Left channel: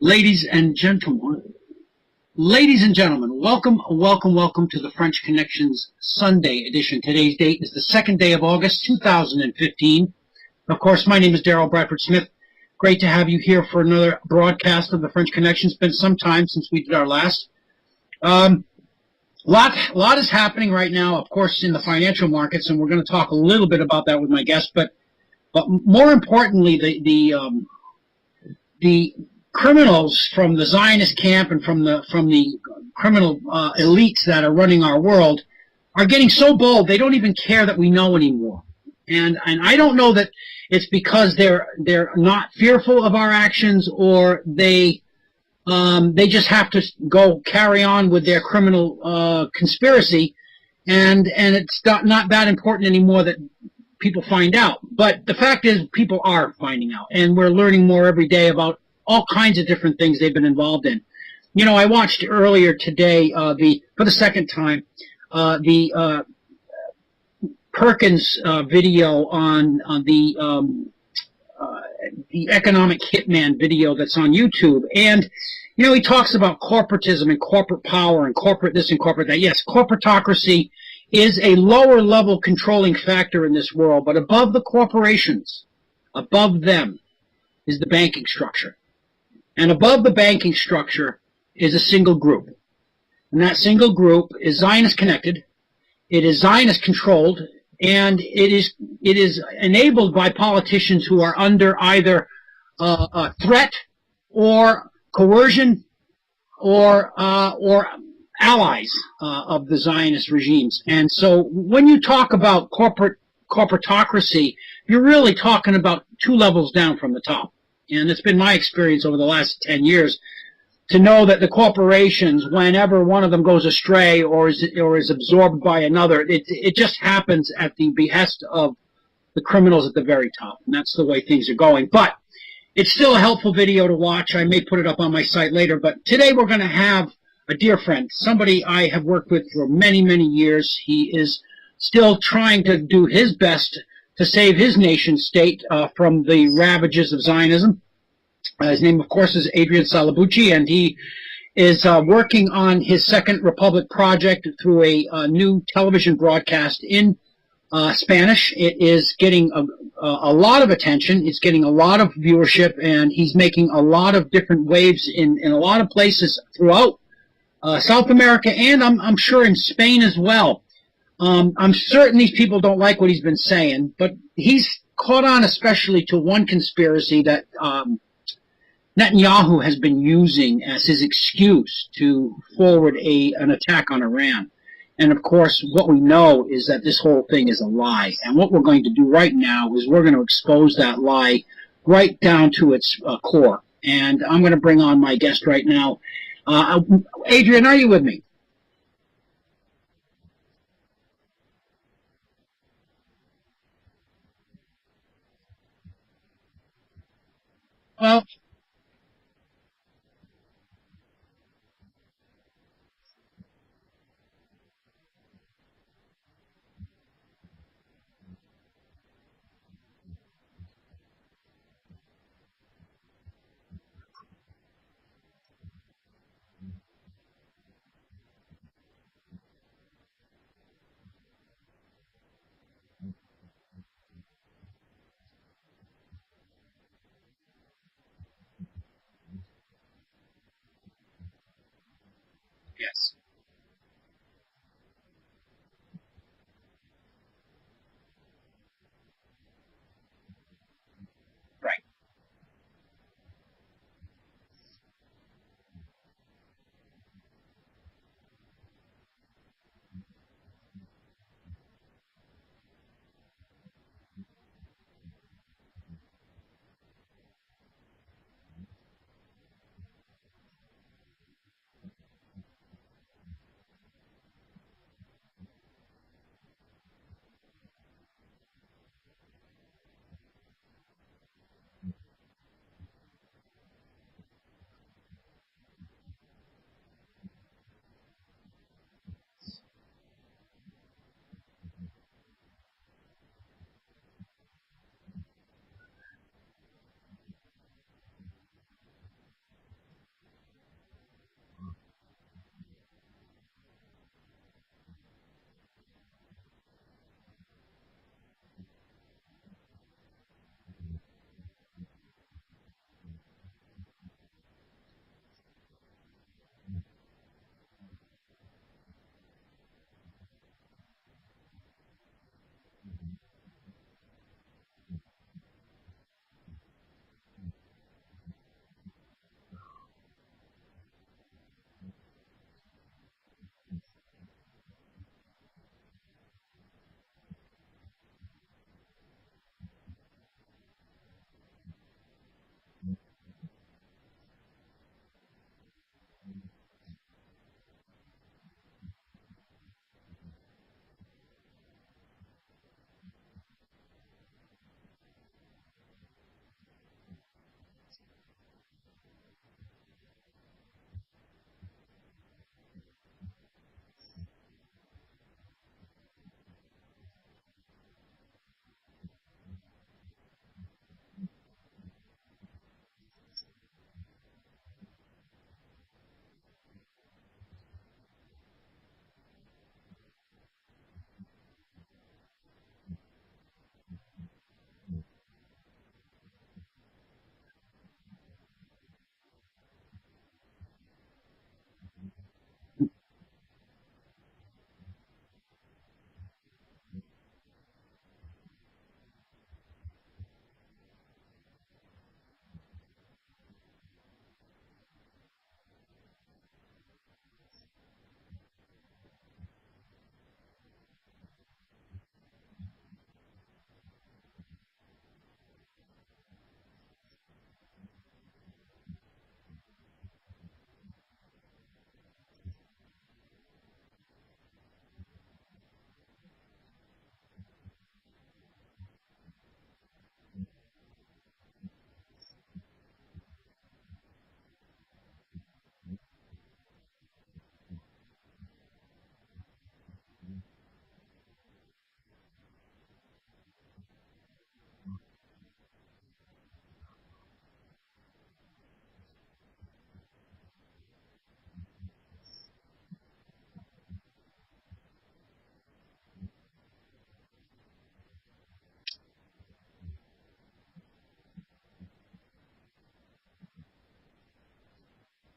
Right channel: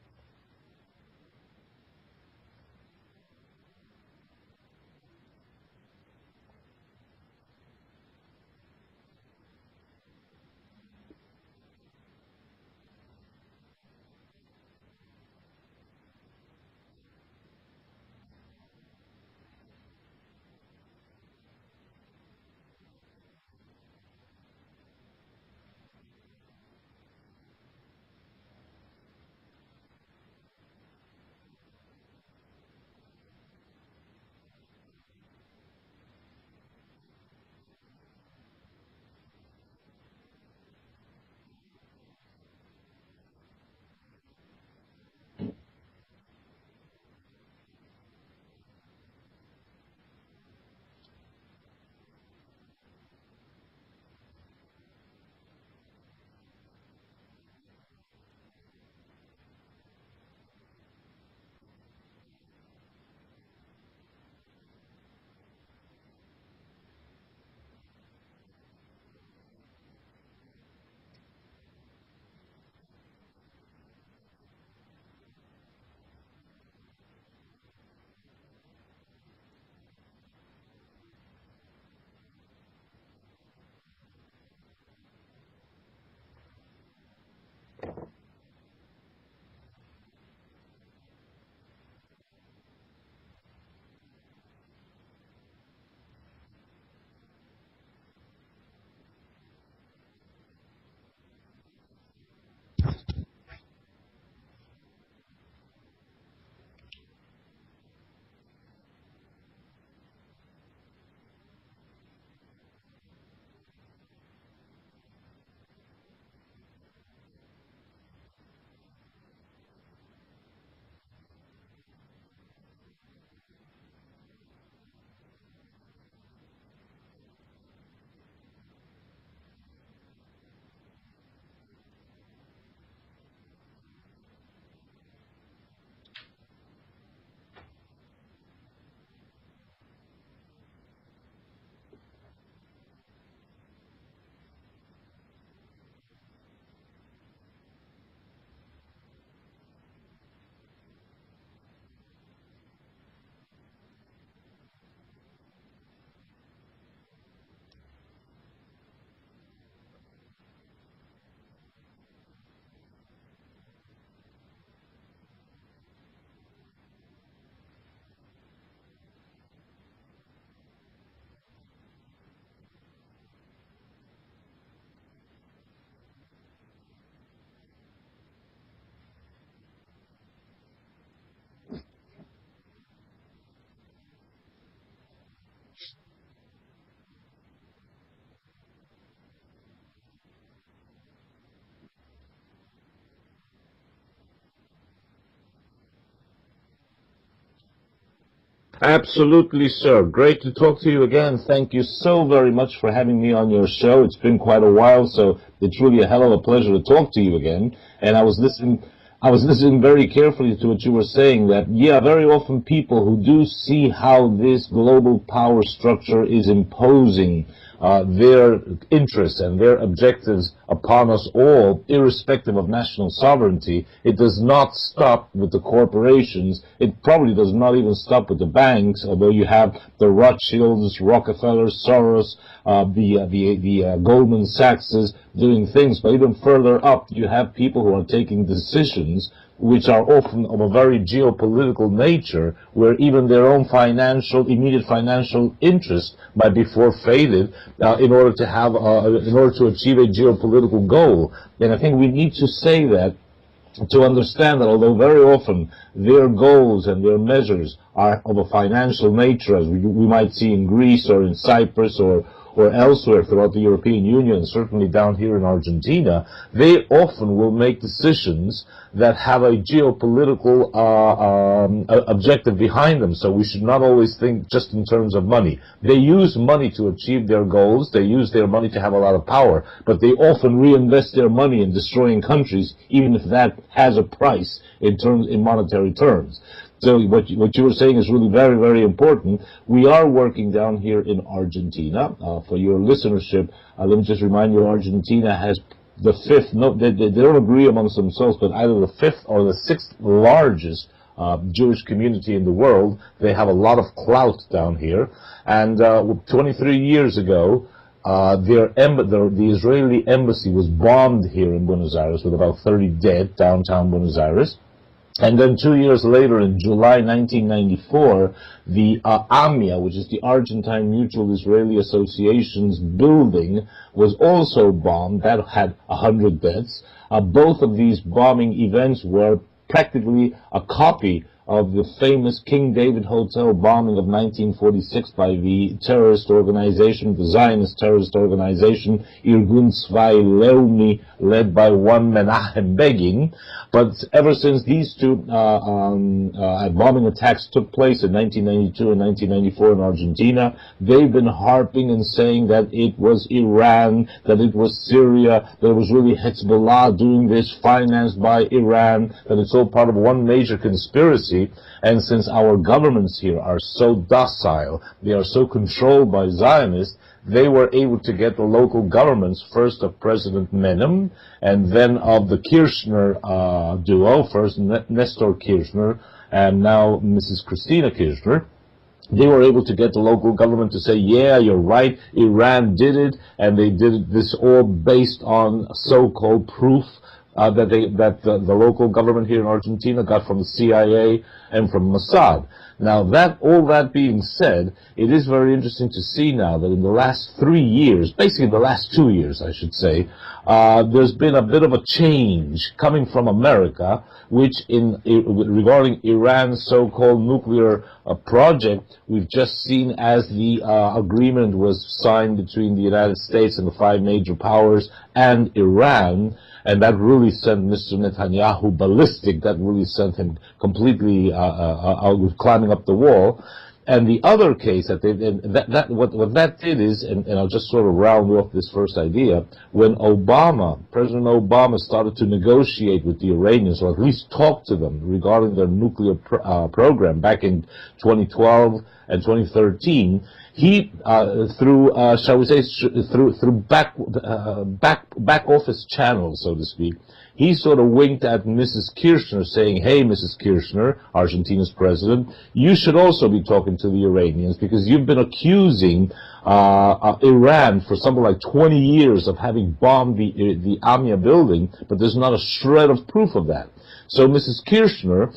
Ladies and gentlemen, welcome to the French Connections Sunday edition. Today's date is the 2nd day of August, 2015. Of course, my name is Daryl Bradford Smith. Great to have you here for another broadcast of the French Connection. It's been some time since we did our last. Lot is happening right now, of course, in the financial markets, and we're going to talk a little bit about that with my guest. But more importantly, the criminals from the Zionist camp and from the criminal elites that are running our world are getting so bold they don't even care that we know anymore. And I don't know that it's because they're not fearful of our actions, or they just have to go carry on with their criminal conspiracy, and it's not that important anymore that people find out. But the fact is, people are finding out, and we're learning more every day about all kinds of different things they've been involved in. You know, I watched earlier today for the second time the Perkins video on the economic hitman video that's on YouTube. And you know, he talks about corporatism and corporate power and corporate this and corporate that. Yes, corporatocracy is a lower level controlling factor in this world, but above the corporations, above them, is the banking structure. And above the banking structure is a single group. And that single group is Zionist connected, it is Zionist controlled, and it is enabled by politicians who are under either a threat or coercion or allies of the Zionist regimes. And so when you talk about corporatocracy, you're really talking about two levels down from the top. And it's been my experience over the last 10 years to know that the corporations, whenever one of them goes astray or is absorbed by another, it just happens at the behest of the criminals at the very top. And that's the way things are going. But it's still a helpful video to watch. I may put it up on my site later. But today we're going to have a dear friend, somebody I have worked with for many, many years. He is still trying to do his best to save his nation state from the ravages of Zionism. His name, of course, is Adrian Salbuchi, and he is working on his Second Republic project through a new television broadcast in Spanish. It is getting a lot of attention. It's getting a lot of viewership, and he's making a lot of different waves in a lot of places throughout South America, and I'm sure in Spain as well. I'm certain these people don't like what he's been saying, but he's caught on especially to one conspiracy that Netanyahu has been using as his excuse to forward an attack on Iran. And of course, what we know is that this whole thing is a lie. And what we're going to do right now is we're going to expose that lie right down to its core. And I'm going to bring on my guest right now. Adrian, are you with me? Absolutely, sir. Great to talk to you again. Thank you so very much for having me on your show. It's been quite a while, so it's really a hell of a pleasure to talk to you again. And I was listening very carefully to what you were saying, that, yeah, very often people who do see how this global power structure is imposing their interests and their objectives upon us all, irrespective of national sovereignty. It does not stop with the corporations. It probably does not even stop with the banks, although you have the Rothschilds, Rockefellers, Soros, the Goldman Sachses doing things. But even further up, you have people who are taking decisions which are often of a very geopolitical nature, where even their own immediate financial interest might be forfeited in order to achieve a geopolitical goal. And I think we need to say that to understand that although very often their goals and their measures are of a financial nature, as we might see in Greece or in Cyprus or elsewhere throughout the European Union, certainly down here in Argentina, they often will make decisions that have a geopolitical objective behind them. So we should not always think just in terms of money. They use money to achieve their goals. They use their money to have a lot of power, but they often reinvest their money in destroying countries, even if that has a price in monetary terms. So what you were saying is really very, very important. We are working down here in Argentina. For your listenership, let me just remind you, Argentina has the fifth, no, they don't agree amongst themselves, but either the fifth or the sixth largest Jewish community in the world. They have a lot of clout down here. And 23 years ago, the Israeli embassy was bombed here in Buenos Aires with about 30 dead, downtown Buenos Aires. And then 2 years later, in July 1994, the AMIA, which is the Argentine Mutual Israeli Association's building, was also bombed. That had 100 deaths. Both of these bombing events were practically a copy of the famous King David Hotel bombing of 1946 by the terrorist organization, the Zionist terrorist organization, Irgun Tzvai Leumi, led by one Menachem Begin. But ever since these two bombing attacks took place in 1992 and 1994 in Argentina, they've been harping and saying that it was Iran, that it was Syria, that it was really Hezbollah doing this, financed by Iran, that it's all part of one major conspiracy. And since our governments here are so docile, they are so controlled by Zionists, they were able to get the local governments, first of President Menem, and then of the Kirchner duo, first Nestor Kirchner, and now Mrs. Christina Kirchner. They were able to get the local government to say, yeah, you're right, Iran did it, and they did this all based on so-called proof that the local government here in Argentina got from the CIA and from Mossad. Now, all that being said, it is very interesting to see now that in the last 3 years, basically the last 2 years, I should say, there's been a bit of a change coming from America, which regarding Iran's so-called nuclear project, we've just seen as the agreement was signed between the United States and the 5 major powers and Iran. And that really sent Mr. Netanyahu ballistic. That really sent him completely climbing up the wall. And the other case what that did is, and I'll just sort of round off this first idea, when President Obama started to negotiate with the Iranians, or at least talk to them regarding their nuclear program back in 2012 and 2013, he, through back office channels, so to speak, he sort of winked at Mrs. Kirchner, saying, hey, Mrs. Kirchner, Argentina's president, you should also be talking to the Iranians, because you've been accusing Iran for something like 20 years of having bombed the AMIA building, but there's not a shred of proof of that. So Mrs. Kirchner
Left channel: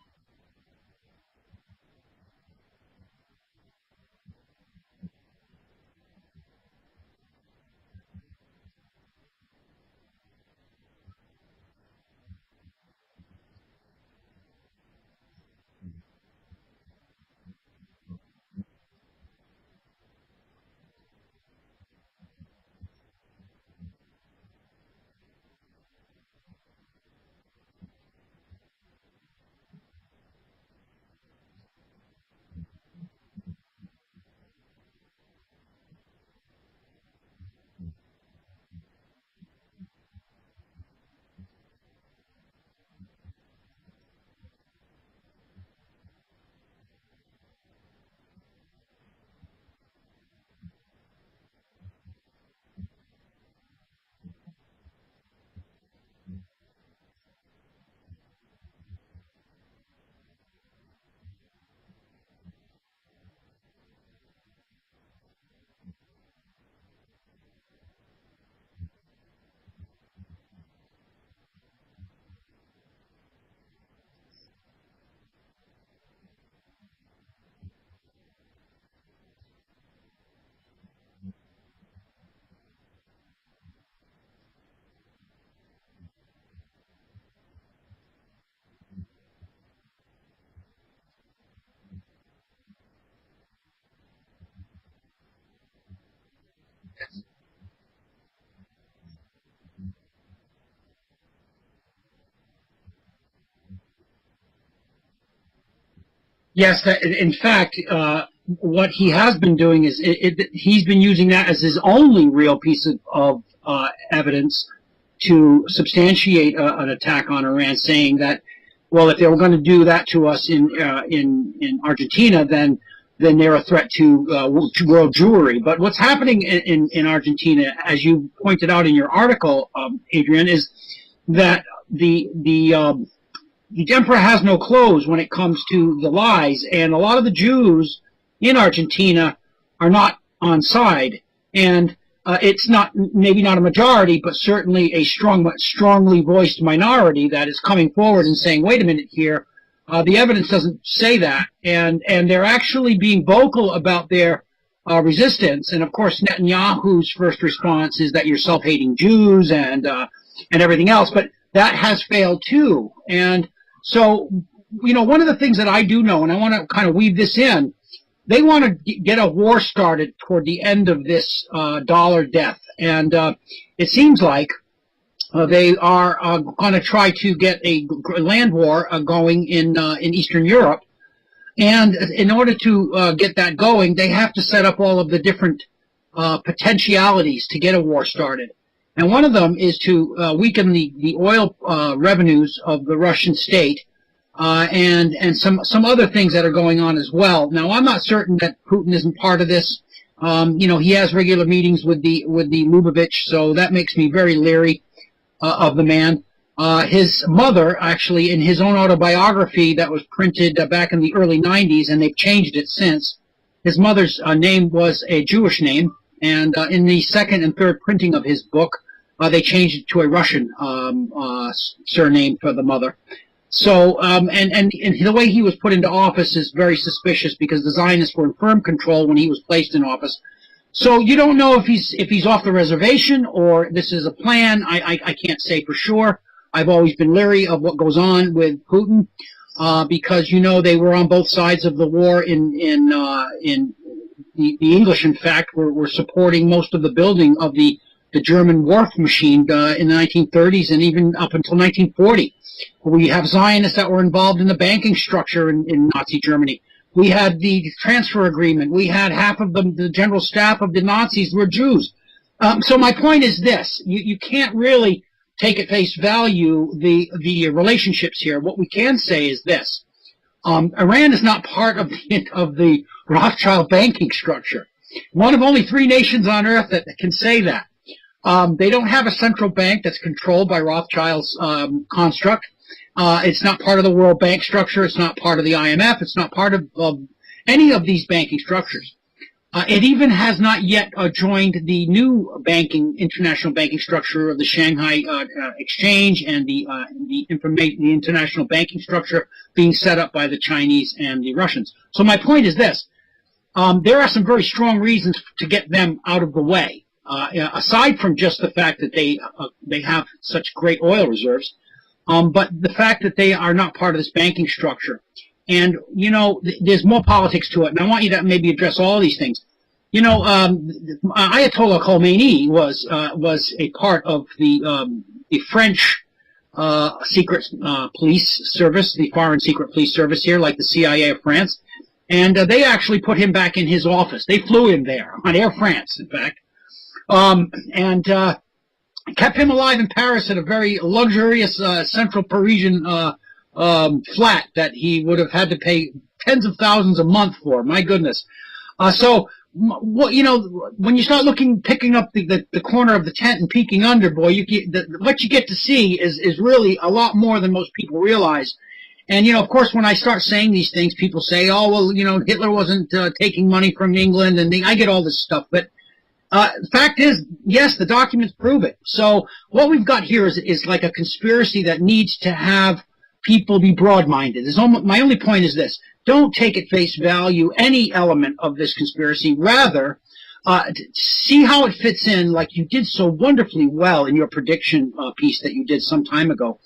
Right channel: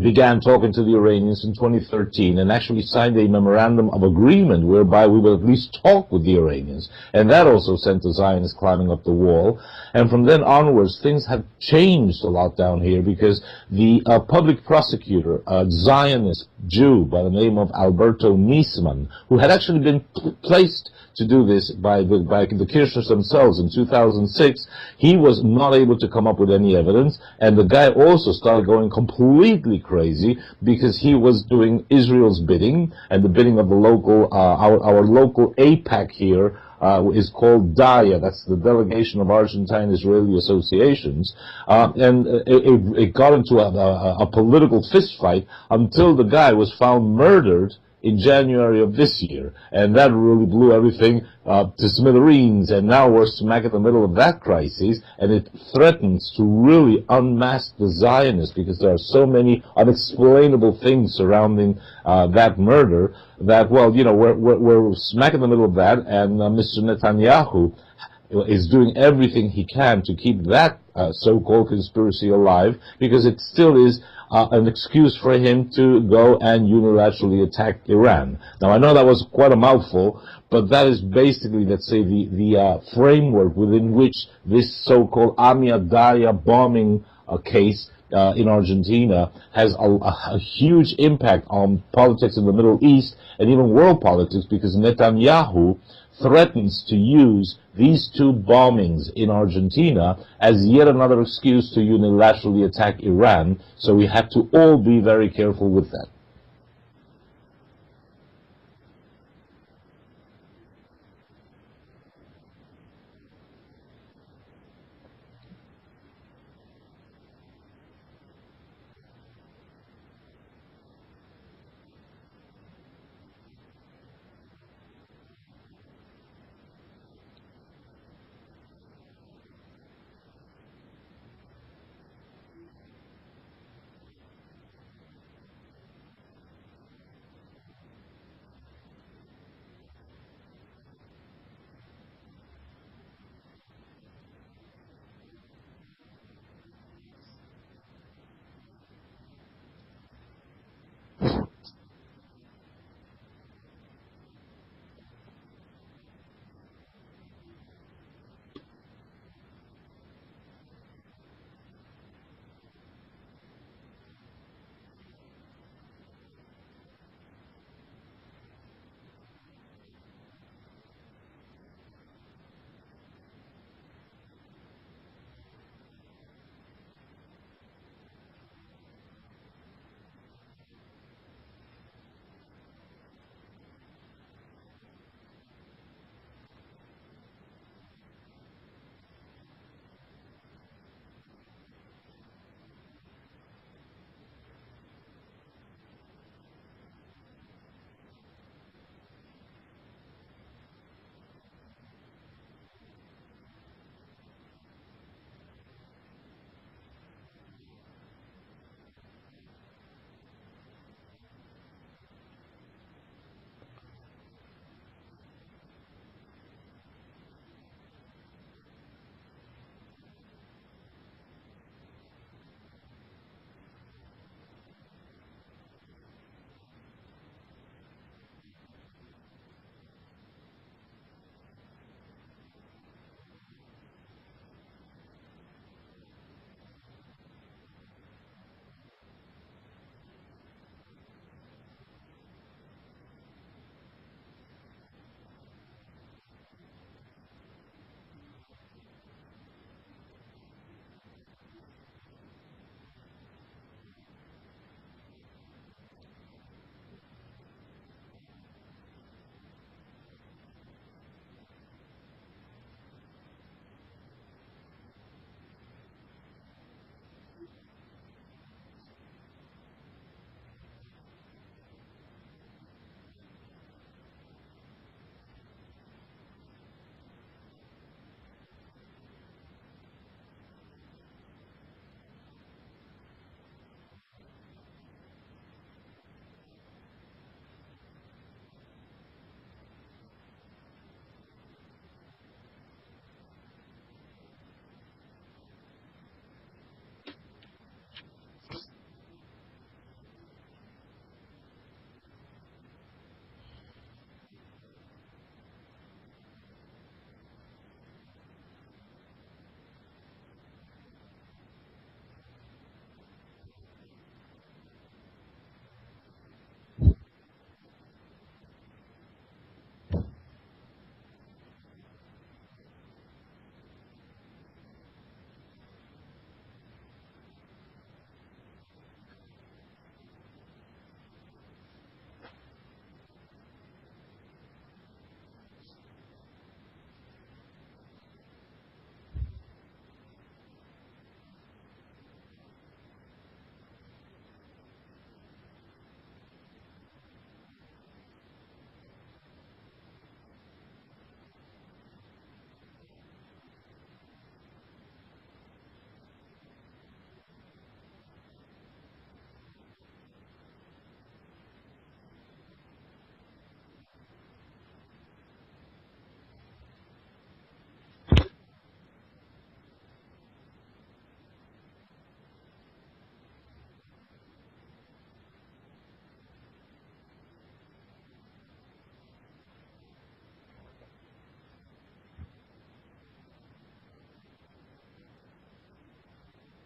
began talking to the Iranians in 2013 and actually signed a memorandum of agreement whereby we would at least talk with the Iranians. And that also sent the Zionists climbing up the wall. And from then onwards, things have changed a lot down here, because the public prosecutor, a Zionist Jew by the name of Alberto Niesman, who had actually been placed to do this by the Kirchners themselves in 2006, he was not able to come up with any evidence, and the guy also started going completely crazy because he was doing Israel's bidding, and the bidding of the local, our local AIPAC here, is called DAIA, that's the Delegation of Argentine Israeli Associations, and it got into a political fistfight until the guy was found murdered in January of this year, and that really blew everything to smithereens, and now we're smack in the middle of that crisis, and it threatens to really unmask the Zionists, because there are so many unexplainable things surrounding that murder that, well, you know, we're smack in the middle of that, and Mr. Netanyahu is doing everything he can to keep that so-called conspiracy alive, because it still is an excuse for him to go and unilaterally attack Iran. Now, I know that was quite a mouthful, but that is basically, let's say, the framework within which this so-called AMIA Daria bombing case in Argentina has a huge impact on politics in the Middle East and even world politics, because Netanyahu threatens to use these two bombings in Argentina as yet another excuse to unilaterally attack Iran. So we have to all be very careful with that. Yes, in fact, what he has been doing is he's been using that as his only real piece of evidence to substantiate an attack on Iran, saying that, well, if they were going to do that to us in Argentina, then then they're a threat to world Jewry. But what's happening in Argentina, as you pointed out in your article, Adrian, is that the emperor has no clothes when it comes to the lies, and a lot of the Jews in Argentina are not on side, and it's not maybe not a majority, but certainly a strongly voiced minority that is coming forward and saying, wait a minute here, the evidence doesn't say that, and they're actually being vocal about their resistance. And of course, Netanyahu's first response is that you're self-hating Jews and everything else, but that has failed too. And so, one of the things that I do know, and I want to kind of weave this in, they want to get a war started toward the end of this dollar death. And it seems like they are going to try to get a land war going in Eastern Europe. And in order to get that going, they have to set up all of the different potentialities to get a war started. And one of them is to weaken the oil revenues of the Russian state, and some other things that are going on as well. Now, I'm not certain that Putin isn't part of this. He has regular meetings with the Lubavitch, so that makes me very leery of the man. His mother, actually, in his own autobiography that was printed back in the early 90s, and they've changed it since, his mother's name was a Jewish name, and in the second and third printing of his book, they changed it to a Russian surname for the mother. So, and the way he was put into office is very suspicious, because the Zionists were in firm control when he was placed in office. So you don't know if he's off the reservation or this is a plan. I can't say for sure. I've always been leery of what goes on with Putin, because they were on both sides of the war. The English, in fact, were supporting most of the building of the German wharf machine in the 1930s and even up until 1940. We have Zionists that were involved in the banking structure in Nazi Germany. We had the transfer agreement. We had half of the general staff of the Nazis were Jews. So my point is this: you can't really take at face value the relationships here. What we can say is this: Iran is not part of the Rothschild banking structure. One of only 3 nations on earth that can say that. They don't have a central bank that's controlled by Rothschild's construct. It's not part of the World Bank structure. It's not part of the IMF. It's not part of any of these banking structures. It even has not yet joined the new international banking structure of the Shanghai Exchange and the international banking structure being set up by the Chinese and the Russians. So my point is this: there are some very strong reasons to get them out of the way. Aside from just the fact that they have such great oil reserves, but the fact that they are not part of this banking structure. And, there's more politics to it, and I want you to maybe address all these things. Ayatollah Khomeini was a part of the French secret police service, the foreign secret police service here, like the CIA of France, and they actually put him back in his office. They flew him there on Air France, in fact. And kept him alive in Paris at a very luxurious central Parisian flat that he would have had to pay tens of thousands a month for. My goodness. So, when you start picking up the corner of the tent and peeking under, boy, what you get to see is really a lot more than most people realize. And, of course, when I start saying these things, people say, oh, well, Hitler wasn't taking money from England, and I get all this stuff. But the fact is, yes, the documents prove it. So what we've got here is like a conspiracy that needs to have people be broad-minded. My only point is this: don't take at face value any element of this conspiracy. Rather, see how it fits in, like you did so wonderfully well in your prediction piece that you did some time ago.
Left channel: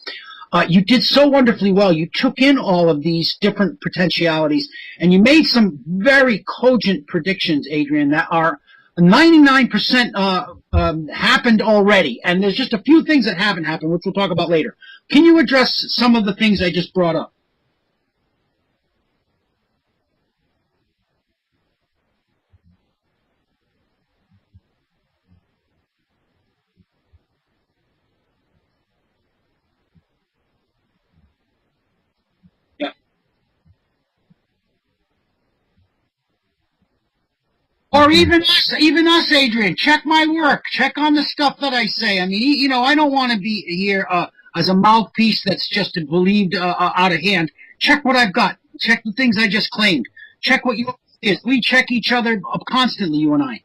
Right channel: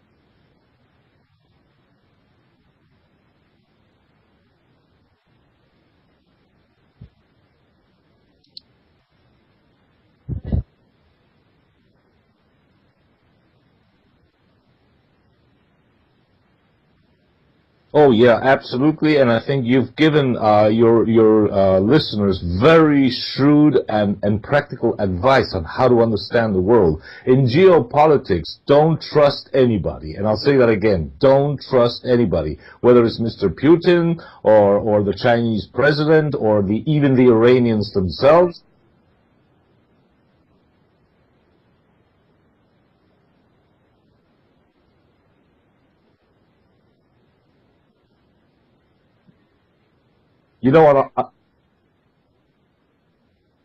You did so wonderfully well. You took in all of these different potentialities, and you made some very cogent predictions, Adrian, that are 99% happened already, and there's just a few things that haven't happened, which we'll talk about later. Can you address some of the things I just brought up? Oh yeah, absolutely, and I think you've given your listeners very shrewd and practical advice on how to understand the world. In geopolitics, don't trust anybody, and I'll say that again: don't trust anybody, whether it's Mr. Putin or the Chinese president or even the Iranians Or themselves. even us, Adrian. Check my work. Check on the stuff that I say. I mean, you know, I don't want to be here as a mouthpiece that's just believed out of hand. Check what I've got. Check the things I just claimed. Check You what know what? is. We check each other constantly, you and I.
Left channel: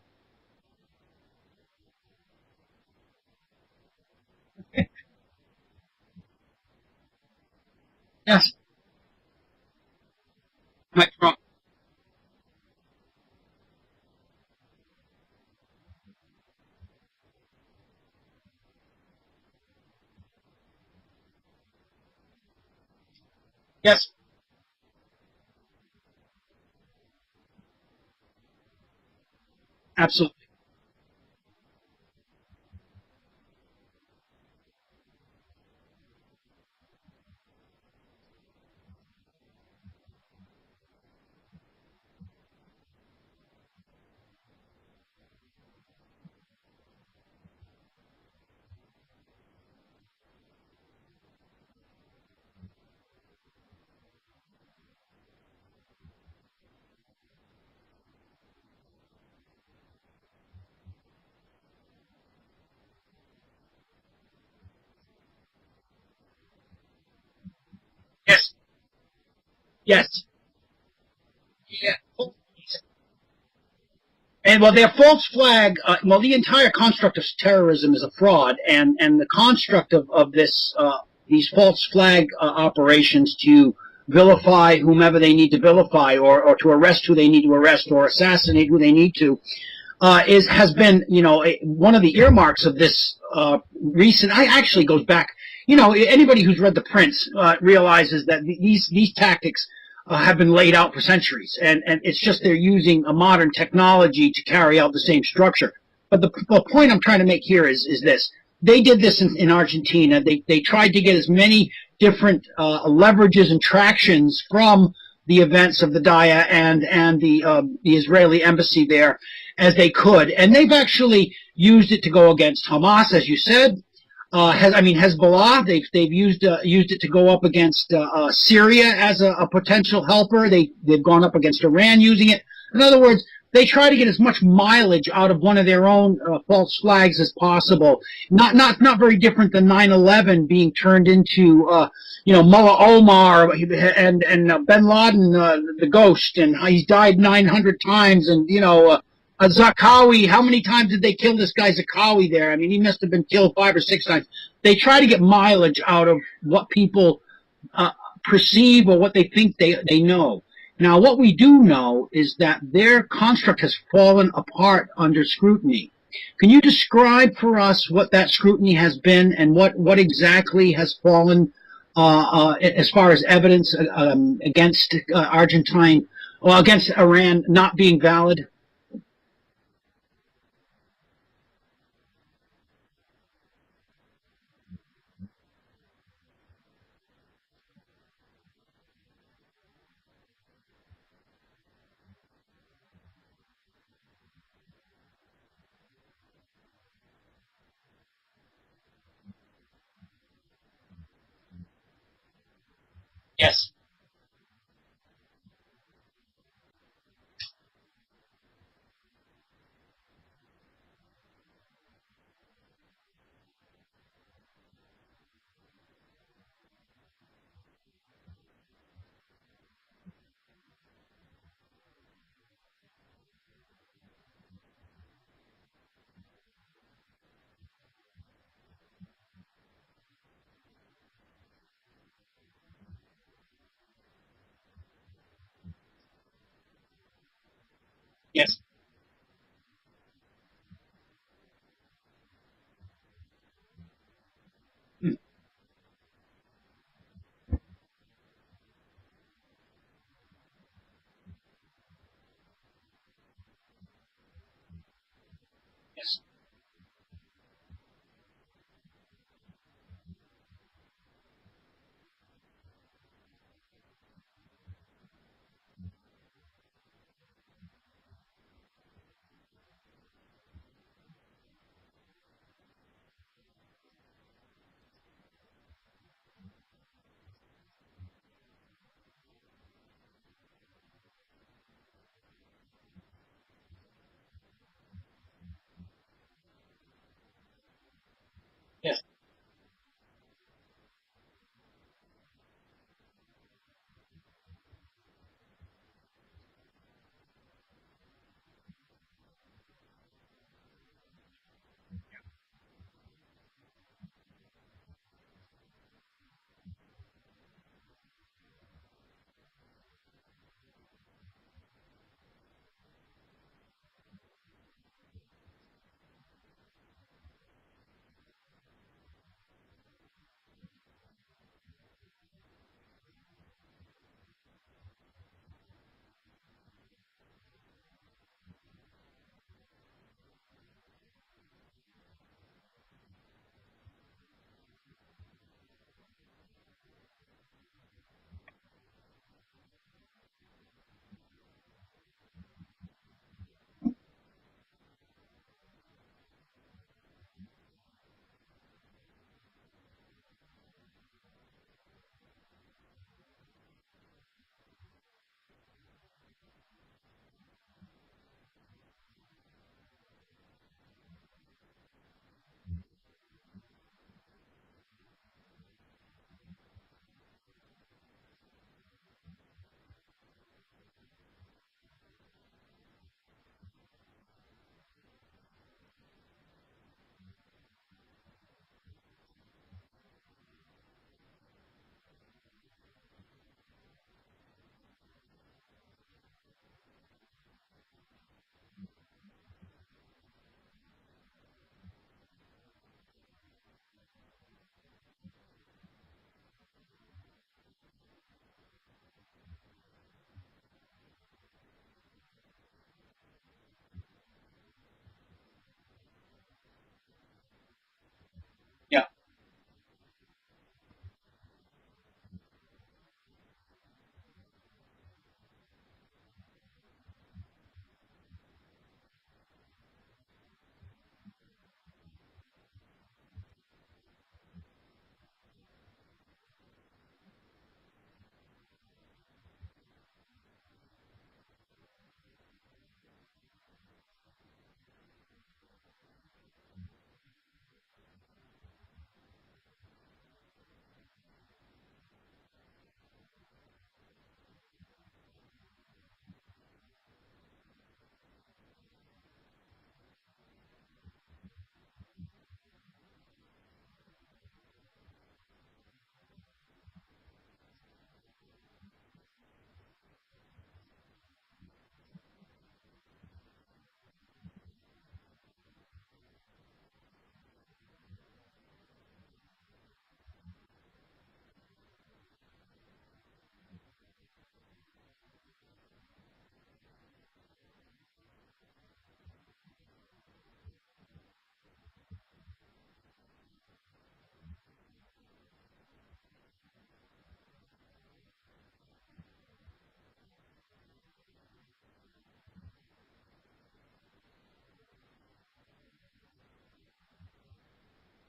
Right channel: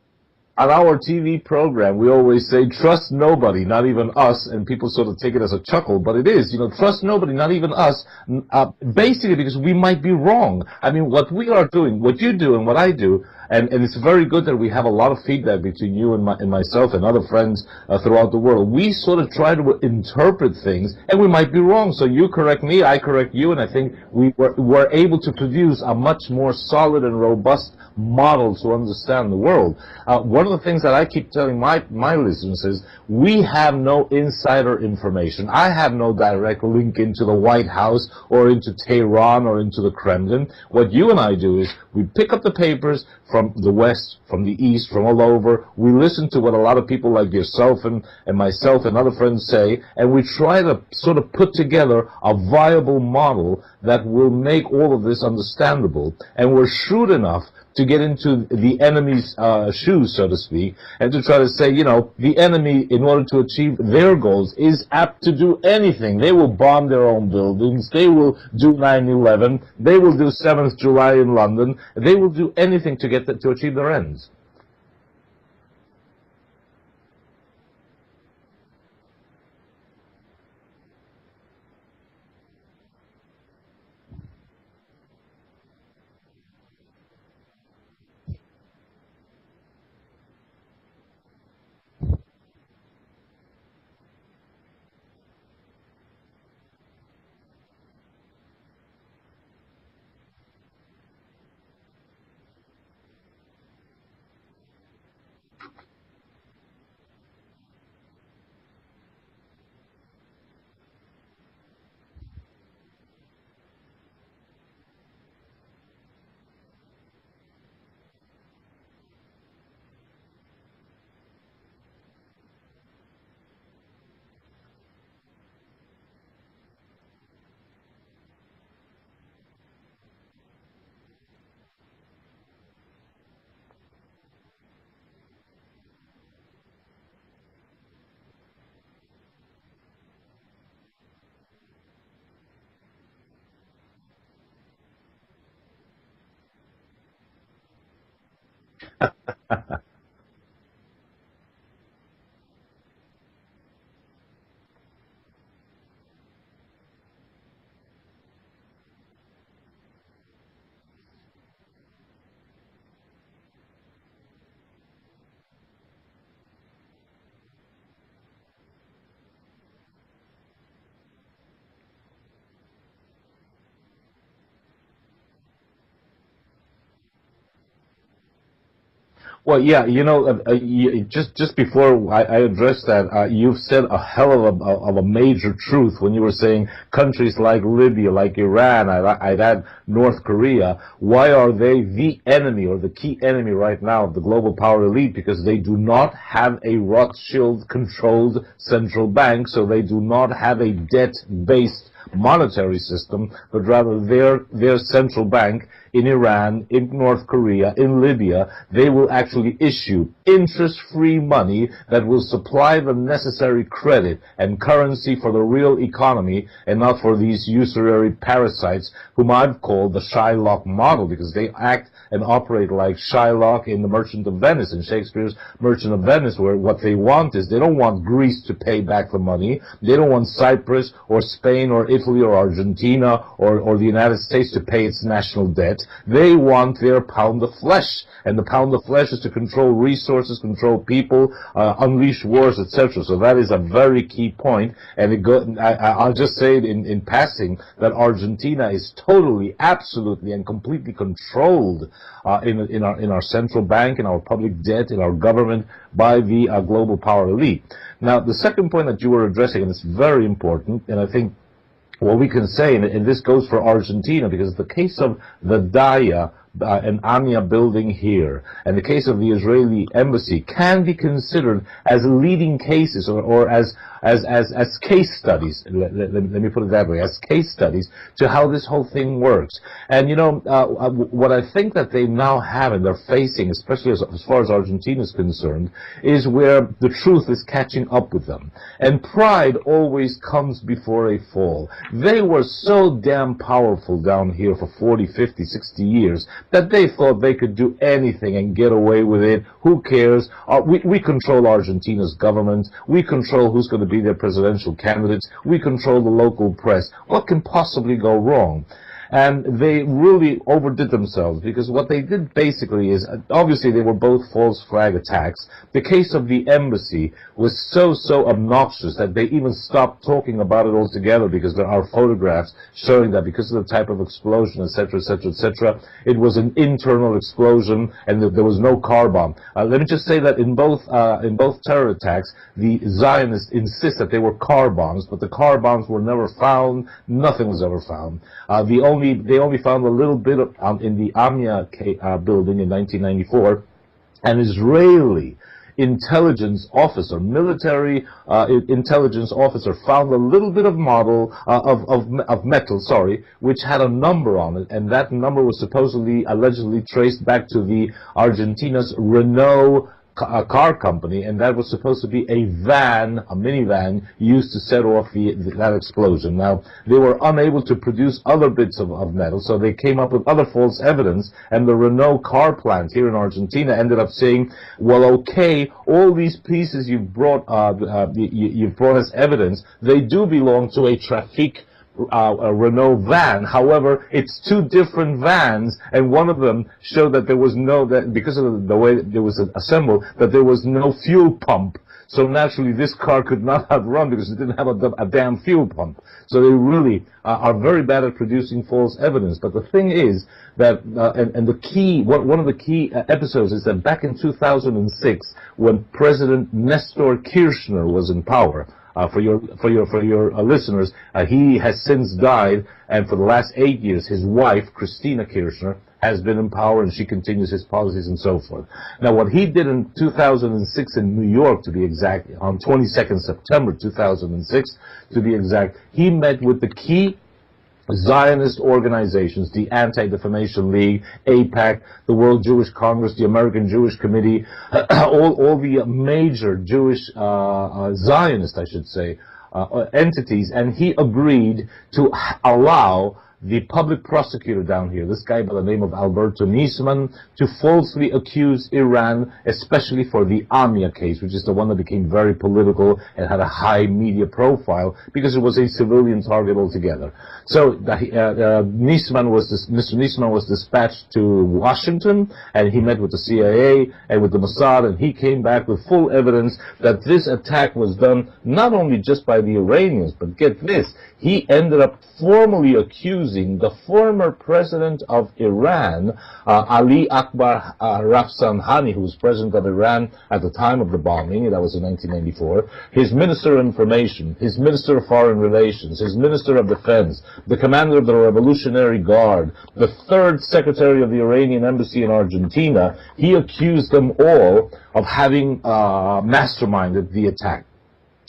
On our TV program, we always say, trust nobody, not even us, and people sort of take it as a chuckle, but it is, you know, trust nobody, not even us, Yes. basically because we might be wrong. I mean, what we are doing, what you do and what I do, and it's very good that we have a lot of feedback between you and myself and other friends throughout the world. We sort of try to interpret things, and we might be wrong. So you correct me, I correct you, and I think we're able to produce a much more solid and robust model to understand the world. One of the things that I keep telling my listeners is we have no insider information. I have no direct link into the White House or into Tehran or into the Kremlin. What you and I do is we pick up the papers from the West, from the East, from all over. We listen to what a lot of people like yourself and myself and other friends say, and we try to sort of put together a viable model that will make all of this understandable. And we're shrewd enough to get into the enemy's shoes, so to speak, and to try to say, you know, the enemy, in order to achieve their goals, is apt to do anything. They will bomb their own buildings. They will do 9/11. They will do 7th July in London. They will do anything to get to achieve their ends. And well, their false flag, well, the entire construct of terrorism is a fraud, and the construct of this, these false flag operations to vilify whomever they need to vilify, or to arrest who they need to arrest, or assassinate who they need to, has been, you know, one of the earmarks of this recent. I actually goes back. You know, anybody who's read The Prince realizes that these tactics have been laid out for centuries, and it's just they're using a modern technology to carry out the same structure. But the point I'm trying to make here is this. They did this in Argentina. They tried to get as many different leverages and tractions from the events of the Daya and the Israeli embassy there as they could, and they've actually used it to go against Hamas, as you said. Hezbollah. They've used it to go up against Syria as a potential helper. They've gone up against Iran using it. In other words, they try to get as much mileage out of one of their own false flags as possible. Not very different than 9/11 being turned into, Mullah Omar and Bin Laden, the ghost, and he's died 900 times, and Zakawi. How many times did they kill this guy Zakawi there? I mean, he must have been killed 5 or 6 times. They try to get mileage out of what people perceive or what they think they know. Now, what we do know is that their construct has fallen apart under scrutiny. Can you describe for us what that scrutiny has been and what exactly has fallen as far as evidence against against Iran not being valid? Well, yeah, just before I address that, you've said a hell of a major truth when you were saying countries like Libya, like Iran, I'd add North Korea. Why are they the enemy or the key enemy right now of the global power elite? Because they do not have a Rothschild-controlled central bank, so they do not have a debt-based monetary system, but rather their central bank in Iran, in North Korea, in Libya, they will actually issue interest-free money that will supply the necessary credit and currency for the real economy and not for these usury parasites whom I've called the Shylock model, because they act and operate like Shylock in The Merchant of Venice, in Shakespeare's Merchant of Venice, where what they want is they don't want Greece to pay back the money. They don't want Cyprus or Spain or Italy or Argentina or the United States to pay its national debt. They want their pound of flesh. And the pound of flesh is to control resources, control people, unleash wars, etc. So that is a very key point. And I'll just say it in passing that Argentina is totally, absolutely, and completely controlled in our central bank, in our public debt, in our government by the global power elite. Now, the second point that you were addressing, and it's very important, and I think what we can say, and this goes for Argentina, because the case of the Daya and Anya building here, and the case of the Israeli embassy can be considered as leading cases, or as case studies. Let me put it that way, as case studies to how this whole thing works. And what I think that they now have and they're facing, especially as far as Argentina is concerned, is where the truth is catching up with them. And pride always comes before a fall. They were so damn powerful down here for 40, 50, 60 years that they thought they could do anything and get away with it. Who cares? We control Argentina's government. We control who's going to be their presidential candidates. We control the local press. What can possibly go wrong? And they really overdid themselves, because what they did basically is, obviously they were both false flag attacks. The case of the embassy was so obnoxious that they even stopped talking about it altogether, because there are photographs showing that because of the type of explosion, etc., etc., etc., it was an internal explosion and that there was no car bomb. Let me just say that in both terror attacks, the Zionists insist that they were car bombs, but the car bombs were never found. Nothing was ever found. They only found a little bit of, in the Amia building in 1994, an Israeli intelligence officer, military intelligence officer, found a little bit of model of metal, which had a number on it, and that number was allegedly traced back to the Argentina's Renault car company, and that was supposed to be a minivan used to set off that explosion. Now, they were unable to produce other bits of metal, so they came up with other false evidence, and the Renault car plant here in Argentina ended up saying, well, okay, all these pieces you've brought as evidence, they do belong to a traffic a Renault van. However, it's two different vans, and one of them showed that there was because of the way it was assembled, that there was no fuel pump. So naturally, this car could not have run because it didn't have a damn fuel pump. So they really are very bad at producing false evidence. But the thing is that, one of the key episodes is that back in 2006, when President Nestor Kirchner was in power, for your listeners, he has since died, and for the last 8 years, his wife, Christina Kirchner, has been in power, and she continues his policies and so forth. Now, what he did in 2006 in New York, to be exact, on 22nd September 2006, to be exact, he met with the key Zionist organizations, the Anti-Defamation League, AIPAC, the World Jewish Congress, the American Jewish Committee, all the major Jewish Zionist, I should say, entities, and he agreed to allow the public prosecutor down here, this guy by the name of Alberto Nisman, to falsely accuse Iran, especially for the Amia case, which is the one that became very political and had a high media profile because it was a civilian target altogether. So Mr. Nisman was dispatched to Washington, and he met with the CIA and with the Mossad, and he came back with full evidence that this attack was done not only just by the Iranians, but get this, he ended up formally accusing the former president of Iran, Ali Akbar Rafsanjani, who was president of Iran at the time of the bombing, that was in 1994, his minister of information, his minister of foreign relations, his minister of defense, the commander of the Revolutionary Guard, the third secretary of the Iranian embassy in Argentina. He accused them all of having masterminded the attack.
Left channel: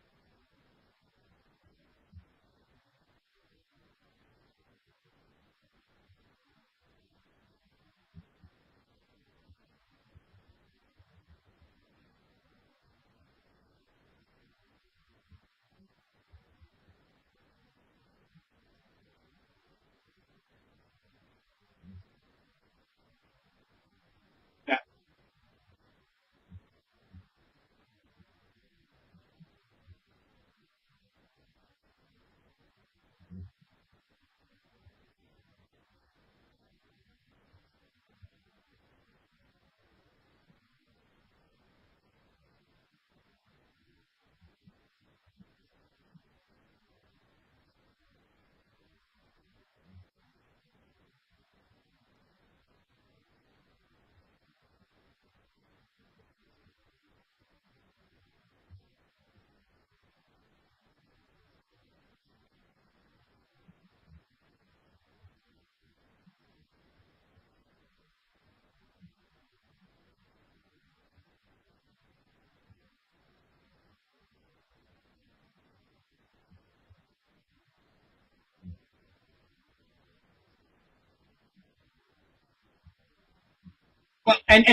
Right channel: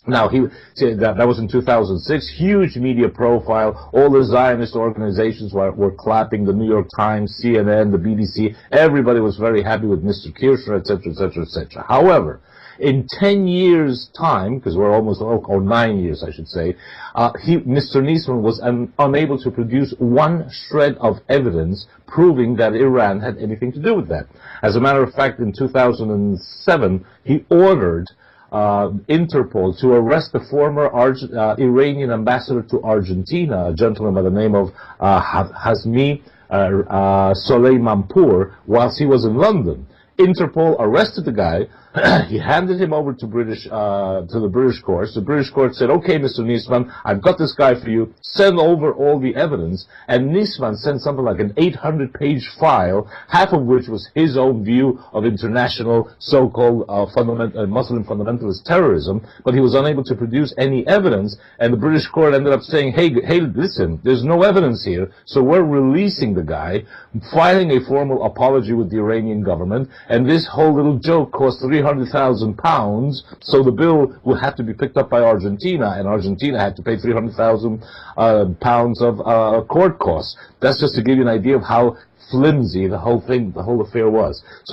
Now, that was in 2006, huge media profile, all the Zionist organizations were clapping, the New York Times, CNN, the BBC, everybody was very happy with Mr. Kirchner, etc., etc., etc. However, in 10 years' time, because we're almost, or 9 years, I should say, Mr. Nisman was unable to produce one shred of evidence proving that Iran had anything to do with that. As a matter of fact, in 2007, he ordered Interpol to arrest the former Iranian ambassador to Argentina, a gentleman by the name of Hazmi Soleimanpour, whilst he was in London. Interpol arrested the guy, He handed him over to the British courts. The British court said, "Okay, Mr. Niesman, I've got this guy for you. Send over all the evidence." And Niesman sent something like an 800-page file, half of which was his own view of international so-called Muslim fundamentalist terrorism. But he was unable to produce any evidence. And the British court ended up saying, "Hey, listen, there's no evidence here, so we're releasing the guy," filing a formal apology with the Iranian government. And this whole little joke cost £300,000, so the bill would have to be picked up by Argentina, and Argentina had to pay £300,000 of court costs. That's just to give you an idea of how flimsy the whole affair was. And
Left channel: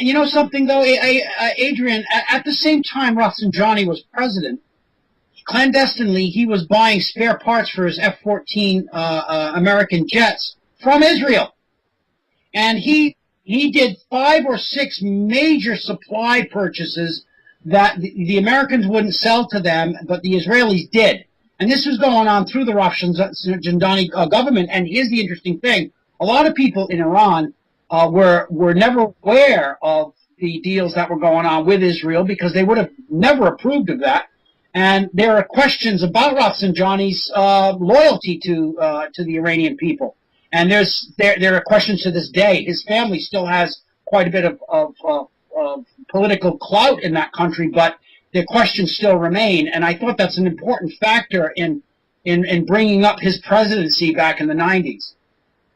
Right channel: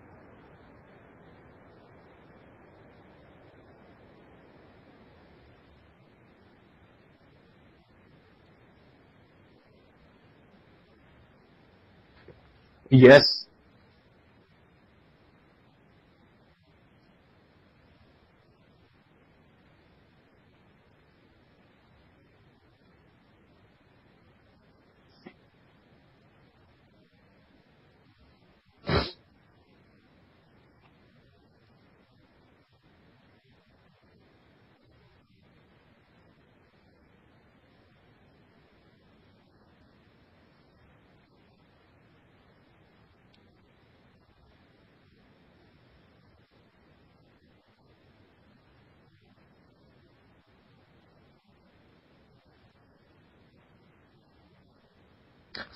you know something, though, Adrian, at the same time Rafsanjani was president, clandestinely he was buying spare parts for his F-14 American jets from Israel. And he did 5 or 6 major supply purchases that the Americans wouldn't sell to them, but the Israelis did. And this was going on through the Rafsanjani government. And here's the interesting thing. A lot of people in Iran were never aware of the deals that were going on with Israel because they would have never approved of that. And there are questions about Rafsanjani's loyalty to the Iranian people. And there are questions to this day. His family still has quite a bit of political clout in that country, but the questions still remain. And I thought that's an important factor in bringing up his presidency back in the 90s.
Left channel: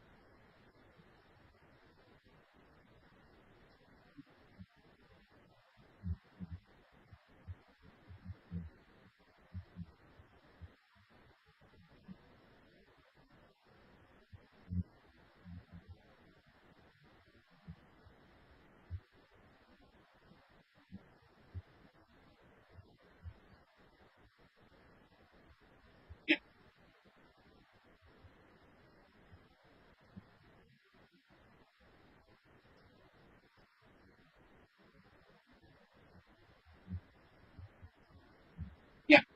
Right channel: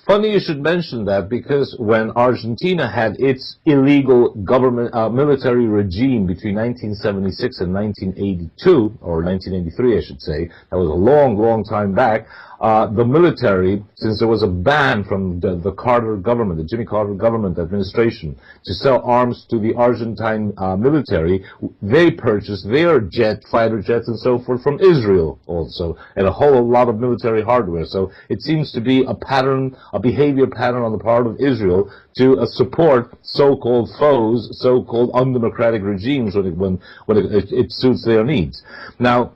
Funny you should mention that, because when Argentina had its illegal government military regime between 1976 and 1982, or 1983 I should say, that was a long, long time back, the military, since there was a ban from the Carter government, the Jimmy Carter government administration, to sell arms to the Argentine military, they purchased their fighter jets and so forth from Israel also, and a whole lot of military hardware. So it seems to be a pattern, a behavior pattern on the part of Israel to support so-called foes, so-called undemocratic regimes when it suits their needs. Now,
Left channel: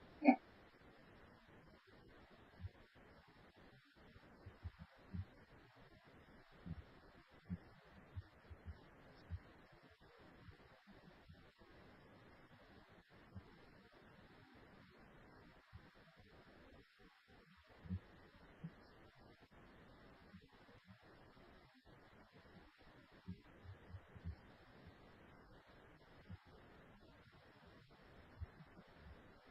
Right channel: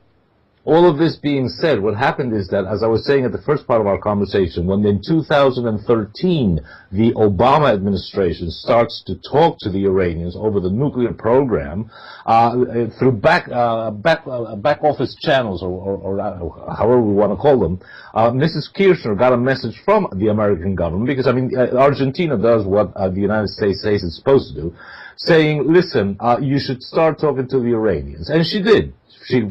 all of this being said, what happened is that, as I was saying at the first part of our conversation, when in 2013 the Obama administration starts to talk to the Iranians over the nuclear program through back office channels, or however we want to call them, Mrs. Kirchner got a message from the American government, because I mean Argentina does what the United States says it's supposed to do, saying, "Listen, you should start talking to the Iranians," and she did. She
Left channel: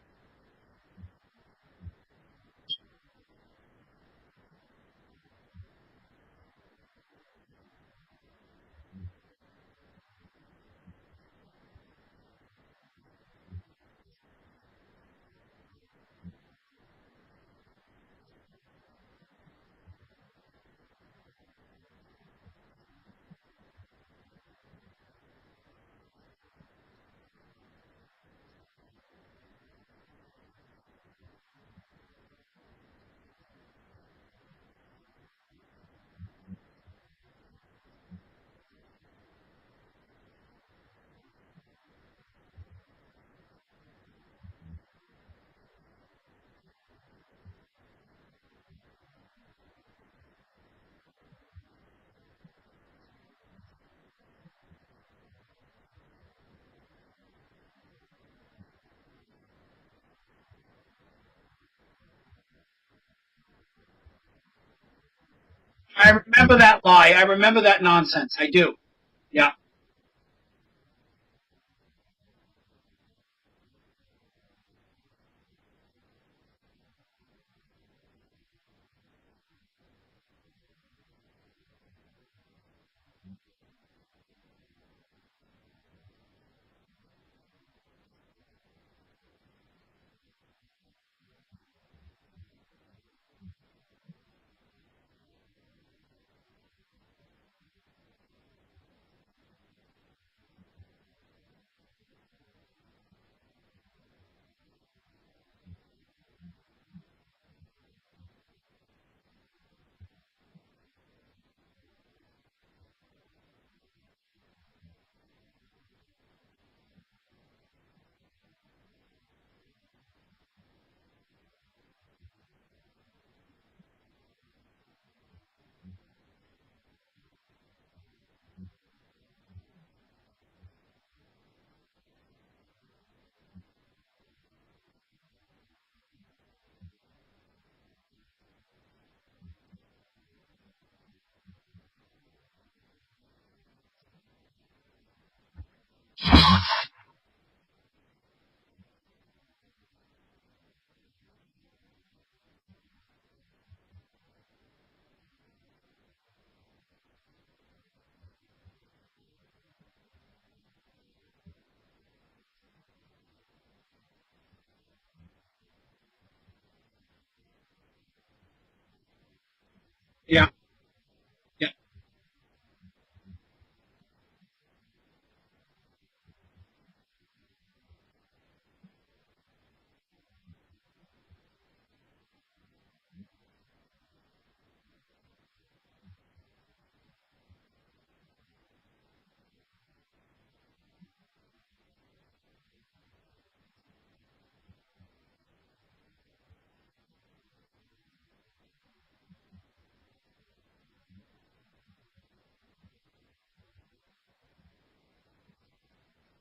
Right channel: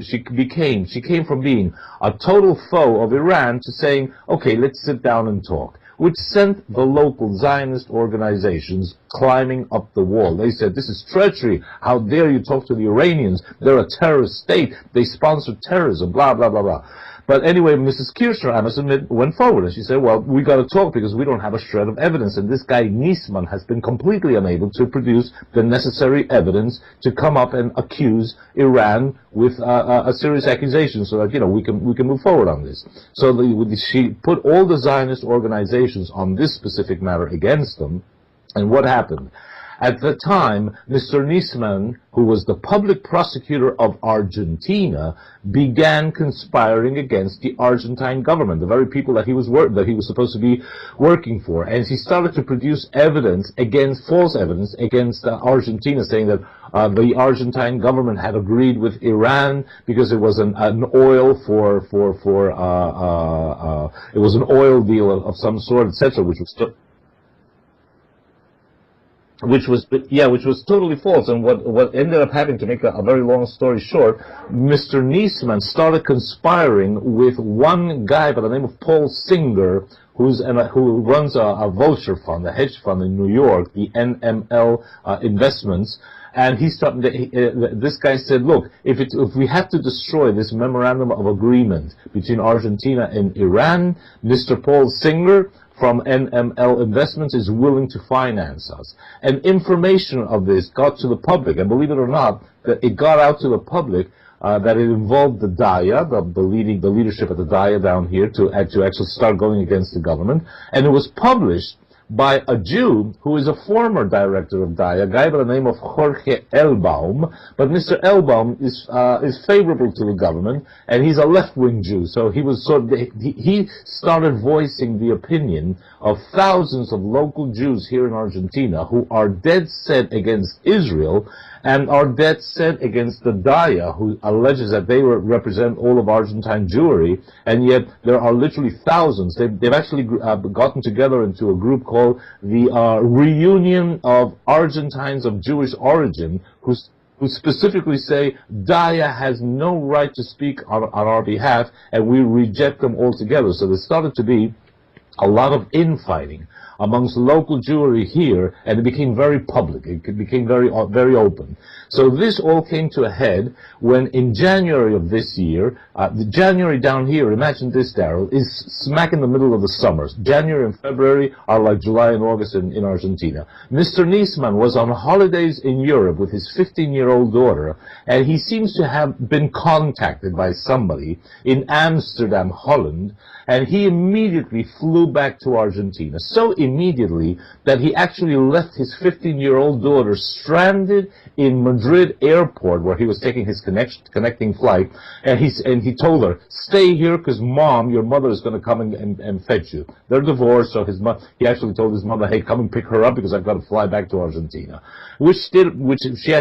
came from being a total foe of Iran to saying, "Okay, let's sit down and talk," which sent the local Zionist organizations climbing up the wall. They said, "This is treachery. How dare you talk to the Iranians? They're a terrorist state. They sponsor terrorism, blah, blah, blah, blah." But anyway, Mrs. Kirchner, I must admit, went forward, and she said, "Well, we got to talk because we don't have a shred of evidence." And this guy Niesman has been completely unable to produce the necessary evidence to come up and accuse Iran with a serious accusation, so that we can move forward on this. So she put all the Zionist organizations on this specific matter against them. And what happened? At the time, Mr. Niesman, who was the public prosecutor of Argentina, began conspiring against the Argentine government, the very people that he was supposed to be working for. And he started to produce false evidence against Argentina, saying that the Argentine government had agreed with Iran because it was an oil it was an oil deal of some sort. I remember that lie. I remember that nonsense. I do. Yeah. Which was totally false. And what ended up happening, to make a very long story short, Mr. Niesman started conspiring with one guy by the name of Paul Singer, who runs a vulture fund, a hedge fund in New York, the NML Investments. And this guy said, "Look, if we have to destroy this memorandum of agreement between Argentina and Iran, Mr. Paul Singer from NML Investments is willing to finance us." And information of this got to the public, and believe it or not, that it got out to the public that it involved the Daya, the leadership of the Daya down here, to actually start going against the government. And it was published by a Jew who is a former director of DAIA, a guy by the name of Jorge Elbaum. But Mr. Elbaum is favorable to the government, and he's a left-wing Jew. So he was he started voicing the opinion of thousands of local Jews here in Argentina who are dead set against Israel and are dead set against the DAIA, who alleges that they represent all of Argentine Jewry, and yet there are literally thousands. They've actually gotten together into a group called the Reunion of Argentines of Jewish Origin, who specifically say DAIA has no right to speak on our behalf, and we reject them altogether. So there started to be a lot of infighting amongst local Jewry here, and it became very public. It became very open. So this all came to a head when in January of this year, the January down here, imagine this, Daryl, is smack in the middle of the summer. January and February are like July and August in Argentina. Mr. Niesman was on holidays in Europe with his 15-year-old daughter, and he seems to have been contacted by somebody in Amsterdam, Holland, and he immediately flew back to Argentina. So immediately that he actually left his 15-year-old daughter stranded in Madrid airport, where he was taking his connecting flight, and he told her, stay here because Mom, your mother is going to come and fetch you. They're divorced, so he actually told his mother, hey, come and pick her up because I've got to fly back to Argentina, which he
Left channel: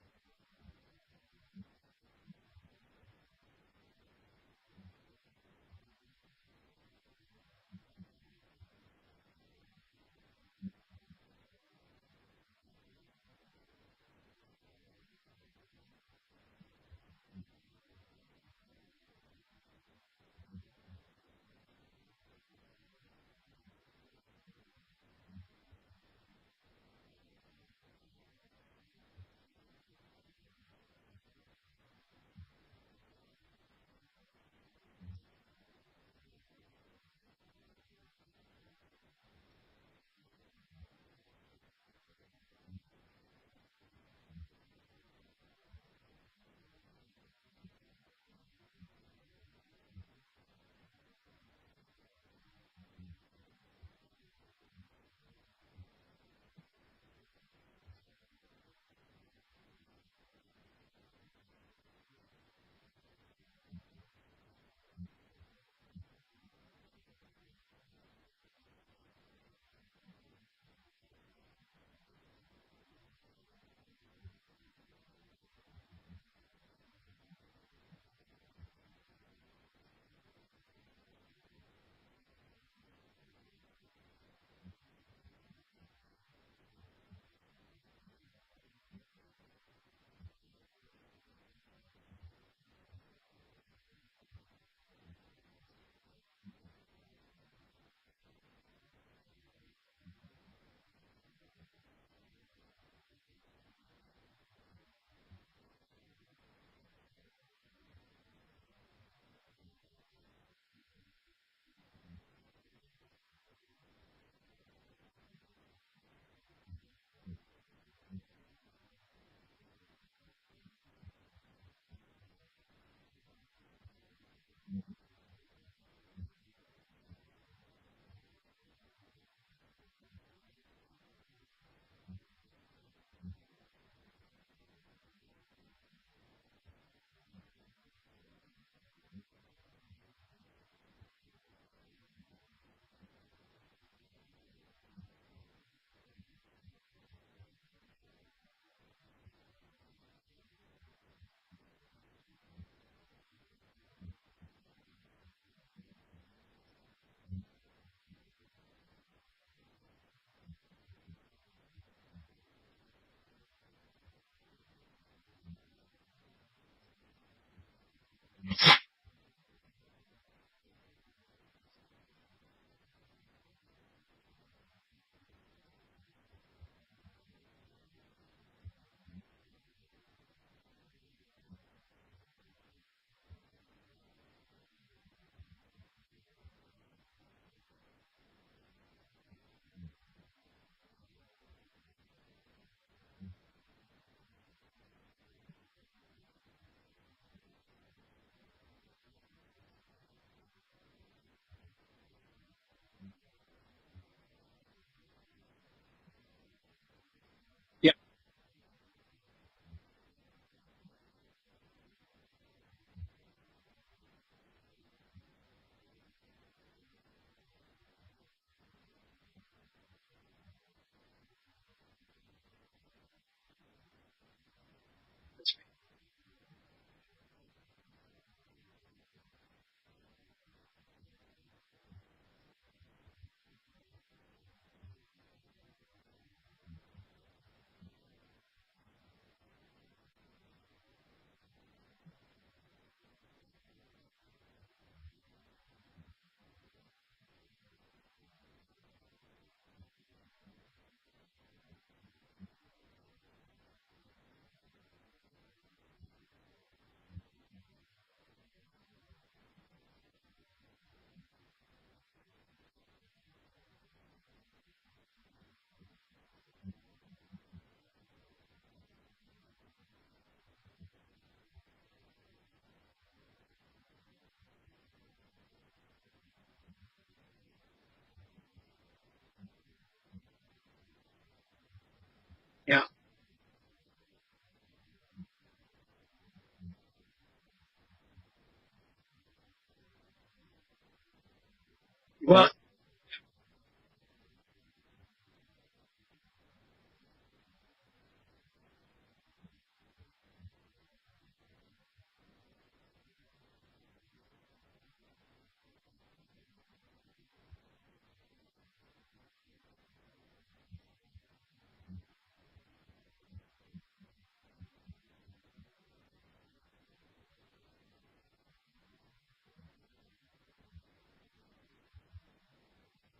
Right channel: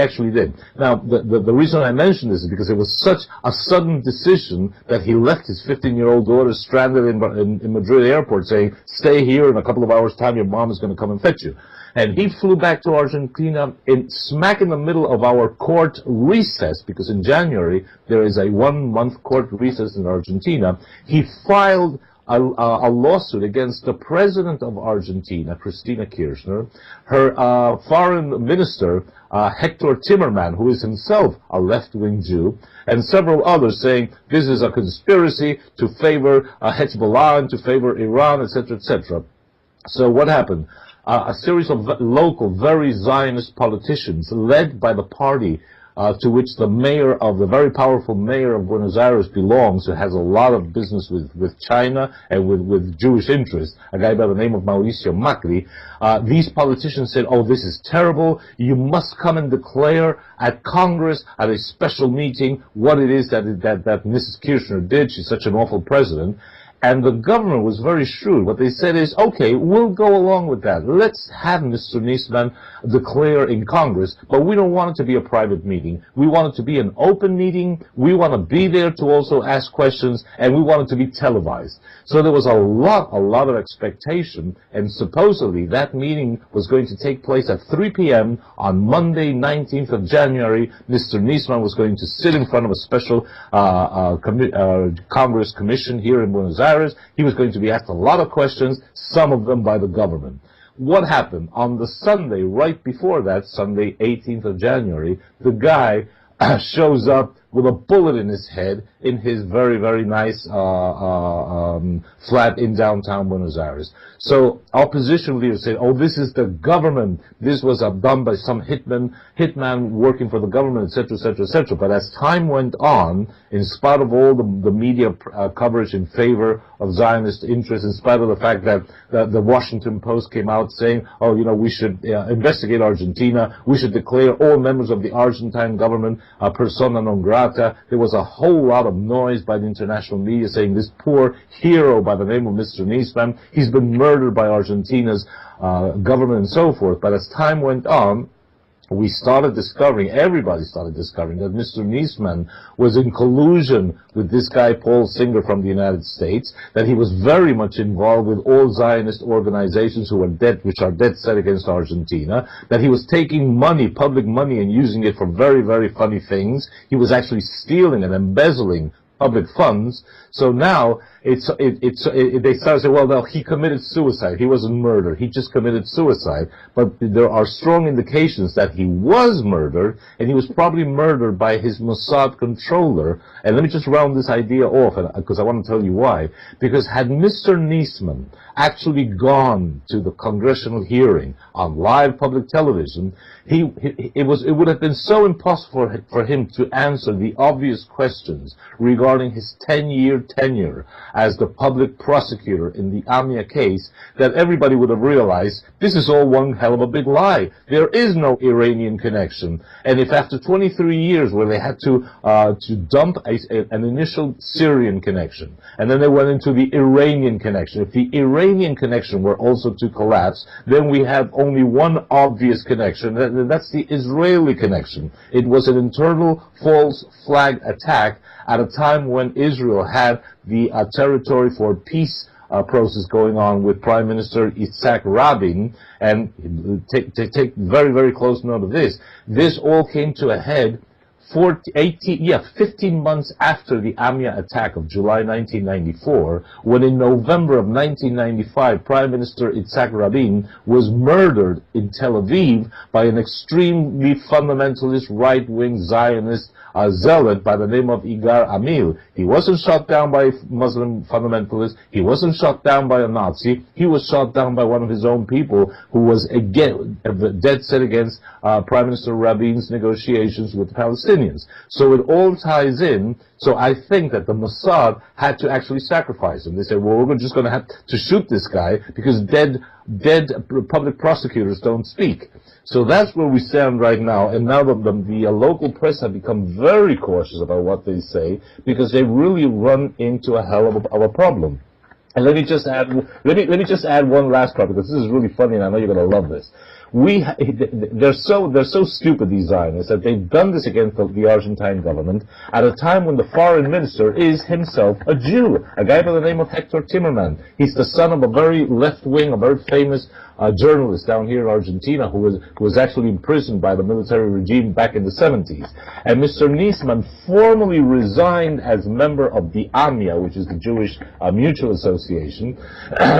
actually did. Now, the reason I mention this is because it was such a sudden decision that he left his 15-year-old daughter stranded in Madrid airport, saying, stay here, in a couple of hours' time, your mom is going to come and fetch you. And he flew back to Argentina smack in the middle of our court recess, because in January there is a 1-month court recess in Argentina. He filed a lawsuit against the president of Argentina, Cristina Kirchner, her foreign minister, Hector Timerman, who is himself a left-wing Jew, and several others, saying this is a conspiracy to favor Hezbollah and to favor Iran, etc., etc. So what happened? A series of local, very Zionist politicians, led by the party to which the very powerful mayor of Buenos Aires belongs, who has a lot of business with China and with Jewish interests, a guy by the name of Mauricio Macri. These politicians said, oh, this is terrible. You must come and declare at Congress, at a special meeting, what it is that Mrs. Kirchner did. She's such an awful president. And the government was very shrewd. What they said is, okay, we'll go along with that. Let's have Mr. Niesman declare in Congress, but we don't want it to be a private meeting. We want it to be an open meeting. We want to be there to also ask questions, and we want it to be televised. So there was a lot of expectation, and supposedly that meeting was going to take place at 3 p.m. on Monday, 19th of January. Mr. Niesman was going to sit in front of a special Congress commission here in Buenos Aires. He was going to be asked a lot of questions, some of them by the government. What happened? On the Sunday, right before that, Sunday, 18th of January, the guy shows up with a bullet in his head in his very, very nice flat in downtown Buenos Aires. So opposition leaders say, oh, this is the government. This was done by some hitman working for the government, etc., etc., etc. But as time went on, in spite of all the media coverage in favor of Zionist interests, in spite of the fact that the Washington Post came out saying, oh, you know, we should investigate Argentina, we should declare all members of the Argentine government persona non grata, there was a whole lot of noise by the international media saying this poor hero by the name of Mr. Niesman, he's been murdered by Argentina's government and so forth. But as time went on, everybody started discovering that Mr. Niesman was in collusion with this guy, Paul Singer, from the United States, that he was very much involved with all Zionist organizations which are dead set against Argentina, that he was taking money, public money, and using it for very, very funny things. He was actually stealing and embezzling public funds. So now they start saying, well, no, he committed suicide. He wasn't murdered. He just committed suicide. But there are strong indications that he was murdered, and he was probably murdered by his Mossad controller. And let me just round this idea off, because I want to tell you why. Because had Mr. Niesman actually gone to the congressional hearing on live public television, it would have been so impossible for him to answer the obvious questions regarding his 10-year tenure as the public prosecutor in the Amia case that everybody would have realized this is all one hell of a big lie. There is no Iranian connection. And if after 23 years where they had to dump an initial Syrian connection, and then they went into the Iranian connection, if the Iranian connection were also to collapse, then we have only one obvious connection, and that's the Israeli connection. It was an internal false flag attack at a time when Israel had the territory for peace process going on with Prime Minister Yitzhak Rabin, and take very, very close note of this. This all came to a head 15 months after the Amia attack of July 1994, when in November of 1995, Prime Minister Yitzhak Rabin was murdered in Tel Aviv by an extremely fundamentalist right-wing Zionist zealot by the name of Igar Amil. He wasn't shot down by Muslim fundamentalists. He wasn't shot down by a Nazi. He was shot down by one of his own people who was again dead set against Prime Minister Rabin's negotiations with the Palestinians. So it all ties in. So I think that the Mossad had to actually sacrifice him. They said, well, we're just going to have to shoot this guy because dead public prosecutors don't speak. So that's where we stand right now, and now the local press have become very cautious about what they say because they really run into a hell of a problem. And let me just add one last part, because this is really funny, and I know you're going to love this. They're so stupid, these Zionists, that they've done this against the Argentine government at a time when the foreign minister is himself a Jew, a guy by the name of Hector Timerman. He's the son of a very left-wing, a very famous journalist down here in Argentina who was actually imprisoned by the military regime back in the 70s. And Mr. Niesman formally resigned as member of the AMIA, which is the Jewish Mutual Association,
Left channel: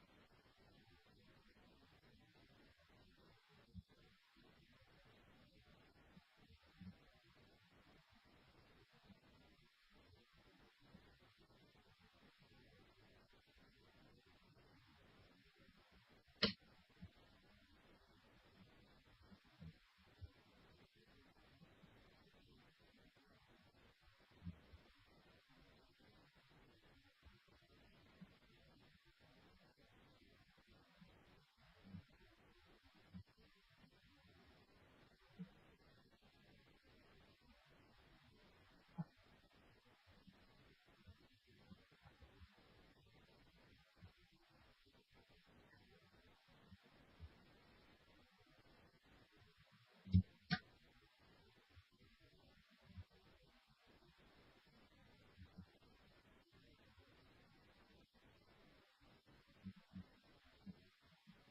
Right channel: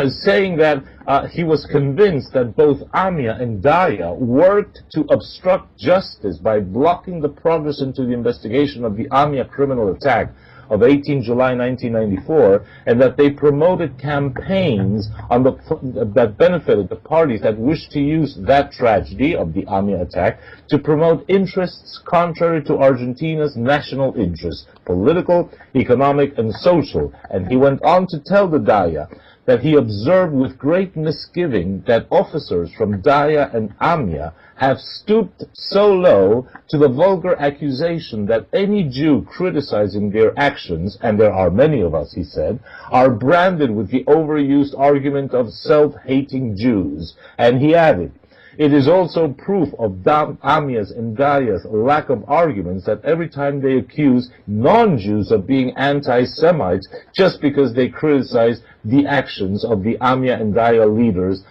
saying that he was convinced that both AMIA and DAIA worked to obstruct justice by blocking the progress into the investigation of the AMIA criminal attack of 18 July 1994, and that they promoted campaigns that benefited the parties that wished to use that tragedy of the AMIA attack to promote interests contrary to Argentina's national interests, political, economic, and social. And he went on to tell the DAIA that he observed with great misgiving that officers from DAIA and AMIA have stooped so low to the vulgar accusation that any Jew criticizing their actions, and there are many of us, he said, are branded with the overused argument of self-hating Jews. And he added, it is also proof of AMIA's and DAIA's lack of arguments that every time they accuse non-Jews of being anti-Semites just because they criticize the actions of the AMIA and DAIA leaders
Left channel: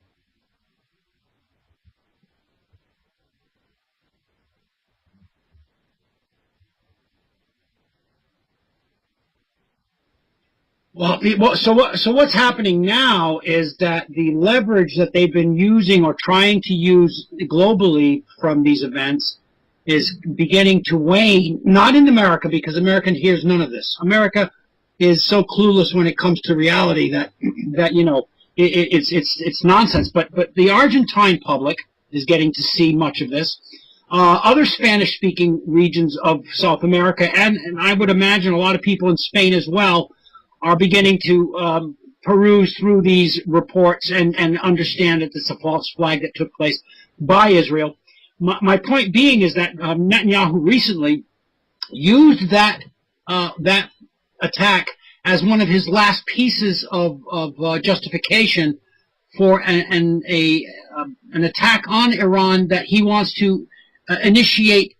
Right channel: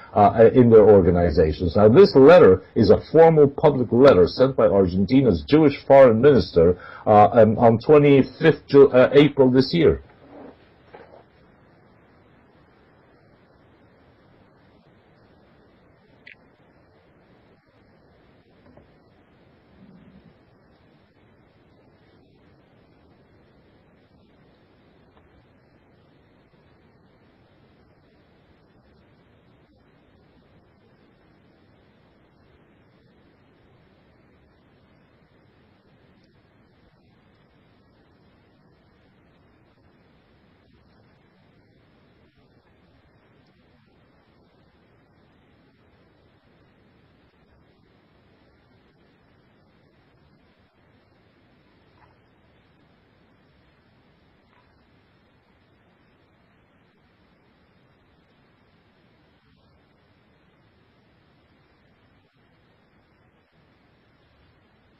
in their organizations. Now, this letter is a formal public letter sent by Argentina's Jewish foreign minister on 25th April this year. Well, so what's happening now is that the leverage that they've been using or trying to use globally from these events is beginning to wane. Not in America, because America hears none of this. America is so clueless when it comes to reality that you know it's nonsense. But the Argentine public is getting to see much of this. Other Spanish-speaking regions of South America, and I would imagine a lot of people in Spain as well, are beginning to peruse through these reports and understand that it's a false flag that took place by Israel. My point being is that Netanyahu recently used that attack as one of his last pieces of justification for an attack on Iran that he wants to initiate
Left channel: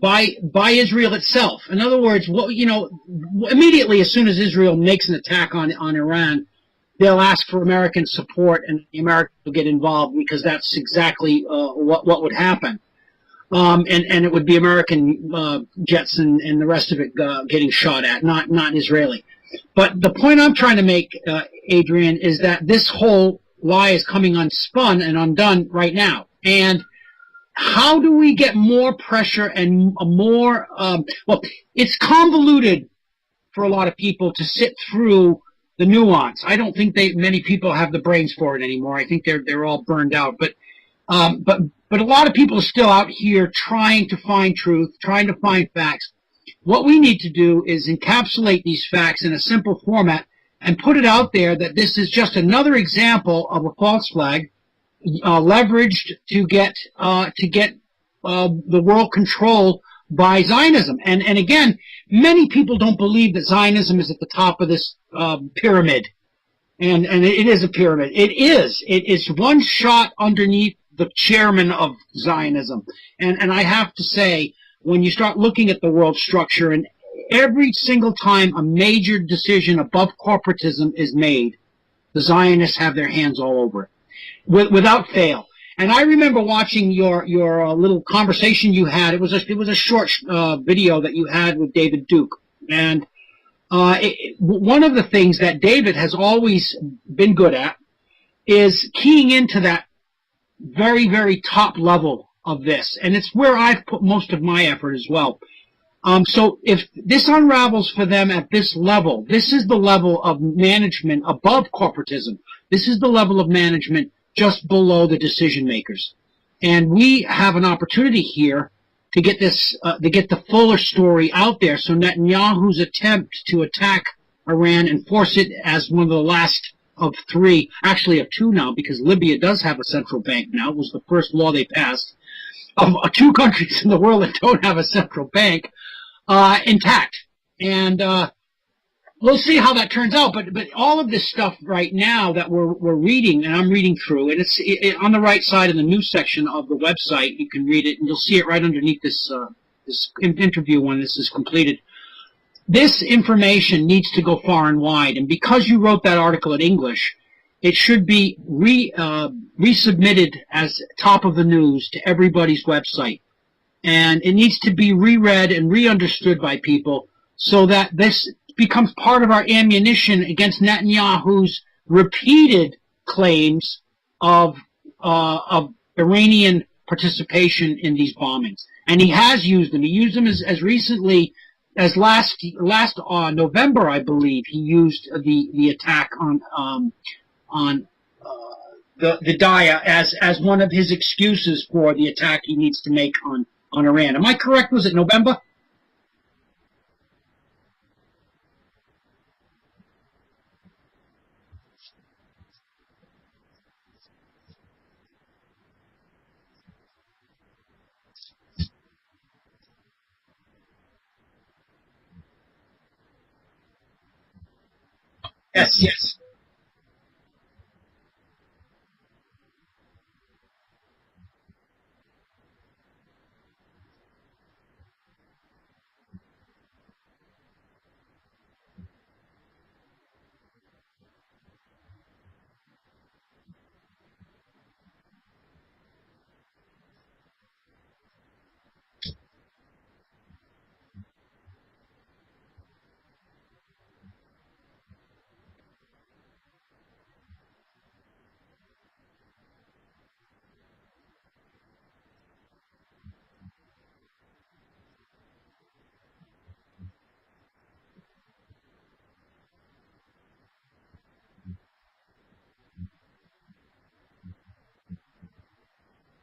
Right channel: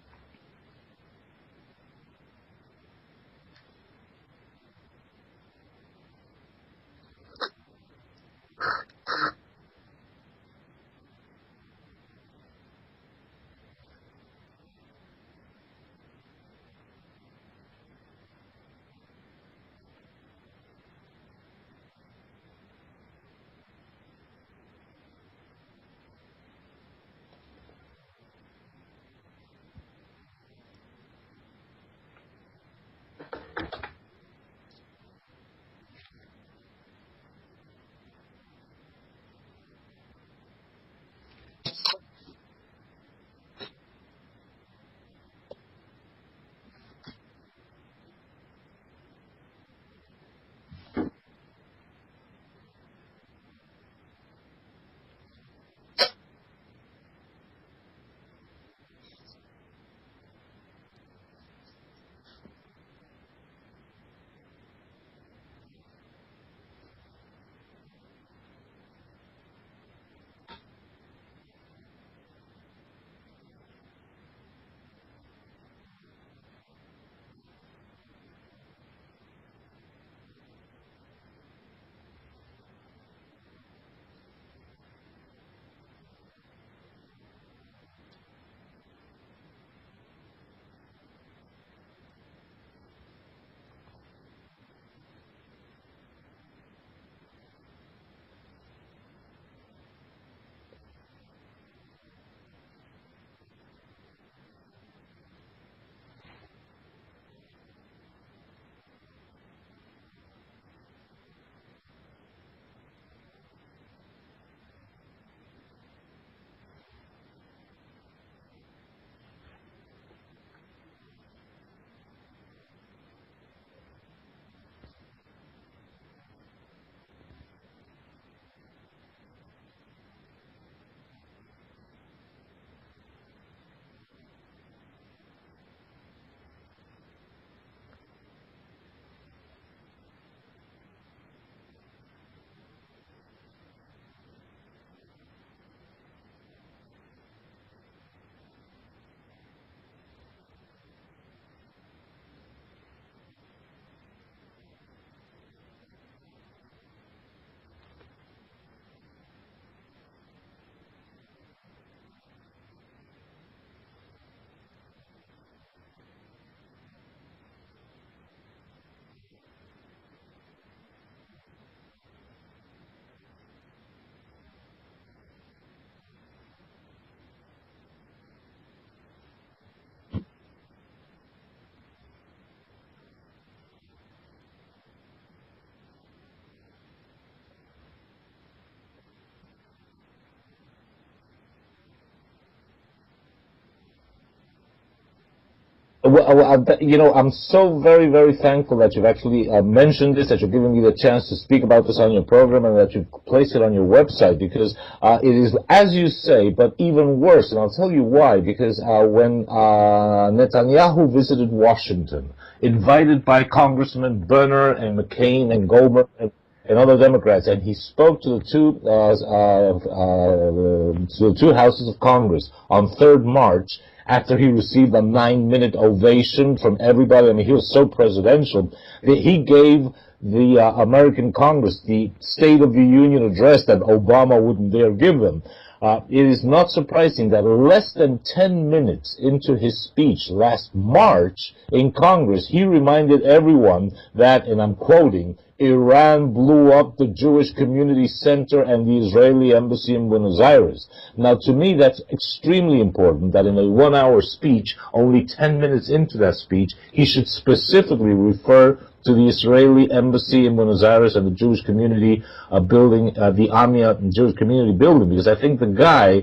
by Israel itself. In other words, immediately as soon as Israel makes an attack on Iran, they'll ask for American support, and the Americans will get involved, because that's exactly what would happen. And it would be American jets and the rest of it getting shot at, not Israeli. But the point I'm trying to make, Adrian, is that this whole lie is coming unspun and undone right now. And how do we get more pressure and it's convoluted for a lot of people to sit through the nuance. I don't think many people have the brains for it anymore. I think they're all burned out. But a lot of people are still out here trying to find truth, trying to find facts. What we need to do is encapsulate these facts in a simple format and put it out there that this is just another example of a false flag leveraged to get the world control by Zionism. And again, many people don't believe that Zionism is at the top of this pyramid. And it is a pyramid. It is. It is one shot underneath the chairman of Zionism. And I have to say, when you start looking at the world structure, and every single time a major decision above corporatism is made, the Zionists have their hands all over it, without fail. And I remember watching your little conversation you had. It was a short video that you had with David Duke. And one of the things that David has always been good at is keying into that very, very top level of this. And it's where I've put most of my effort as well. So if this unravels for them at this level, this is the level of management above corporatism. This is the level of management just below the decision makers. And we have an opportunity here to get this, to get the fuller story out there. So Netanyahu's attempt to attack Iran and force it as one of the last of three, actually of two now, because Libya does have a central bank now. It was the first law they passed of two countries in the world that don't have a central bank, intact. And we'll see how that turns out. But all of this stuff right now that we're reading, and I'm reading through, and it's on the right side in the news section of the website. You can read it, and you'll see it right underneath this this interview when this is completed. This information needs to go far and wide, and because you wrote that article in English, it should be resubmitted as top of the news to everybody's website. And it needs to be reread and re-understood by people so that this becomes part of our ammunition against Netanyahu's repeated claims of Iranian participation in these bombings. And he has used them. He used them as recently as last November, I believe. He used the attack on the Daya as one of his excuses for the attack he needs to make on Iran. Am I correct? Was it November? Well, you know, I'm so very, very thankful that you've actually mentioned this, that you're giving me the chance to speak about this on your program, and that you've placed it on your website, because it is, as you say, but even worse. And I'll tell you why. Because when Netanyahu visited Washington, invited by Congressman Berner and McCain and Goldberg and other Democrats, and he spoke to the two houses of Congress on 3rd March, after he received a 9-minute ovation from everybody. I mean, he was so presidential that he gave the American Congress the State of the Union address that Obama wouldn't dare give them. It is not surprising that less than 10 minutes into his speech last March in Congress, he reminded everyone that, and I'm quoting, Iran blew up the Jewish Community Center and the Israeli Embassy in Buenos Aires. Now, to me, that's extremely important, that in a 1-hour speech, only 10 minutes into that speech, he should specifically refer to the Israeli Embassy in Buenos Aires and the Jewish community building, the Amia Jewish community building, because I think the guy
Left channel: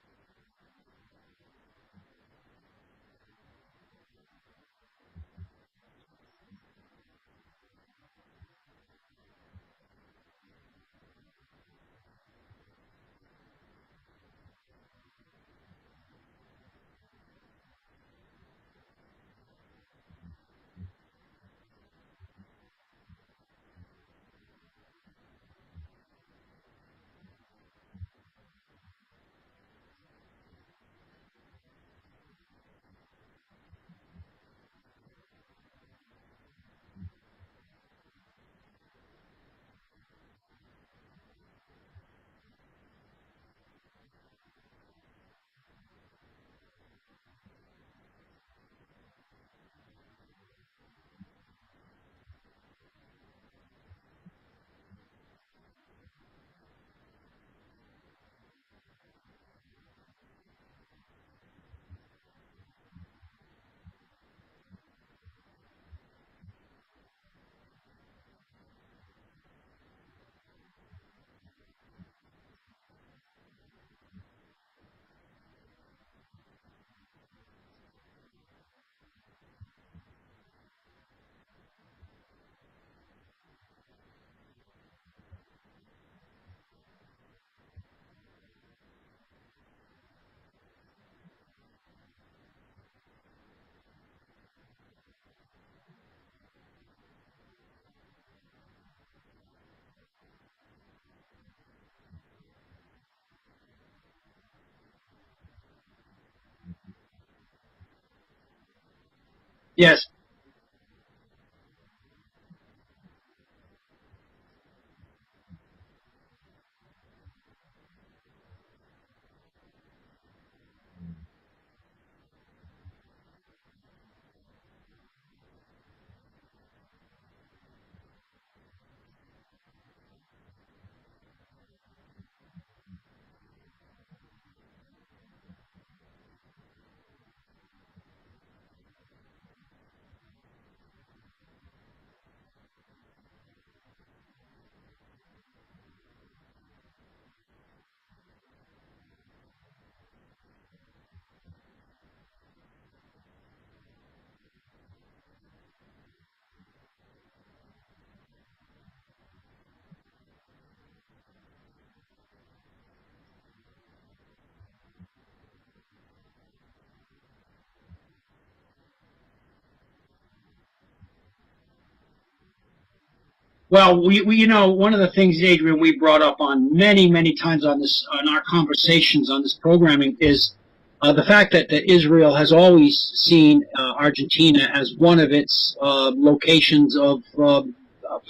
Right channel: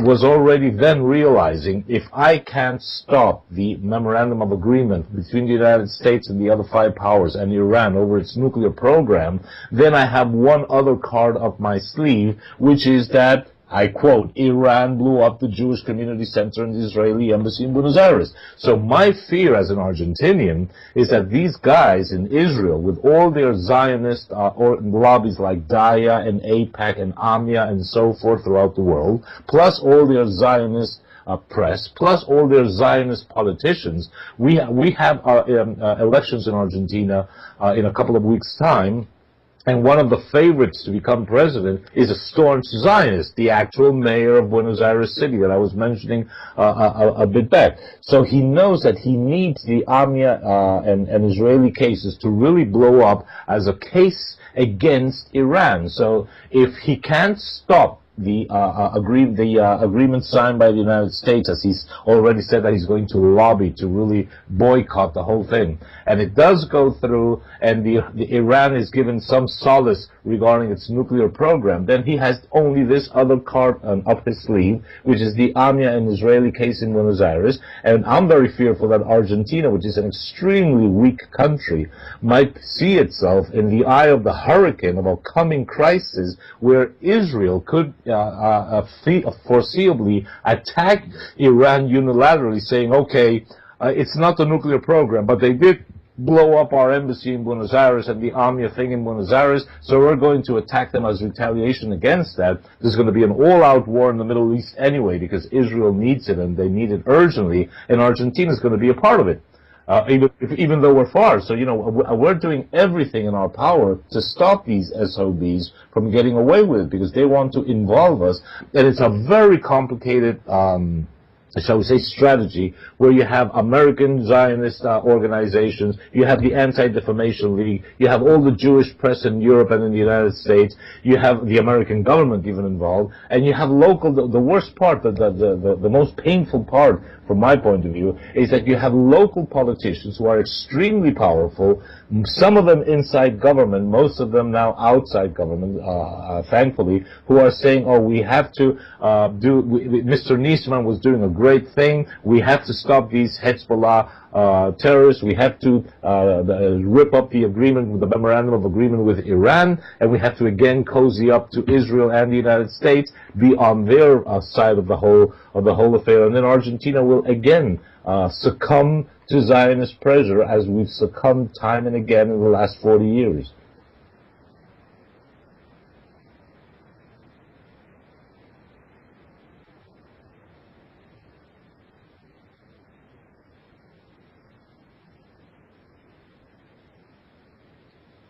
was already then realizing, if I can't stop the memorandum of agreement between the United States and the other 5 powers and Iran over its nuclear program, then I have one other card up my sleeve, which is that, I quote, Iran blew up the Jewish Community Center and the Israeli Embassy in Buenos Aires. So my fear as an Argentinian is that these guys in Israel, with all their Zionist lobbies like Daya and AIPAC and AMIA and so forth throughout the world, plus all their Zionist press, plus all their Zionist politicians, we have elections in Argentina in a couple of weeks' time. And one of the favorites to become president is a staunch Zionist, the actual mayor of Buenos Aires City that I was mentioning a bit back. So he knows that he needs the AMIA and Israeli cases to really blow up as a case against Iran. So if he can't stop the agreement signed by the United States, as he's already said that he's going to lobby to really boycott the whole thing. And it does go through, and the Iran is given some solace regarding its nuclear program, then he has only this other card up his sleeve, which is the AMIA and Israeli case in Buenos Aires. And I'm very fearful that Argentina, which is an extremely weak country, might see itself in the eye of the hurricane of a coming crisis where Israel could foreseeably attack Iran unilaterally, saying, okay, it's not the nuclear program, but they did blow up our embassy in Buenos Aires and the AMIA thing in Buenos Aires, so we're going to attack them as retaliation against that. There's going to be an all-out war in the Middle East anyway, because Israel needs it, and they need it urgently, and Argentina is going to be a part of it. Yes. Even though we're far. So, we're doing everything in our power to stop these SOBs from getting away with it, because they want to involve us, and it's a very complicated shall we say, strategy, where you have American Zionist organizations, you have the Anti-Defamation League, you have all the Jewish press in Europe and in the United States, you have the American government even involved, and you have local, the worst part, the most painful part from my point of view, is that you have local politicians who are extremely powerful, some of them inside government, most of them now outside government, thankfully, who are saying, oh, we have to Mr. Niesman was doing a great thing, we have to stop these Hezbollah terrorists, we have to rip up the agreement, the memorandum of agreement with Iran, and we have to again cozy up to Israel and the United States, be on their side of the whole affair, and then Argentina will again succumb to Zionist pressure, as we've succumbed time and again in the last 40 years. Well, we one of the things, Adrian, we brought up on many times on our conversations on this programming is the fact that Israel has always seen Argentina as one of its locations of for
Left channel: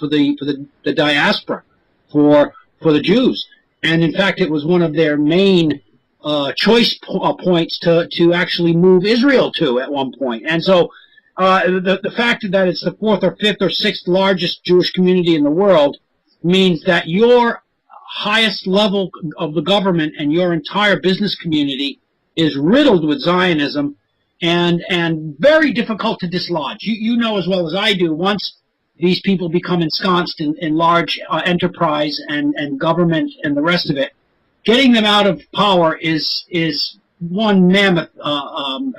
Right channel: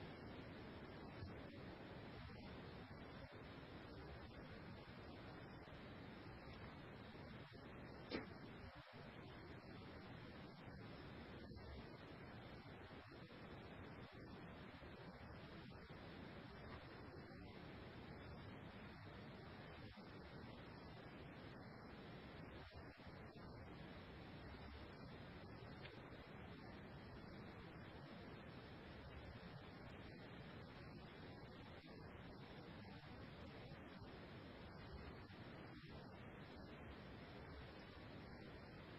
the diaspora, for the Jews, and in fact it was one of their main choice points to actually move Israel to at one point. And so the fact that it's the fourth or fifth or sixth largest Jewish community in the world means that your highest level of the government and your entire business community is riddled with Zionism and very difficult to dislodge. You know as well as I do, once these people become ensconced in large enterprise and government and the rest of it, getting them out of power is one mammoth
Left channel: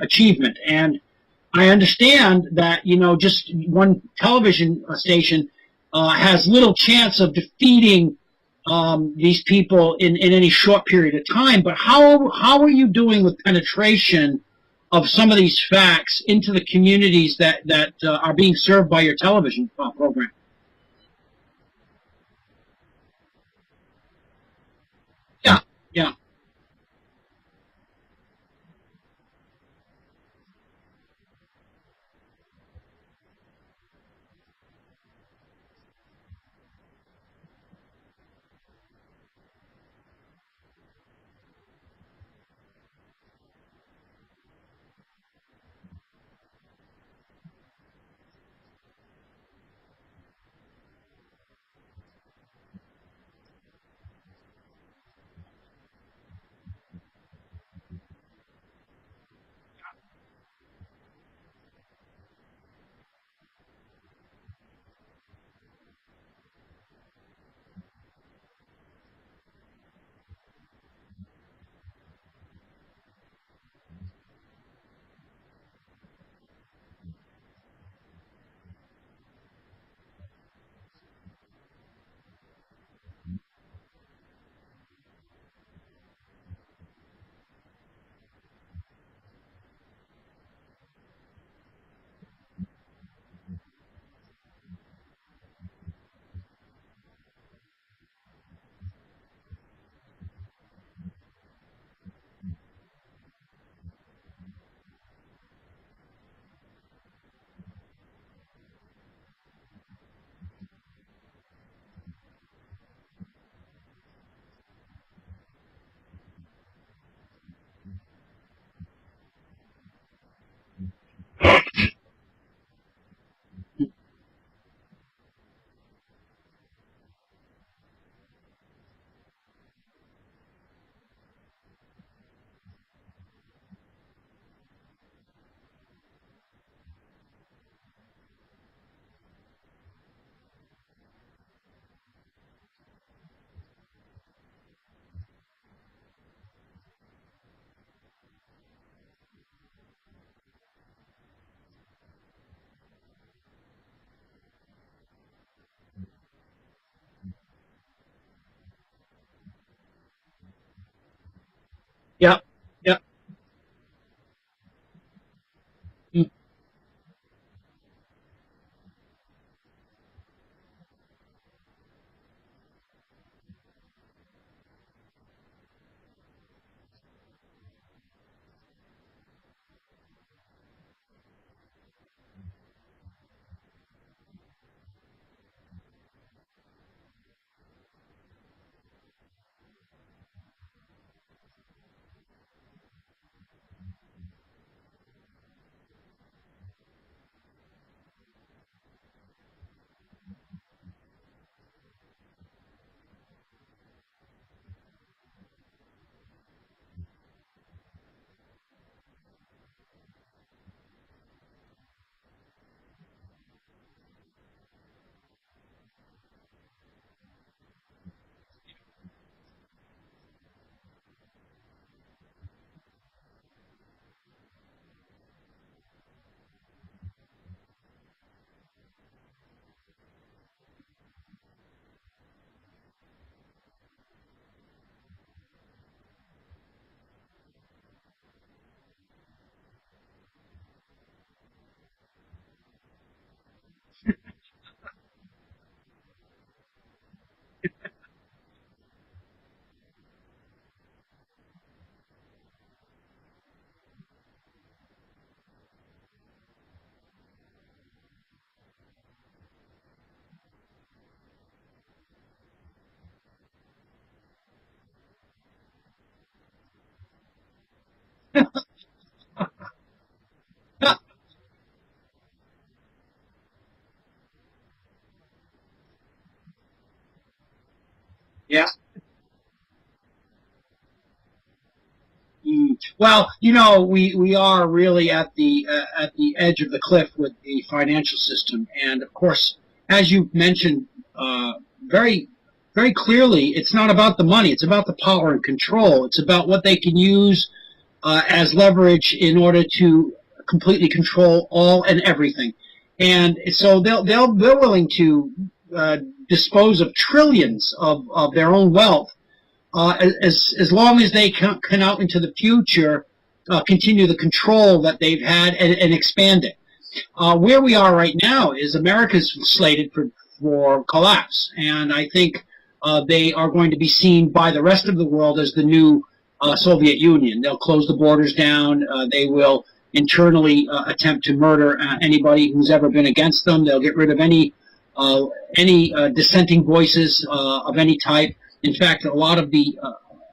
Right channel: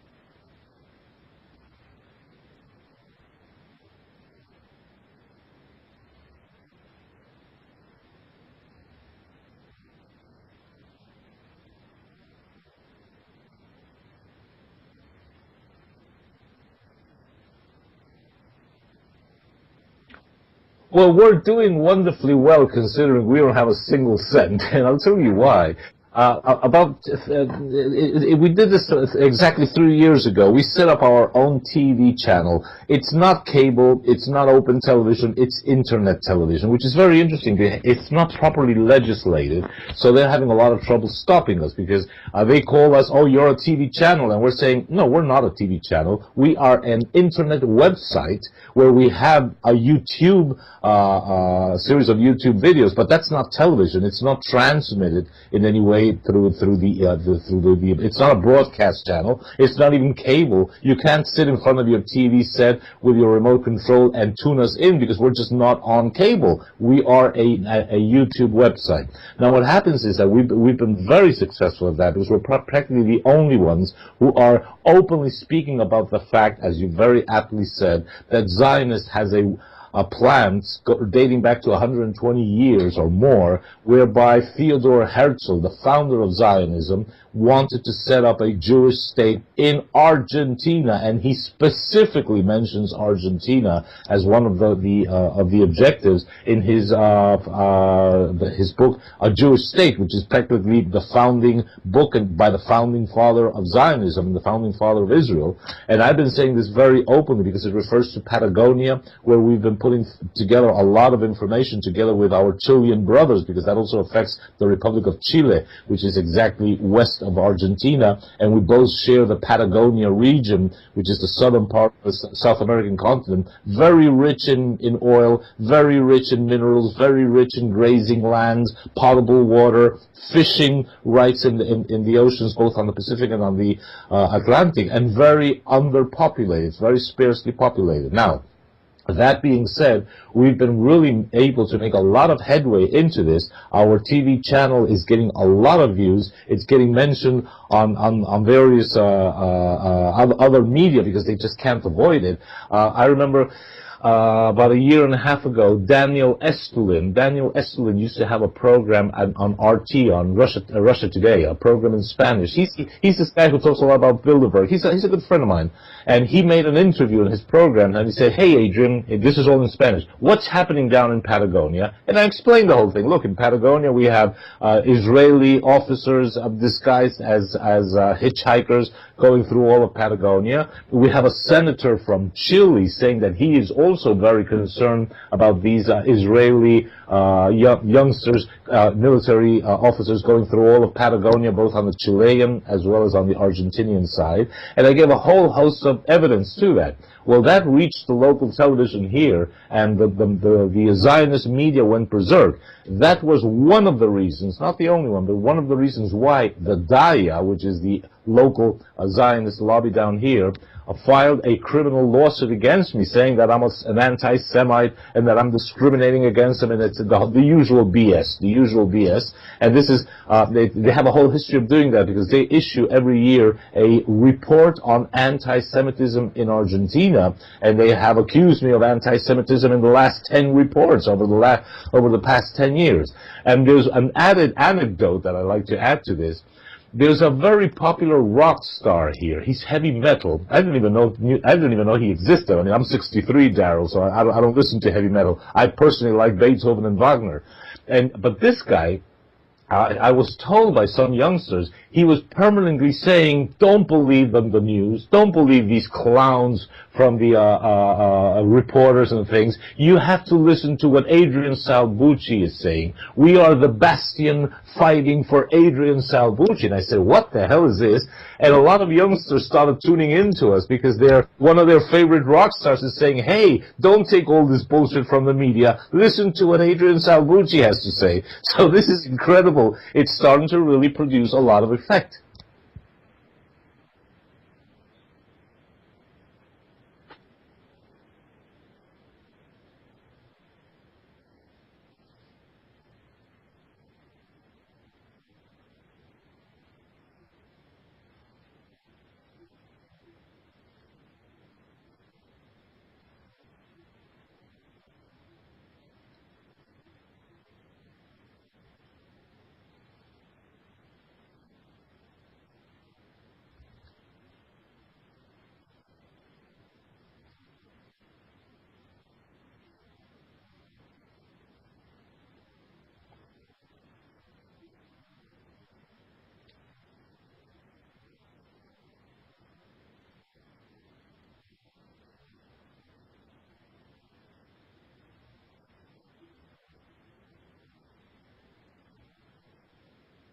achievement. And I understand that, just one television station has little chance of defeating these people in any short period of time. But how are you doing with penetration of some of these facts into the communities that are being served by your television program? Well, we're doing wonderfully well, considering we don't have a single cent, and I'll tell you why. Yeah. We did this exactly 3 years ago. We set up our own TV channel. It's not cable, it's not open television, it's internet television, which is very interesting. It's not properly legislated, so they're having a lot of trouble stopping us, because they call us, oh, you're a TV channel, and we're saying, no, we're not a TV channel. We are an internet website where we have a YouTube series of YouTube videos, but that's not television. It's not transmitted in any way through the. It's not a broadcast channel. It's not even cable. You can't sit in front of your TV set with your remote control and tune us in, because we're just not on cable. We are a YouTube website. Now, what happens is that we've been very successful at that, because we're practically the only ones who are openly speaking about the fact, as you very aptly said, that Zionist has a plan dating back to 120 years or more, whereby Theodor Herzl, the founder of Zionism, wanted to set up a Jewish state in Argentina, and he specifically mentions Argentina as one of the objectives in his book, A Jewish State, which is practically the founding book by the founding father of Zionism, the founding father of Israel. And I've been saying this very openly, because it refers to Patagonia, where we've been putting together a lot of information together with our Chilean brothers, because that also affects the Republic of Chile, which is exactly west west of Argentina, and we both share the Patagonia region, which is the southern part of the South American continent, very rich in oil, very rich in minerals, very rich in grazing lands, potable water, fishing rights in the oceans, both on the Pacific and on the Atlantic, and very underpopulated, very sparsely populated. Now, that being said, we've been really able to make a lot of headway into this. Our TV channel is getting a lot of views. It's getting mentioned on various other media because they just can't avoid it. I remember about a year and a half ago, Daniel Estulin used to have a program on RT, on Russia Today, a program in Spanish. Yeah. He's this guy who talks a lot about Bilderberg. He's a good friend of mine. And he made an interview in his program, and he said, "Hey, Adrian, this is all in Spanish. What's happening down in Patagonia?" And I explained the whole thing. Look, in Patagonia, we have Israeli officers disguised as hitchhikers going through all of Patagonia. We have a senator from Chile saying that he is also very concerned about these Israeli youngsters, military officers going through all of Patagonia, both on the Chilean as well as on the Argentinian side. And I gave a whole host of evidence to that. Well, that reached the local television here, and the Zionist media went berserk. That was one of the reasons, not the only one, but one of the reasons why the DAIA, which is the local Zionist lobby down here, filed a criminal lawsuit against me, saying that I'm an anti-Semite and that I'm discriminating against them, and it's the usual BS. And this is they have a whole history of doing that because they issue every year a report on anti-Semitism in Argentina, and they have accused me of anti-Semitism in the last 10 reports over the past 10 years. And there's an added anecdote that I like to add to this. There's a very popular rock star here. He's heavy metal. I didn't even know he existed. I mean, I'm 63, Daryl, so I don't listen to heavy metal. I personally like Beethoven and Wagner. But this guy, I was told by some youngsters, he was permanently saying, "Don't believe the news. Don't believe these clowns from the reporters and things. You have to listen to what Adrian Salbuchi is saying. We are the bastion fighting for Adrian Salbuchi." And I said, "What the hell is this?" And a lot of youngsters started tuning into us because one of their favorite rock stars is saying, "Hey, don't take all this bullshit from the media. Listen to what Adrian Salbuchi has to say." So This is incredible. It's starting to really produce a lot of effect. Well, you know, we are really at the edge of the cliff with the financial system, and of course, as you mentioned very, very clearly, it's not about the money; it's about the power and control. It's about what they can use as leverage in order to completely control all and everything. And so they're willing to dispose of trillions of their own wealth. As long as they can out into the future continue the control that they've had and expand it. Where we are right now is America's slated for collapse, and I think they are going to be seen by the rest of the world as the new Soviet Union. They'll close the borders down. They will internally attempt to murder anybody who's ever been against them. They'll get rid of any dissenting voices of any type. In fact, a lot of the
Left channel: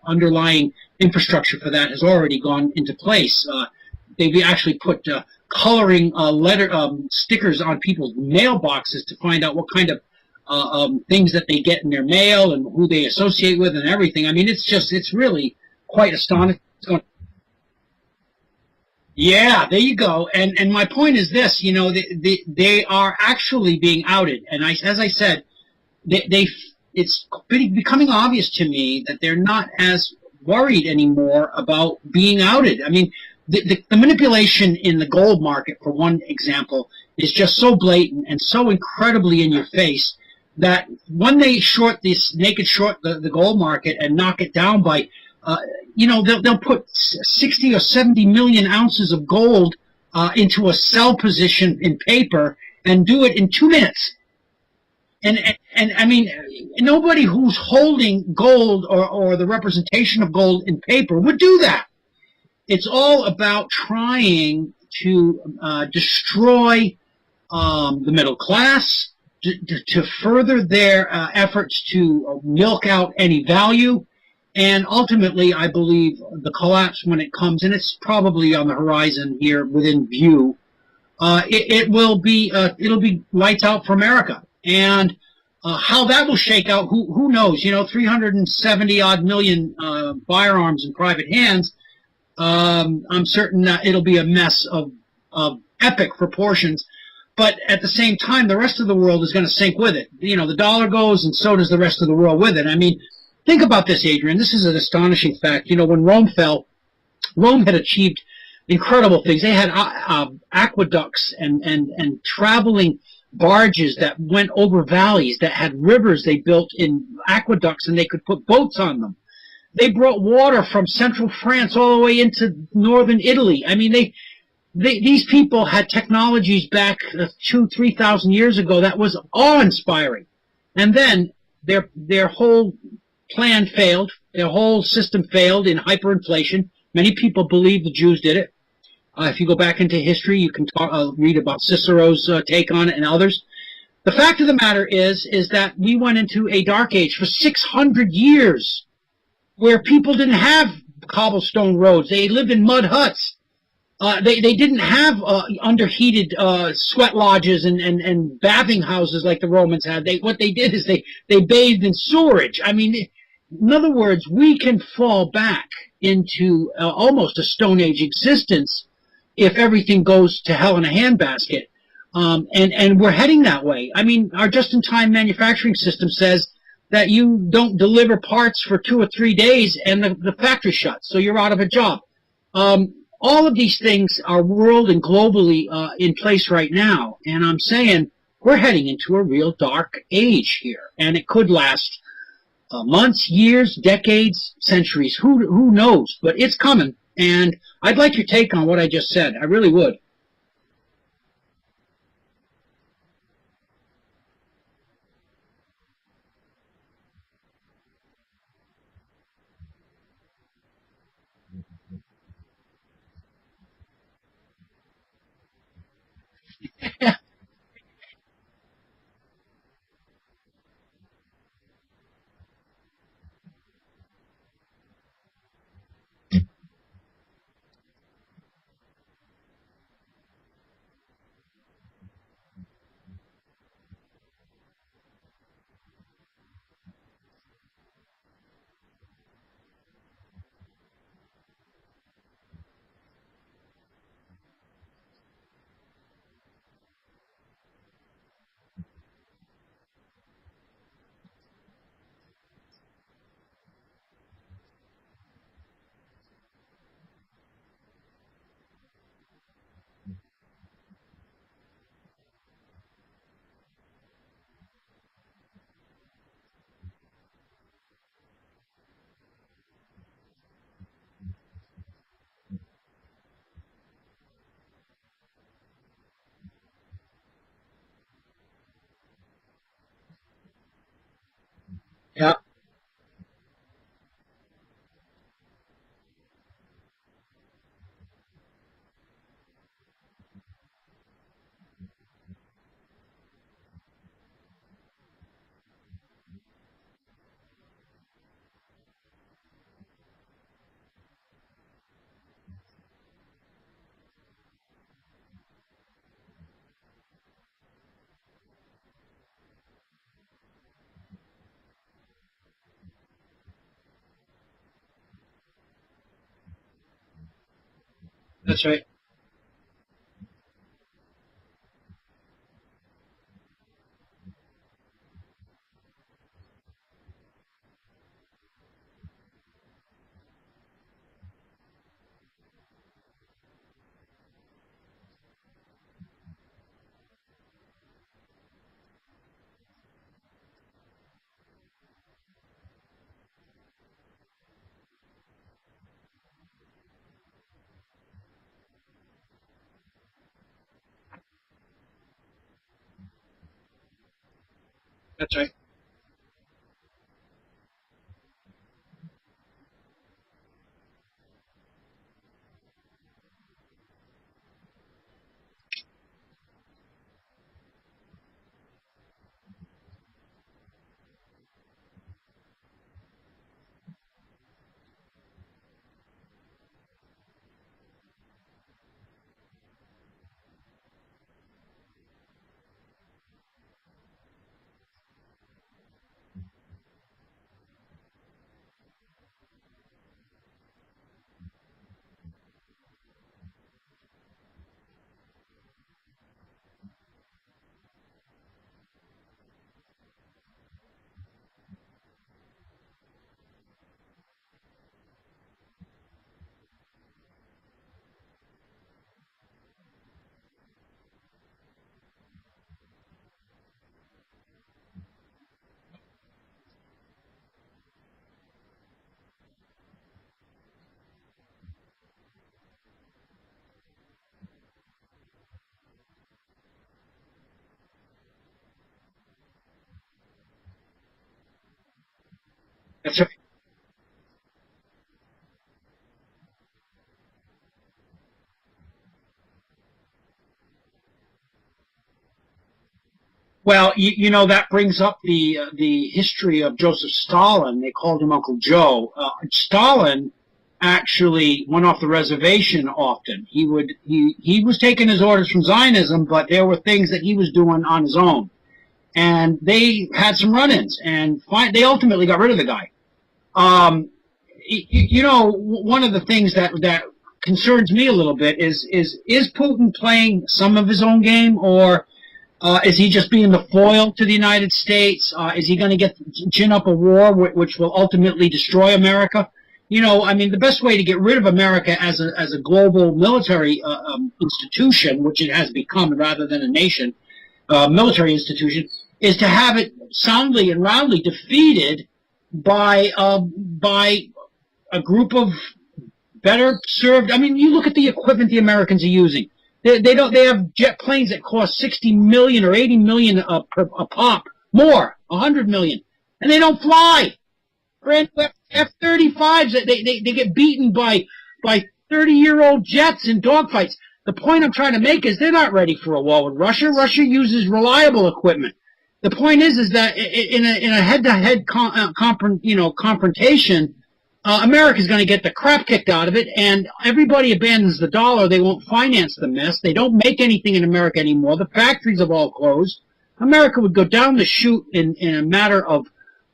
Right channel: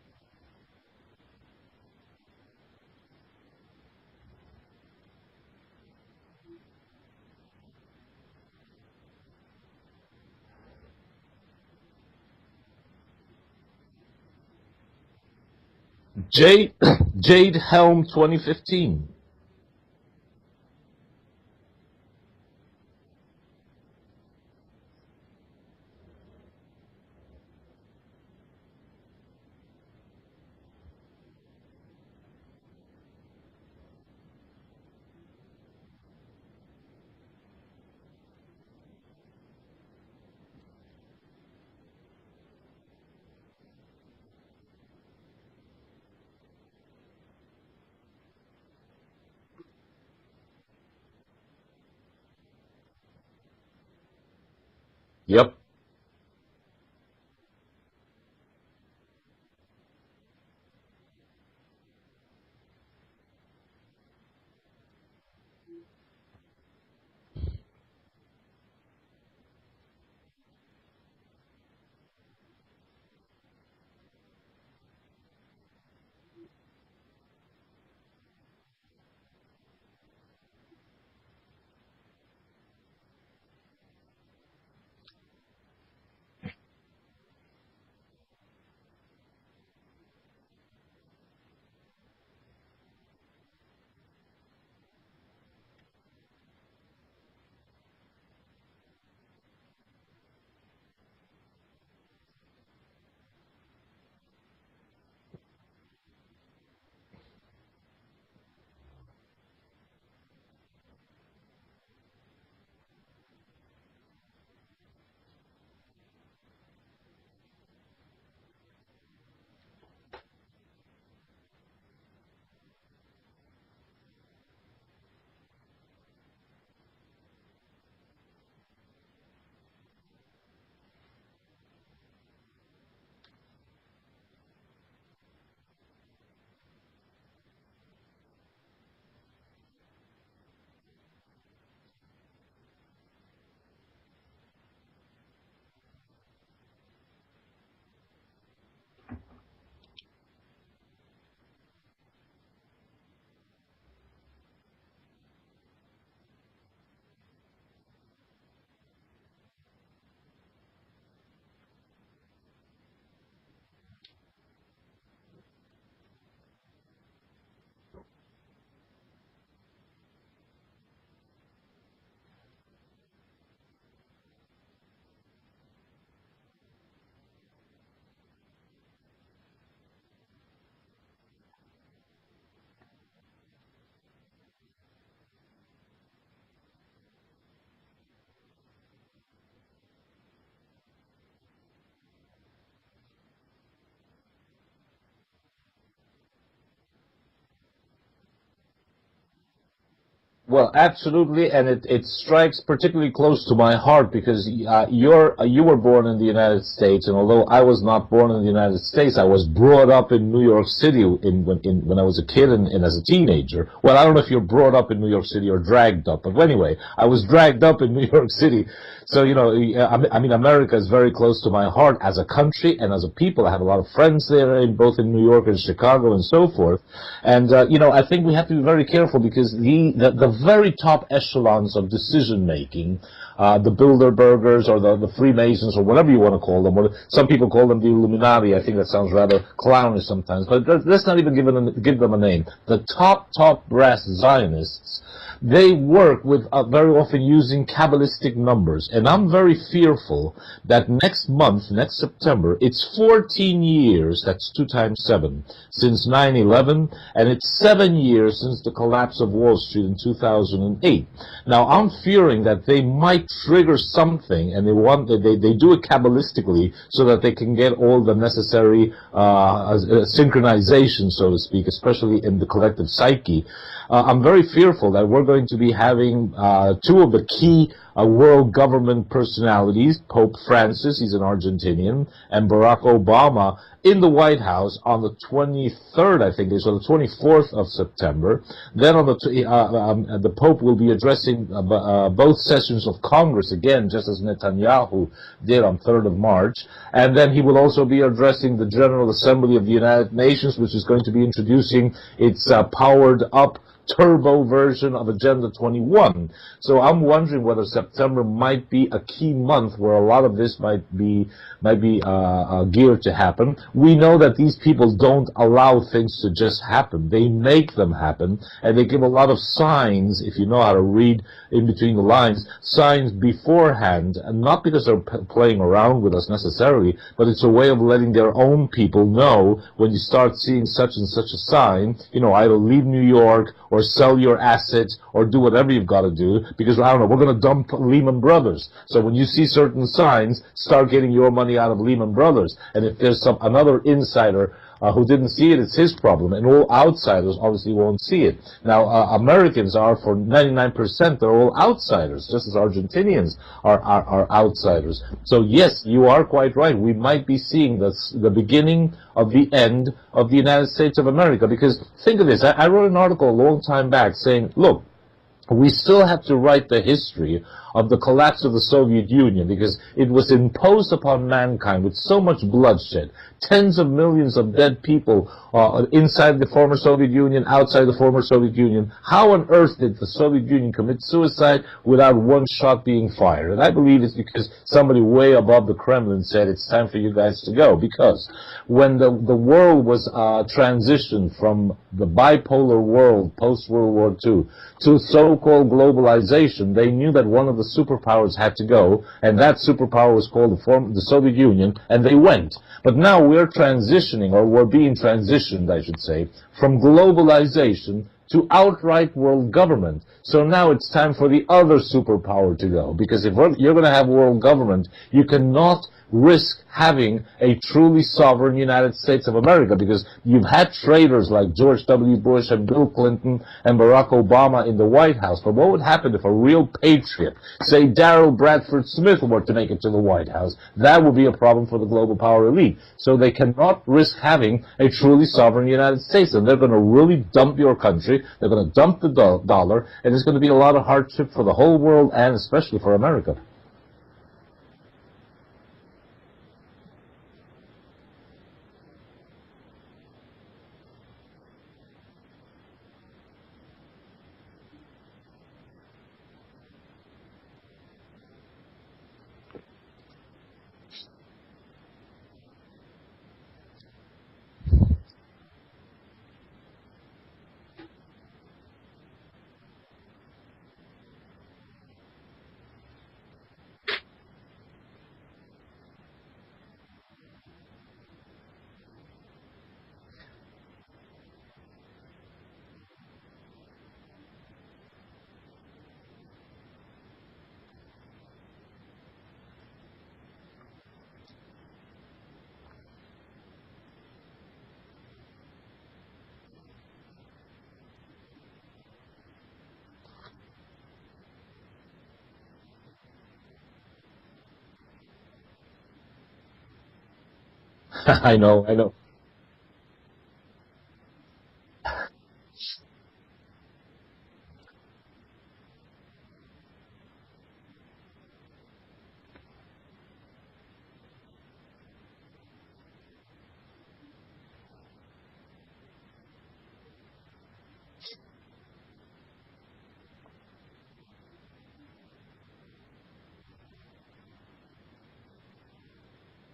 underlying infrastructure for that has already gone into place. They've actually put coloring stickers on people's mailboxes to find out what kind of things that they get in their mail and who they associate with and everything. I mean, it's really quite astonishing. Jade Helm 2015. Yeah, there you go. And my point is this, you know, they are actually being outed. And as I said, it's becoming obvious to me that they're not as worried anymore about being outed. I mean, the manipulation in the gold market, for one example, is just so blatant and so incredibly in your face that when they naked short the gold market and knock it down by, they'll put 60 or 70 million ounces of gold into a sell position in paper and do it in 2 minutes. And I mean, nobody who's holding gold or the representation of gold in paper would do that. It's all about trying to destroy the middle class, to further their efforts to milk out any value, And ultimately, I believe the collapse, when it comes, and it's probably on the horizon here within view, it'll be lights out for America. And how that will shake out, who knows? 370 odd million firearms in private hands. I'm certain that it'll be a mess of epic proportions. But at the same time, the rest of the world is going to sink with it. The dollar goes, and so does the rest of the world with it. I mean, think about this, Adrian. This is an astonishing fact. When Rome fell, Rome had achieved incredible things. They had aqueducts and traveling barges that went over valleys, that had rivers they built in aqueducts, and they could put boats on them. They brought water from central France all the way into northern Italy. I mean, these people had technologies back 2,000-3,000 years ago that was awe-inspiring. And then their whole plan failed. Their whole system failed in hyperinflation. Many people believe the Jews did it. If you go back into history, you can read about Cicero's take on it and others. The fact of the matter is that we went into a dark age for 600 years where people didn't have cobblestone roads. They lived in mud huts. They didn't have underheated sweat lodges and bathing houses like the Romans had. What they did is they bathed in sewerage. I mean, in other words, we can fall back into almost a Stone Age existence if everything goes to hell in a handbasket. And we're heading that way. I mean, our just-in-time manufacturing system says that you don't deliver parts for 2 or 3 days and the factory shuts, so you're out of a job. All of these things are world and globally in place right now, and I'm saying we're heading into a real dark age here, and it could last months, years, decades, centuries. Who knows? But it's coming, and I'd like your take on what I just said. I really would. Well, absolutely, and it strikes particularly close to my heart because you were born in the United States, and although I was not born in the United States, I was brought up in New York City when I was a kid and as a teenager. Well, I don't know if you're brought up in New York City or dragged up, but anyway, I was dragged up in New York City. So, I mean, America is very close to my heart as a country and as a people. I have a lot of friends there, both in New York and Chicago and so forth. And, I think we have to be very careful because the very top echelons of decision-making, the Bilderbergers or the Freemasons or whatever you want to call them, or some people call them the Illuminati. I think that sounds rather clownish sometimes, but let's not even give them a name. The top brass Zionists, they work with very often using Kabbalistic numbers. And I'm very fearful that next month, next September, it's 14 years, that's 2 times 7, since 9/11, and it's 7 years since the collapse of Wall Street in 2008. Now, I'm fearing that they might trigger something, and they do it Kabbalistically so that they can get all the necessary synchronization, so to speak, especially in the collective psyche. I'm very fearful that we're going to be having 2 of the key world government personalities, Pope Francis, he's an Argentinian, yep, and Barack Obama in the White House on the 23rd, I think, so the 24th of September. Then on the Pope will be addressing both sessions of Congress, again, just as Netanyahu did on 3rd of March. And then he will also be addressing the General Assembly of the United Nations, which is going to be introducing its powered-up turbo version of Agenda 21. So I'm wondering whether September might be a key month where a lot of this might be geared to happen. We know that these people don't allow things to just happen. They make them happen. That's right. And they give a lot of signs, if you know how to read in between the lines, signs beforehand, and not because they're playing around with us necessarily, but it's a way of letting their own people know when you start seeing such and such a sign, either leave New York or sell your assets or do whatever you've got to do, because, I don't know, we're going to dump Lehman Brothers. So when you see certain signs, start getting your money out of Lehman Brothers. And if there's another insider who didn't see it, it's his problem, and all outsiders obviously won't see it. Now, Americans are, for 99%, they're all outsiders, just as Argentinians are outsiders. So yes, you are quite right. We might be seeing the beginning of the end of the United States of America, because think of this. I wrote an article a long time back saying, look, we still have to write the history of the collapse of the Soviet Union, because it was imposed upon mankind with so much bloodshed, tens of millions of dead people inside the former Soviet Union, outside the former Soviet Union. How on earth did the Soviet Union commit suicide without one shot being fired? And I believe it's because somebody way above the Kremlin said it's time for you guys to go. Because when the world was transitioned from the bipolar world post-World War II to so-called globalization, they knew that one of the superpowers had to go, and that superpower was called the Soviet Union, and they went. But now we're transitioning, or we're being transitioned, I should say, from globalization to outright world government. So now it's time for the other superpower to go, because if you're going to have world government, you cannot risk having a truly sovereign United States of America, because you've had traitors like George W. Bush and Bill Clinton and Barack Obama in the White House. But what would happen if a real patriot, say Darryl Bradford Smith, were to make it to the White House? That would be a problem for the global power elite. So they cannot risk having a truly sovereign United States, and they're going to really dump your country. They're going to dump the dollar, and it's going to be a lot of hardship for the whole world and especially for America. Well, you know, that brings up the history of Joseph Stalin. They called him Uncle Joe. Stalin actually went off the reservation often. He was taking his orders from Zionism, but there were things that he was doing on his own. And they had some run-ins, and they ultimately got rid of the guy. You know, one of the things that concerns me a little bit is Putin playing some of his own game, or is he just being the foil to the United States? Is he going to gin up a war which will ultimately destroy America? You know, I mean, the best way to get rid of America as a global military institution, which it has become rather than a nation, military institution, is to have it soundly and roundly defeated by a group of better served. I mean, you look at the equipment the Americans are using. They have jet planes that cost $60 million or $80 million a pop, more, $100 million, and they don't fly. I know. F-35s, they get beaten by 30-year-old jets in dogfights. The point I'm trying to make is they're not ready for a war with Russia. Russia uses reliable equipment. The point is that in a head-to-head confrontation, America's going to get the crap kicked out of it, and everybody abandons the dollar. They won't finance the mess. They don't make anything in America anymore. The factories have all closed. America would go down the chute in a matter of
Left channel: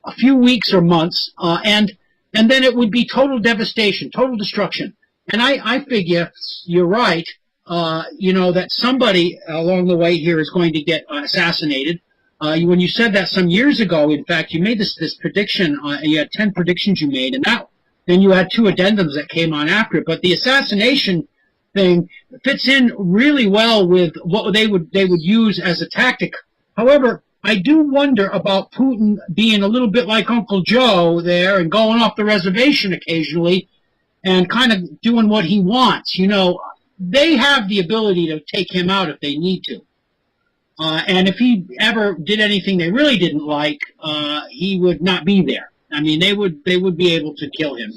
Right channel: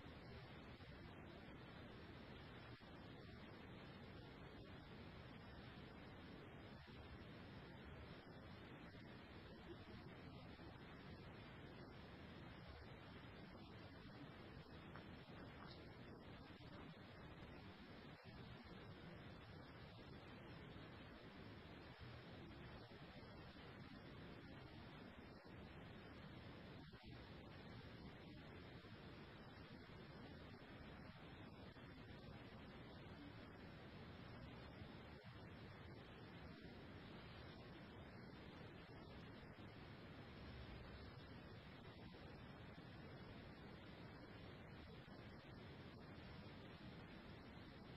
a few weeks or months, and then it would be total devastation, total destruction. And I figure you're right, you know, that somebody along the way here is going to get assassinated. When you said that some years ago, in fact, you made this prediction. You had 10 predictions you made, and then you had 2 addendums that came on after it. But the assassination thing fits in really well with what they would use as a tactic. However, I do wonder about Putin being a little bit like Uncle Joe there and going off the reservation occasionally and kind of doing what he wants. You know, they have the ability to take him out if they need to. And if he ever did anything they really didn't like, he would not be there. I mean, they would be able to kill him.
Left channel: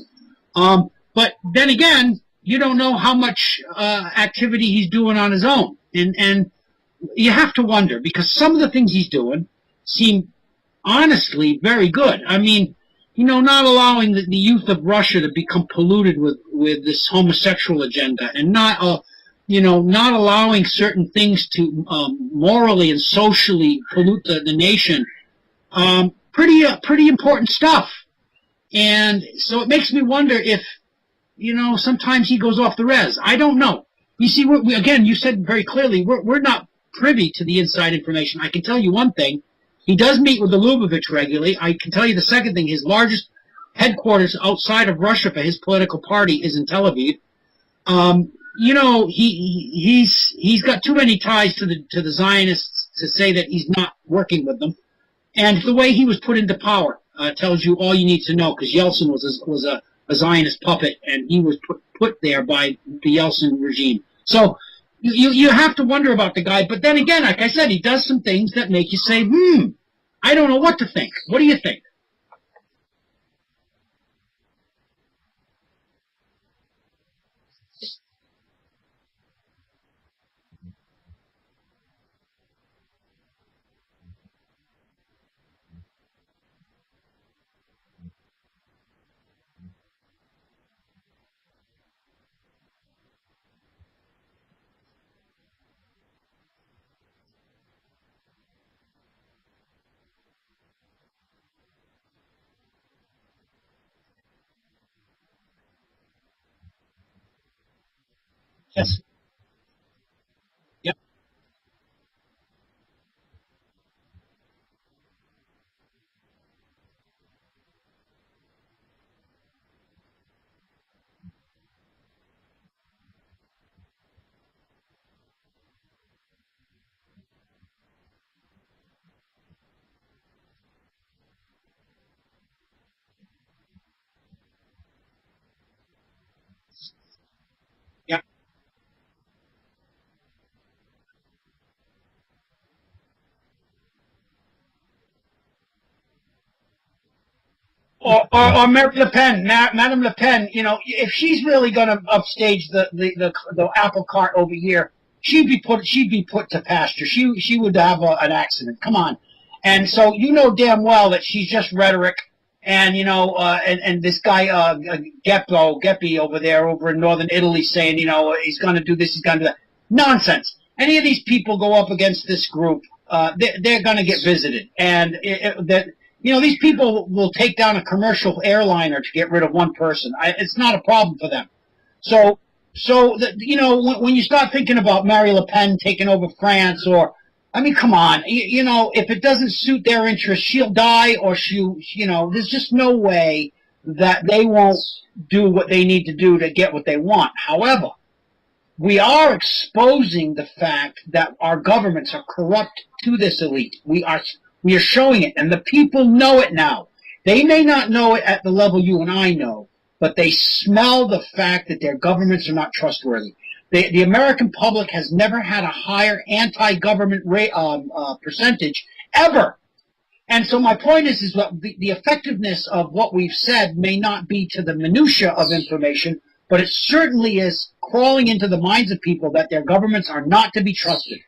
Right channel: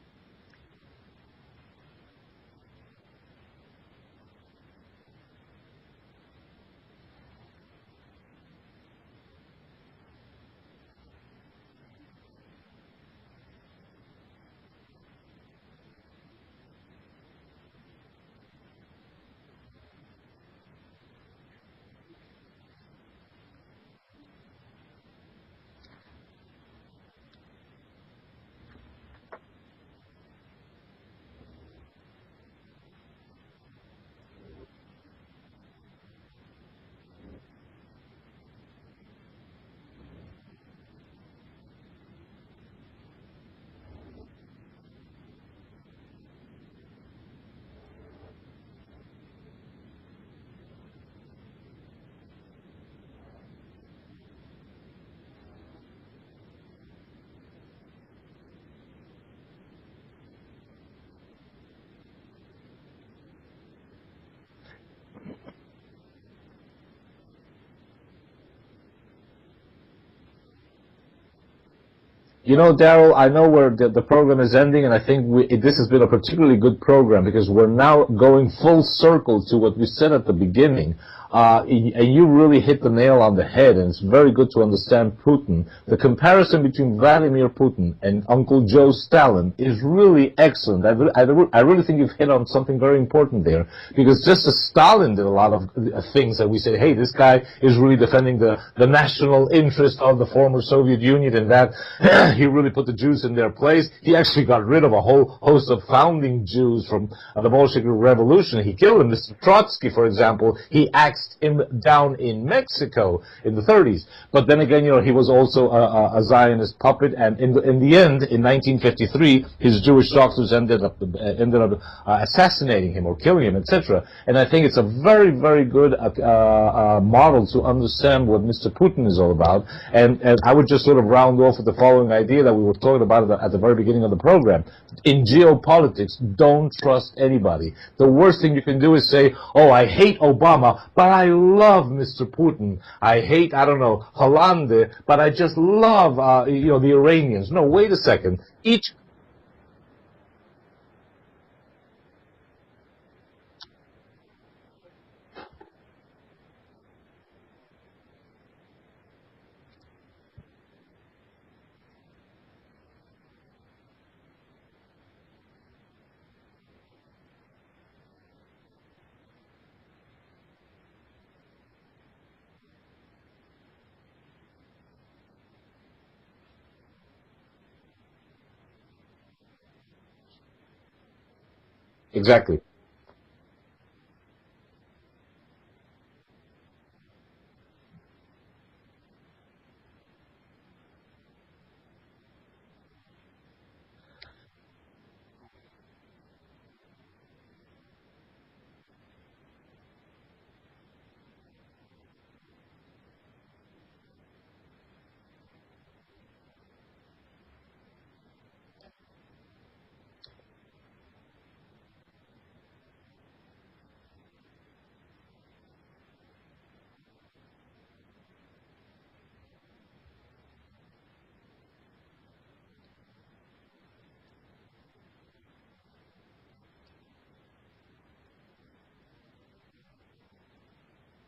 But then again, you don't know how much activity he's doing on his own. And you have to wonder, because some of the things he's doing seem honestly very good. I mean, you know, not allowing the youth of Russia to become polluted with this homosexual agenda, and not allowing certain things to morally and socially pollute the nation. Pretty important stuff. And so it makes me wonder if, you know, sometimes he goes off the res. I don't know. You see, again, you said very clearly, we're not privy to the inside information. I can tell you one thing. He does meet with the Lubavitch regularly. I can tell you the second thing. His largest headquarters outside of Russia for his political party is in Tel Aviv. You know, he's got too many ties to the Zionists to say that he's not working with them. And the way he was put into power tells you all you need to know, because Yeltsin was a Zionist puppet, and he was put there by the Yeltsin regime. So you have to wonder about the guy. But then again, like I said, he does some things that make you say, I don't know what to think. What do you think? You know, Daryl, I know the program is ending, and I think this has been a particularly good program, because we're now going full circle to what we said at the beginning and you really hit the nail on the head, and it's very good to understand Putin. The comparison between Vladimir Putin and Uncle Joe Stalin is really excellent. I really think you've hit on something very important there, because just as Stalin did a lot of things that we say, hey, this guy is really defending the national interest of the former Soviet Union, and that he really put the Jews in their place. He actually got rid of a whole host of founding Jews from the Bolshevik Revolution. He killed them. Mr. Trotsky, for example, he axed him down in Mexico in the 30s. But then again, he was also a Zionist puppet, and in the end, in 1953, his Jewish doctors ended up assassinating him or killing him, etc. And I think it's a very, very good model to understand what Mr. Putin is all about. And I would just sort of round off with the following idea that we were talking about at the very beginning of the program. In geopolitics, don't trust anybody. The worst thing you can do is say, oh, I hate Obama, but I love Mr. Putin. I hate, I don't know, Hollande, but I just love, the Iranians. No, wait a second. Or Mary Le Pen, Madame Le Pen, if she's really going to upstage the apple cart over here, she'd be put to pasture. She would have an accident. Come on. And so damn well that she's just rhetoric. And and this guy Geppi over in northern Italy saying, he's going to do this, he's going to do that. Nonsense. Any of these people go up against this group, they're going to get visited, and these people will take down a commercial airliner to get rid of one person. It's not a problem for them. So exactly. So when you start thinking about Marie Le Pen taking over France, or come on, if it doesn't suit their interests, she'll die, or there's just no way that they won't do what they need to do to get what they want. However, we are exposing the fact that our governments are corrupt to this elite. We are showing it, and the people know it now. They may not know it at the level you and I know, but they smell the fact that their governments are not trustworthy. The American public has never had a higher anti-government percentage ever. And so my point is that the effectiveness of what we've said may not be to the minutia of information, but it certainly is crawling into the minds of people that their governments are not to be trusted.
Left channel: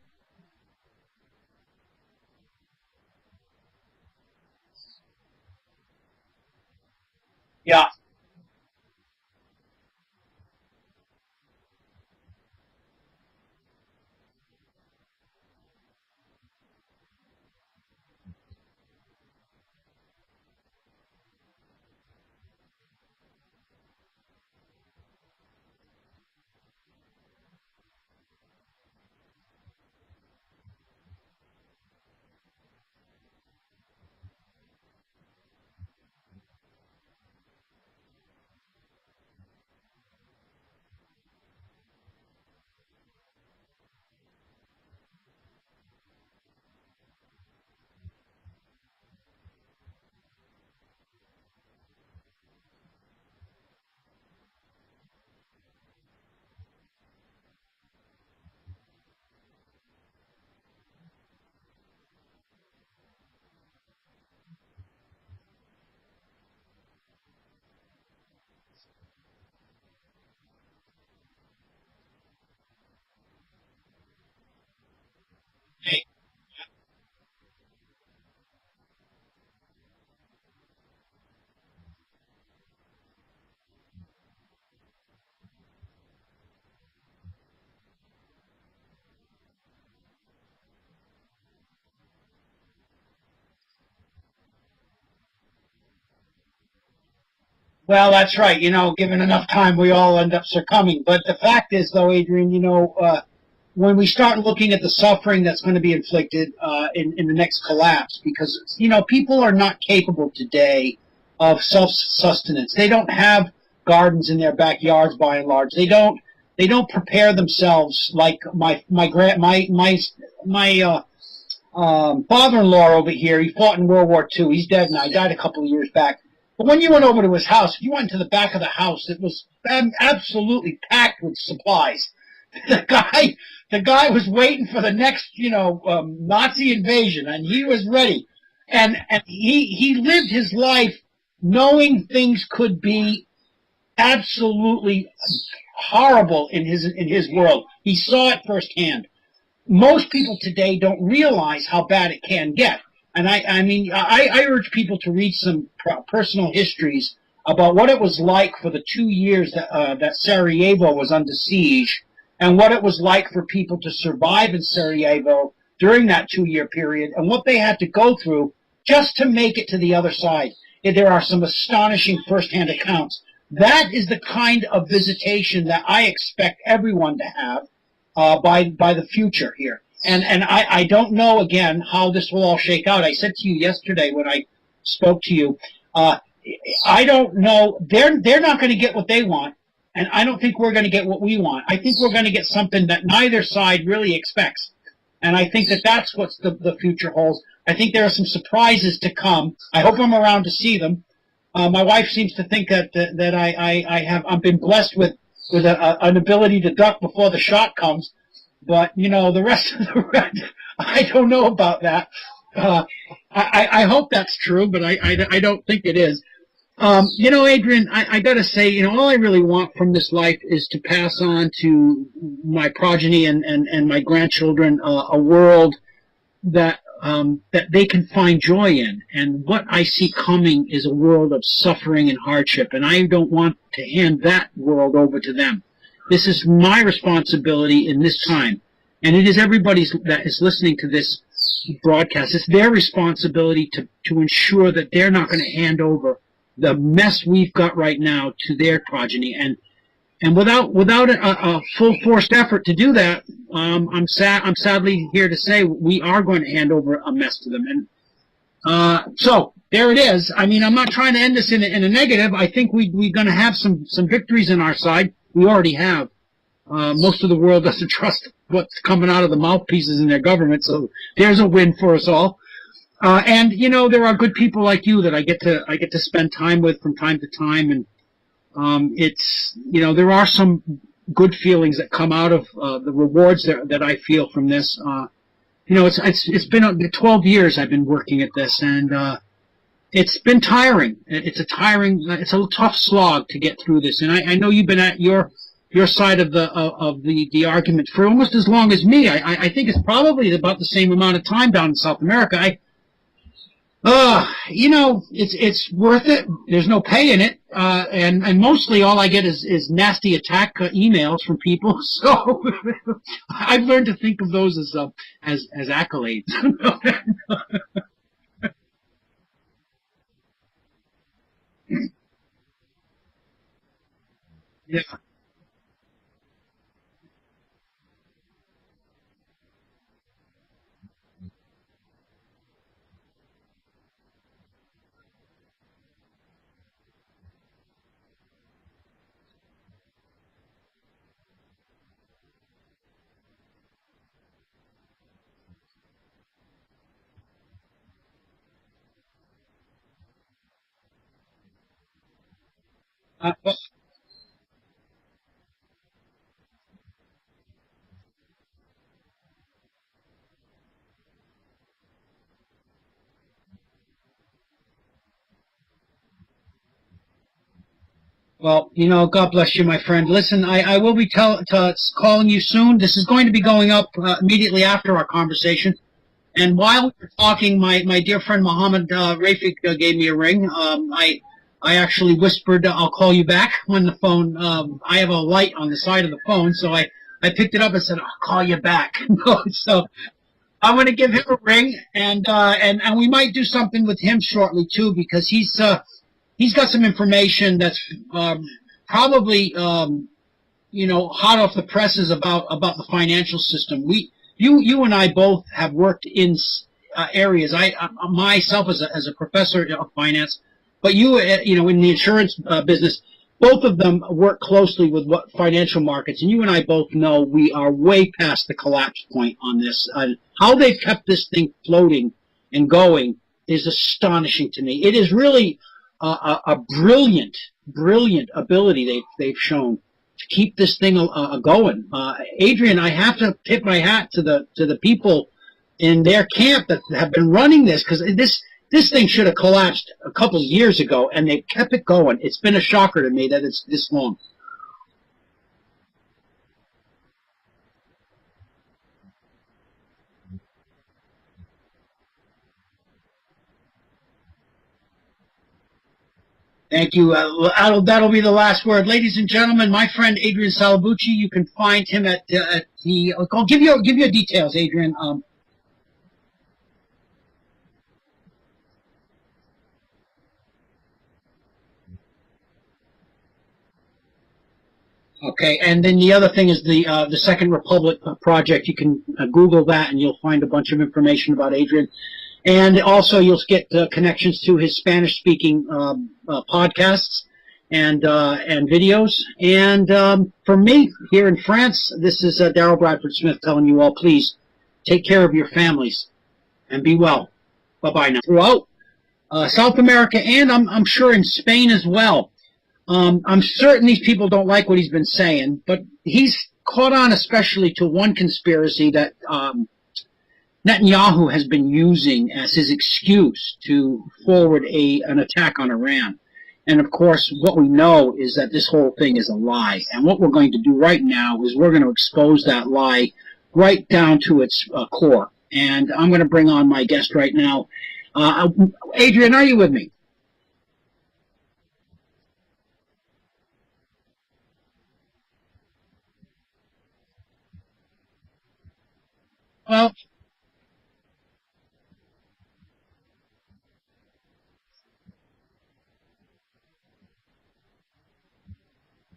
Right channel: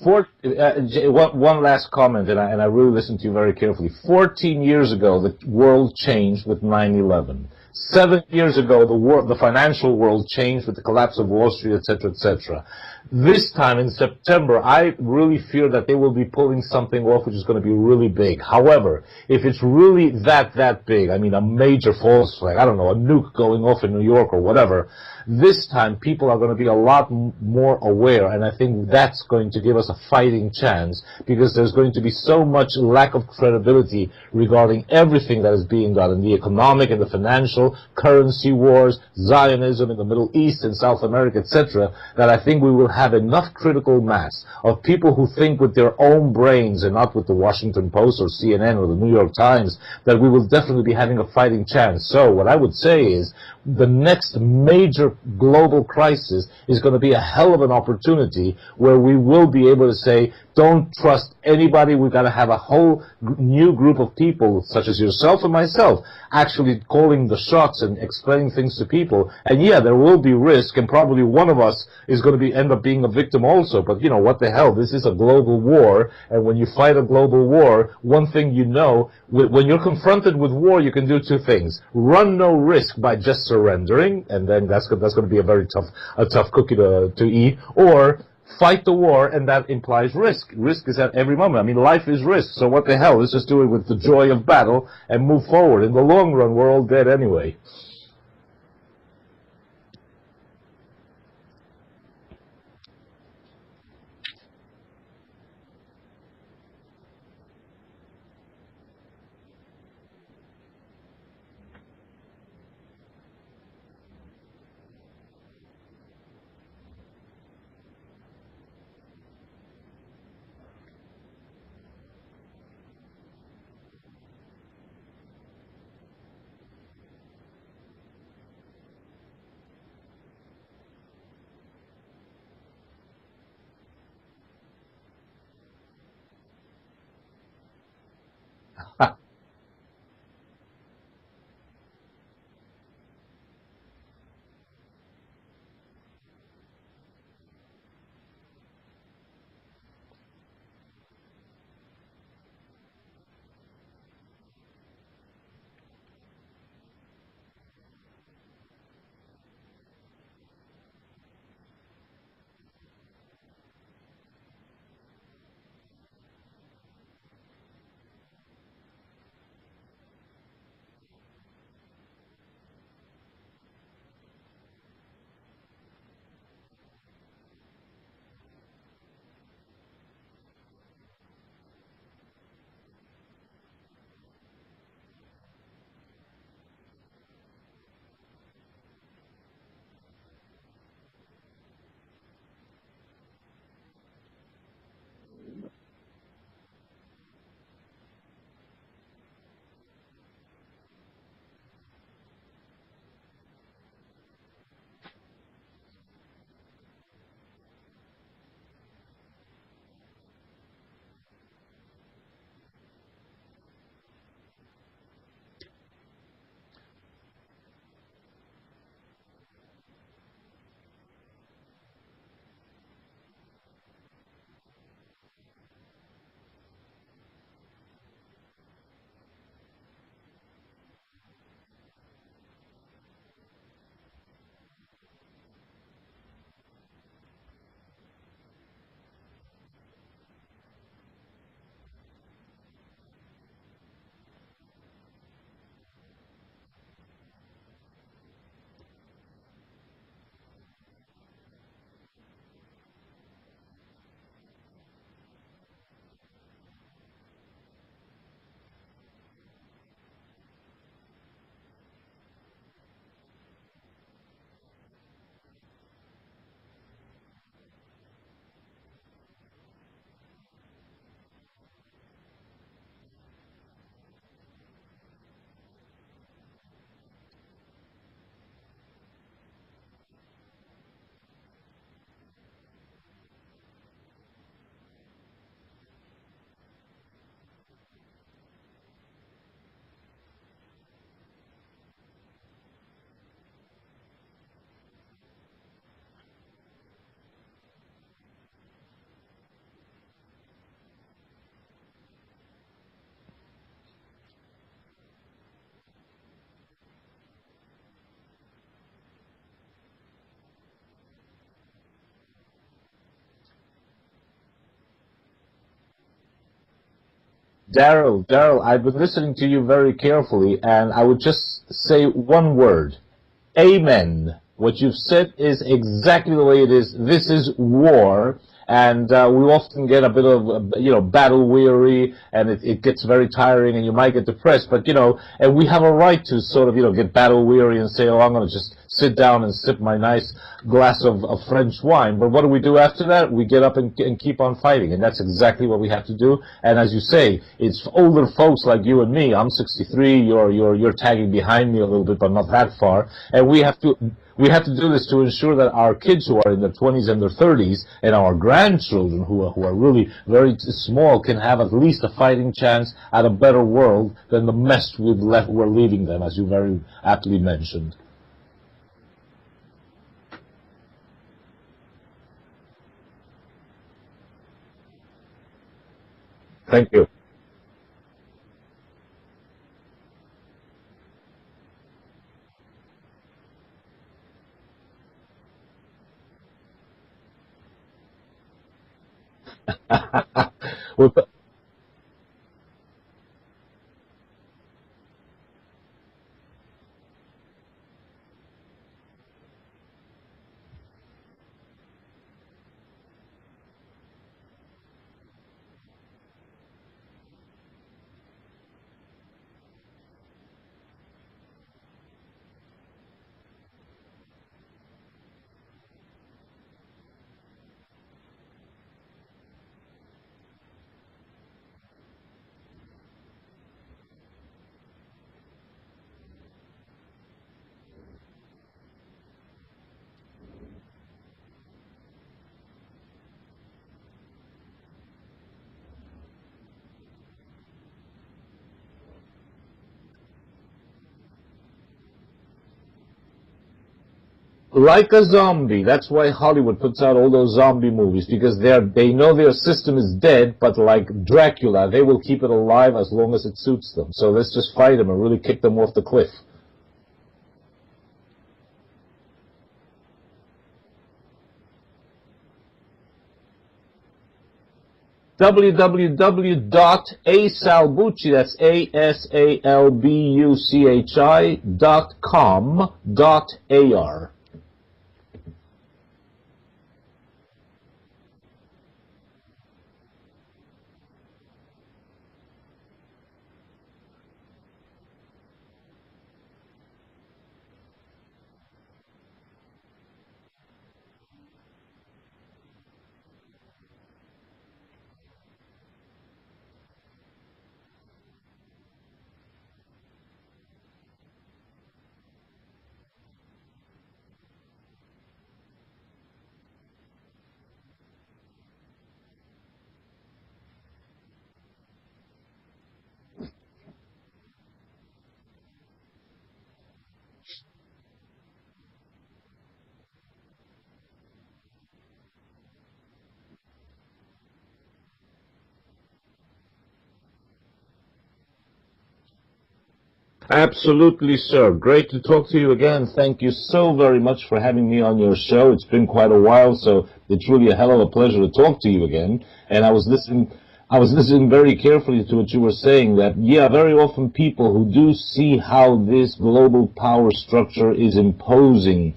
One last comment, and I really listened to you very carefully. 14 years ago, the world changed with 9/11. Yeah. 7 years ago, the financial world changed with the collapse of Wall Street, etc., etc. This time in September, I really fear that they will be pulling something off which is going to be really big. However, if it's really that big, a major false flag, I don't know, a nuke going off in New York or whatever, this time people are going to be a lot more aware, and I think that's going to give us a fighting chance, because there's going to be so much lack of credibility regarding everything that is being done in the economic and the financial, currency wars, Zionism in the Middle East and South America, etc., that I think we will have enough critical mass of people who think with their own brains and not with the Washington Post or CNN or the New York Times, that we will definitely be having a fighting chance. So what I would say is, the next major global crisis is going to be a hell of an opportunity where we will be able to say, don't trust anybody. We've got to have a whole new group of people, such as yourself and myself, actually calling the shots and explaining things to people. And yeah, there will be risk, and probably one of us is going to end up being a victim also. But what the hell? This is a global war, and when you fight a global war, one thing when you're confronted with war, you can do two things: run no risk by just surrendering, and then that's going to be a very tough cookie to eat, or fight the war, and that implies risk. Risk is at every moment. Life is risk, so what the hell? Let's just do it with the joy of battle and move forward. In the long run, we're all dead anyway. Well, that's right. Given enough time, we all end up succumbing. But the fact is, though, Adrian, when we start looking at the suffering that's going to be inflicted in the next collapse, because, people are not capable today of self-sustenance. They don't have gardens in their backyards, by and large. They don't prepare themselves like my father-in-law over here. He fought in World War II. He's dead now. He died a couple of years back. But when you went over to his house, if you went to the back of the house, it was absolutely packed with supplies. The guy was waiting for the next, Nazi invasion, and he was ready. And he lived his life knowing things could be absolutely horrible in his world. He saw it firsthand. Most people today don't realize how bad it can get. And I urge people to read some personal histories about what it was like for the 2 years that Sarajevo was under siege, and what it was like for people to survive in Sarajevo during that 2-year period, and what they had to go through just to make it to the other side. There are some astonishing firsthand accounts. That is the kind of visitation that I expect everyone to have by the future here. And I don't know, again, how this will all shake out. I said to you yesterday when I spoke to you, I don't know. They're not going to get what they want, and I don't think we're going to get what we want. I think we're going to get something that neither side really expects. And I think that that's what the future holds. I think there are some surprises to come. I hope I'm around to see them. My wife seems to think that I've been blessed with an ability to duck before the shot comes. But, the rest of the red, I don't know about that. I hope that's true, but I don't think it is. Adrian, I got to say, all I really want from this life is to pass on to my progeny and my grandchildren a world that they can find joy in. And what I see coming is a world of suffering and hardship, and I don't want to hand that world over to them. This is my responsibility in this time, and it is everybody's that is listening to this broadcast. It's their responsibility to ensure that they're not going to hand over the mess we've got right now to their progeny. And without a full forced effort to do that, I'm sadly here to say we are going to hand over a mess to them. And so there it is. I'm not trying to end this in a negative. I think we're going to have some victories on our side. We already have. Most of the world doesn't trust what's coming out of the mouthpieces in their government, so there's a win for us all. And there are good people like you that I get to spend time with from time to time, and it's there are some good feelings that come out of the rewards that I feel from this. It's been 12 years I've been working at this, and it's been tiring. It's a tough slog to get through this. And I know you've been at your side of the argument for almost as long as me. I think it's probably about the same amount of time down in South America. It's worth it. There's no pay in it, and mostly all I get is nasty attack emails from people. So I've learned to think of those as accolades. Daryl, I've been listening to you very carefully, and I would just say one word: amen. What you've said is exactly the way it is. This is war. And we often get a bit of, battle weary, and it gets very tiring, and you might get depressed. But, and we have a right to sort of, get battle weary and say, oh, I'm going to just sit down and sip my nice glass of French wine. But what do we do after that? We get up and keep on fighting, and that's exactly what we have to do. And as you say, it's older folks like you and me. I'm 63. You're tagging behind me a little bit, but not that far. And we have to do this to ensure that our kids who are in their 20s and their 30s and our grandchildren who are really very small can have at least a fighting chance at a better world than the mess we're leaving them, as you very aptly mentioned. Well, God bless you, my friend. Listen, I will be calling you soon. This is going to be going up immediately after our conversation. And while we were talking, my dear friend Mohammed Rafik gave me a ring. I actually whispered, I'll call you back when the phone, I have a light on the side of the phone, so I picked it up and said, I'll call you back. So I'm going to give him a ring, and we might do something with him shortly, too, because he's got some information that's probably, hot off the presses about the financial system. You and I both have worked in areas. I myself as a professor of finance, but you in the insurance business, both of them work closely with what financial markets, and you and I both know we are way past the collapse point on this. How they've kept this thing floating and going is astonishing to me. It is really a brilliant ability they've shown to keep this thing going. Adrian, I have to tip my hat to the people in their camp that have been running this, because this thing should have collapsed a couple of years ago, and they've kept it going. It's been a shocker to me that it's this long. Like a zombie. That's why Hollywood puts out all those zombie movies, because they know their system is dead, but like Dracula, they will keep it alive as long as it suits them. So let's just fight them and really kick them off the cliff. Thank you. That'll be the last word. Ladies and gentlemen, my friend Adrian Salbuchi, you can find him at the, I'll give you details, Adrian. www.asalbuchi, that's asalbuchi.com.ar. Okay, and then the other thing is the Second Republic project. You can Google that, and you'll find a bunch of information about Adrian. And also, you'll get connections to his Spanish-speaking podcasts and videos. And for me, here in France, this is Daryl Bradford Smith telling you all, please take care of your families and be well. Bye-bye now. Throughout South America, and I'm sure in Spain as well. I'm certain these people don't like what he's been saying, but he's caught on especially to one conspiracy that Netanyahu has been using as his excuse to forward an attack on Iran. And, of course, what we know is that this whole thing is a lie. And what we're going to do right now is we're going to expose that lie right down to its core. And I'm going to bring on my guest right now. Adrian, are you with me? Absolutely, sir. Great to talk to you again. Thank you so very much for having me on your show. It's been quite a while, so it's really a hell of a pleasure to talk to you again. And I was listening very carefully to what you were saying, that, yeah, very often people who do see how this global power structure is imposing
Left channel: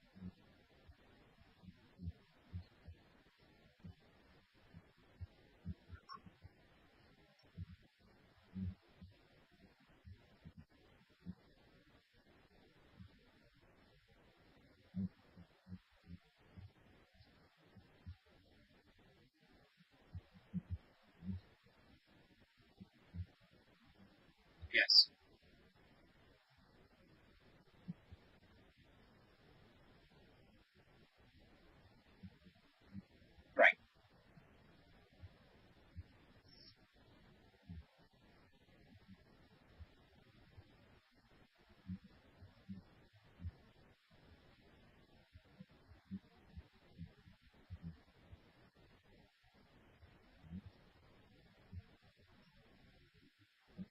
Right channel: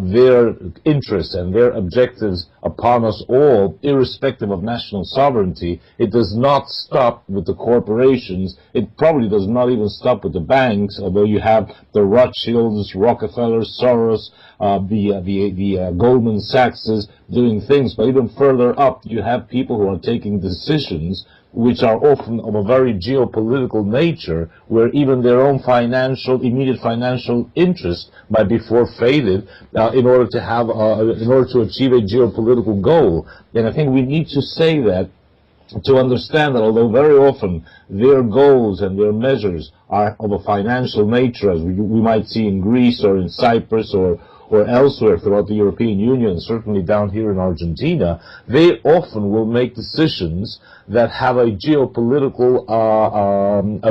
their interests and their objectives upon us all, irrespective of national sovereignty. It does not stop with the corporations. It probably does not even stop with the banks, although you have the Rothschilds, Rockefellers, Soros, the Goldman Sachses doing things. But even further up, you have people who are taking decisions which are often of a very geopolitical nature, where even their own immediate financial interest might be forfeited in order to achieve a geopolitical goal. And I think we need to say that, to understand that although very often their goals and their measures are of a financial nature, as we might see in Greece or in Cyprus or elsewhere throughout the European Union, certainly down here in Argentina, they often will make decisions that have a geopolitical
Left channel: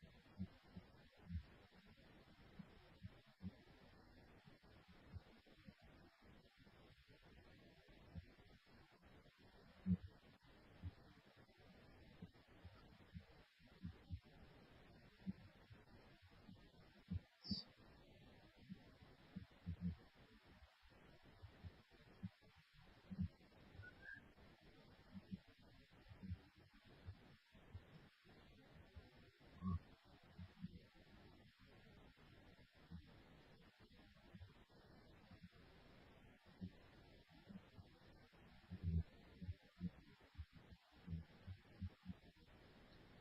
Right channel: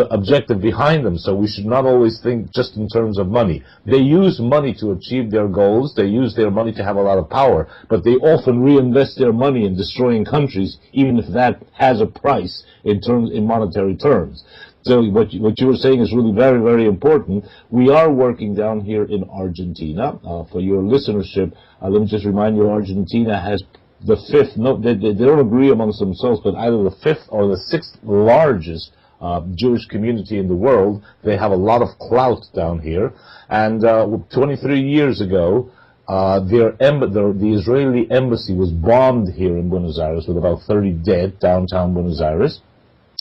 objective behind them. So we should not always think just in terms of money. They use money to achieve their goals. They use their money to have a lot of power, but they often reinvest their money in destroying countries, even if that has a price in monetary terms. So what you were saying is really very, very important. We are working down here in Argentina. For your listenership, let me just remind you, Argentina has the fifth, they don't agree amongst themselves, but either the fifth or the sixth largest Jewish community in the world. They have a lot of clout down here. And 23 years ago, the Israeli embassy was bombed here in Buenos Aires with about 30 dead, downtown Buenos Aires.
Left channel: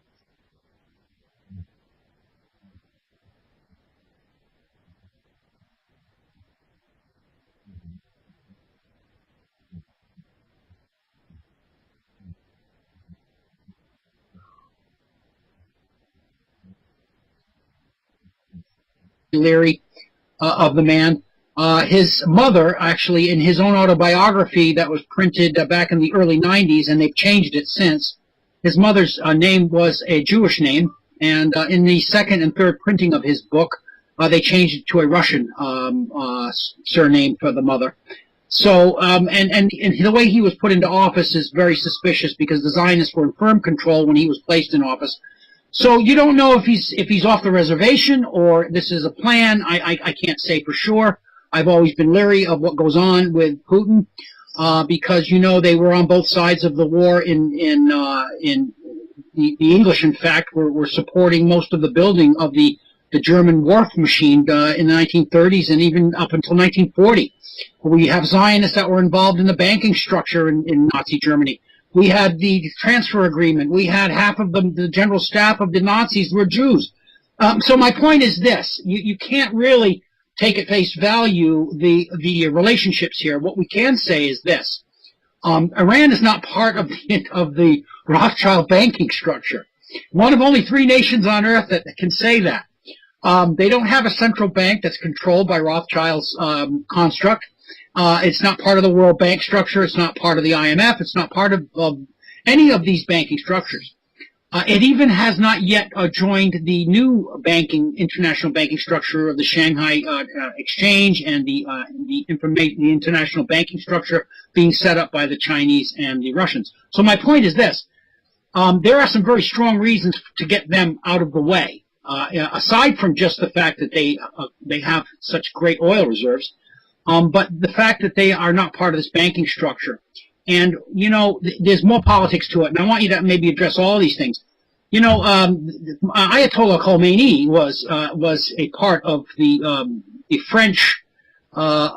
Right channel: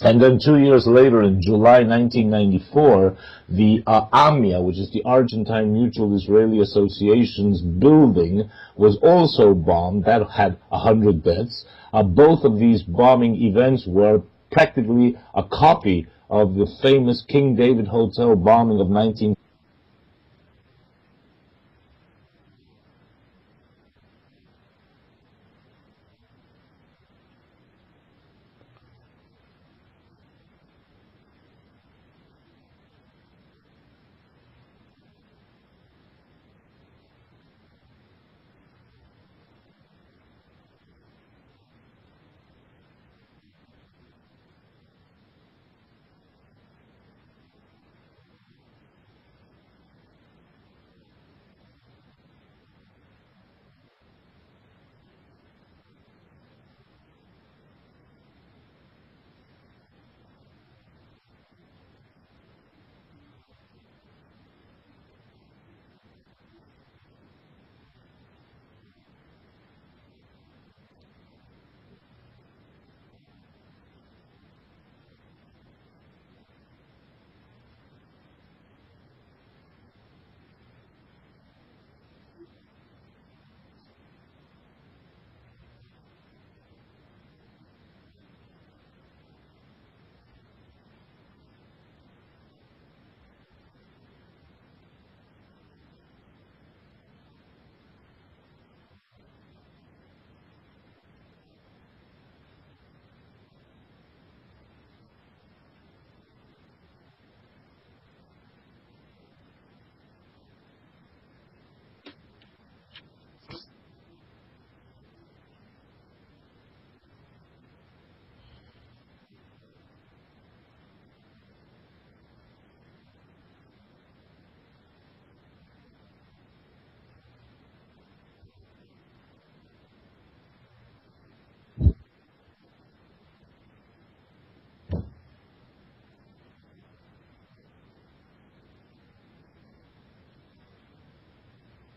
And then 2 years later, in July 1994, the AMIA, which is the Argentine Mutual Israeli Association's building, was also bombed. That had 100 deaths. Both of these bombing events were practically a copy of the famous King David Hotel bombing of 19... Leary of the man. His mother, actually, in his own autobiography that was printed back in the early 90s, and they've changed it since, his mother's name was a Jewish name, and in the second and third printing of his book, they changed it to a Russian surname for the mother. So, and the way he was put into office is very suspicious, because the Zionists were in firm control when he was placed in office. So you don't know if he's off the reservation or this is a plan. I can't say for sure. I've always been leery of what goes on with Putin. Because, you know, they were on both sides of the war. The English, in fact, were supporting most of the building of the German wharf machine in the 1930s and even up until 1940. We have Zionists that were involved in the banking structure in Nazi Germany. We had the transfer agreement. We had half of the general staff of the Nazis were Jews. So my point is this. You can't really take at face value the relationships here. What we can say is this: Iran is not part of the Rothschild banking structure. One of only 3 nations on earth that can say that. They don't have a central bank that's controlled by Rothschild's construct. It's not part of the World Bank structure. It's not part of the IMF. It's not part of any of these banking structures. It even has not yet joined the new international banking structure of the Shanghai Exchange and the international banking structure being set up by the Chinese and the Russians. So my point is this. There are some very strong reasons to get them out of the way, aside from just the fact that they have such great oil reserves, but the fact that they are not part of this banking structure. And, you know, there's more politics to it, and I want you to maybe address all these things. You know, Ayatollah Khomeini was a part of the French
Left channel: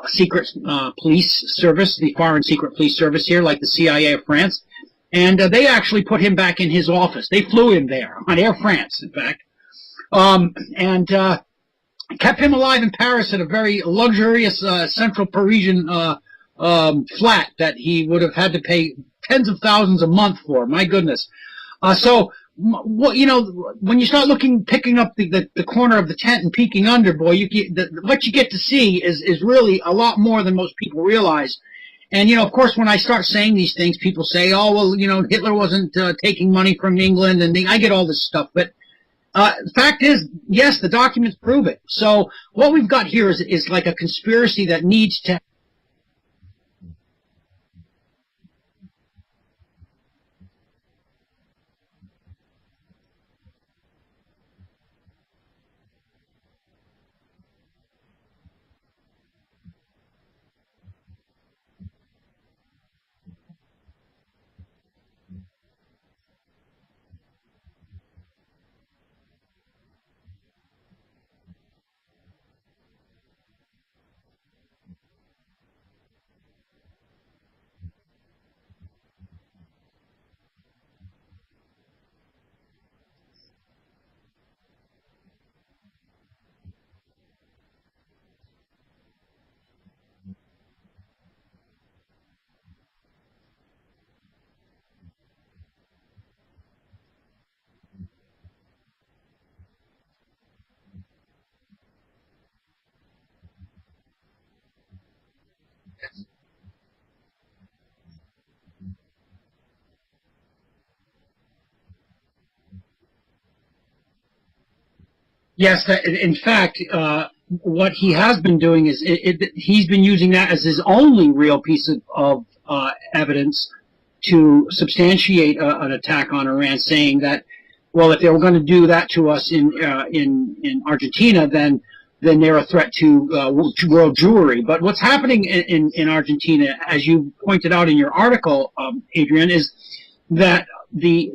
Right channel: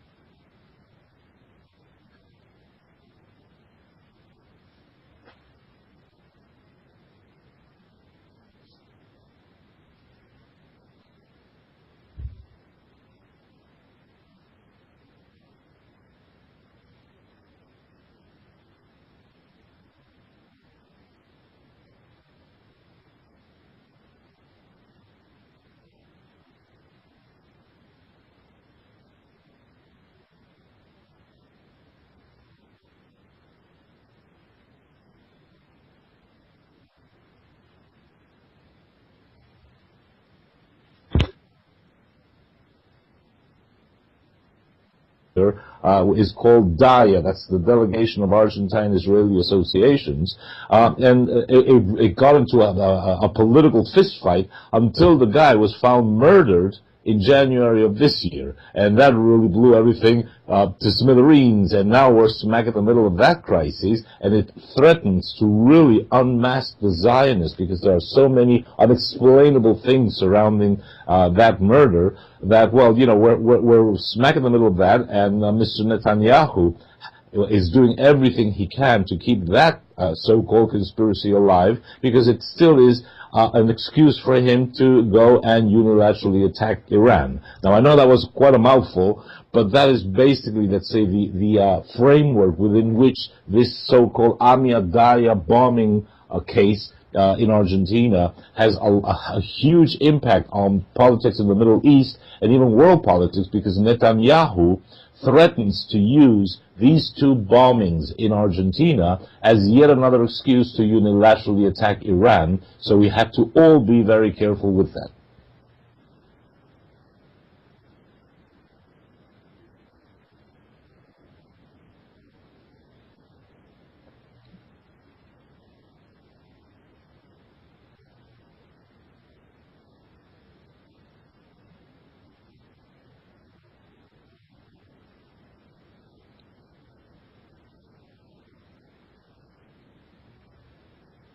secret police service, the foreign secret police service here, like the CIA of France, and they actually put him back in his office. They flew him there on Air France, in fact, and kept him alive in Paris at a very luxurious central Parisian flat that he would have had to pay tens of thousands a month for. My goodness. So, what, you know, when you start picking up the corner of the tent and peeking under, boy, what you get to see is really a lot more than most people realize. And, you know, of course, when I start saying these things, people say, oh, well, you know, Hitler wasn't taking money from England, and I get all this stuff. But the fact is, yes, the documents prove it. So what we've got here is like a conspiracy that needs to... is called DAIA, that's the Delegation of Argentine-Israeli Associations, and it got into a political fistfight until the guy was found murdered in January of this year, and that really blew everything to smithereens, and now we're smack in the middle of that crisis, and it threatens to really unmask the Zionists, because there are so many unexplainable things surrounding that murder that, well, you know, we're smack in the middle of that, and Mr. Netanyahu is doing everything he can to keep that so-called conspiracy alive, because it still is an excuse for him to go and unilaterally attack Iran. Now, I know that was quite a mouthful, but that is basically, let's say, the framework within which this so-called Amiadaya bombing case in Argentina has a huge impact on politics in the Middle East and even world politics, because Netanyahu threatens to use these two bombings in Argentina as yet another excuse to unilaterally attack Iran. So we have to all be very careful with that. Yes, in fact, what he has been doing is he's been using that as his only real piece of evidence to substantiate an attack on Iran, saying that, well, if they were going to do that to us in Argentina, then they're a threat to world Jewry. But what's happening in Argentina, as you pointed out in your article, Adrian, is that the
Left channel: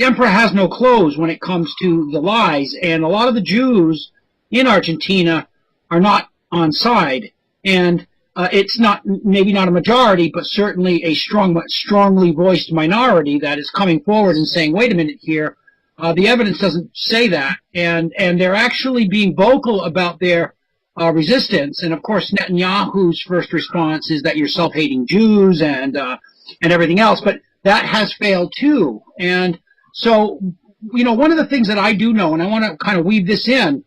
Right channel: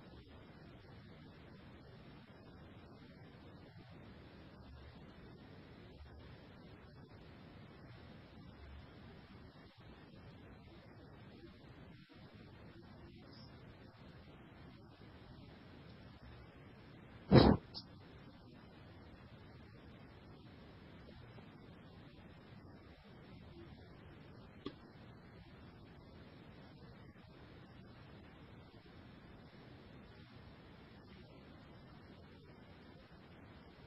emperor has no clothes when it comes to the lies, and a lot of the Jews in Argentina are not on side, and it's maybe not a majority, but certainly a strongly voiced minority that is coming forward and saying, wait a minute here, the evidence doesn't say that, and they're actually being vocal about their resistance. And of course, Netanyahu's first response is that you're self-hating Jews and everything else, but that has failed too. And so, you know, one of the things that I do know, and I want to kind of weave this in,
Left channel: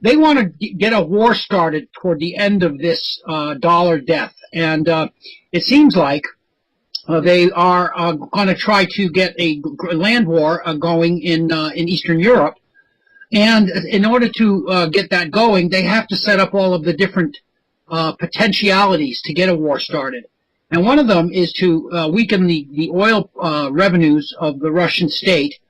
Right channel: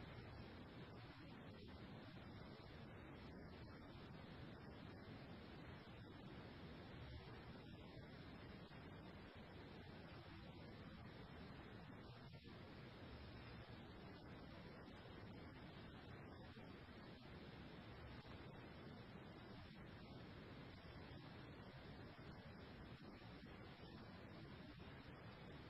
they want to get a war started toward the end of this dollar death, and it seems like they are going to try to get a land war going in Eastern Europe. And in order to get that going, they have to set up all of the different potentialities to get a war started. And one of them is to weaken the oil revenues of the Russian state,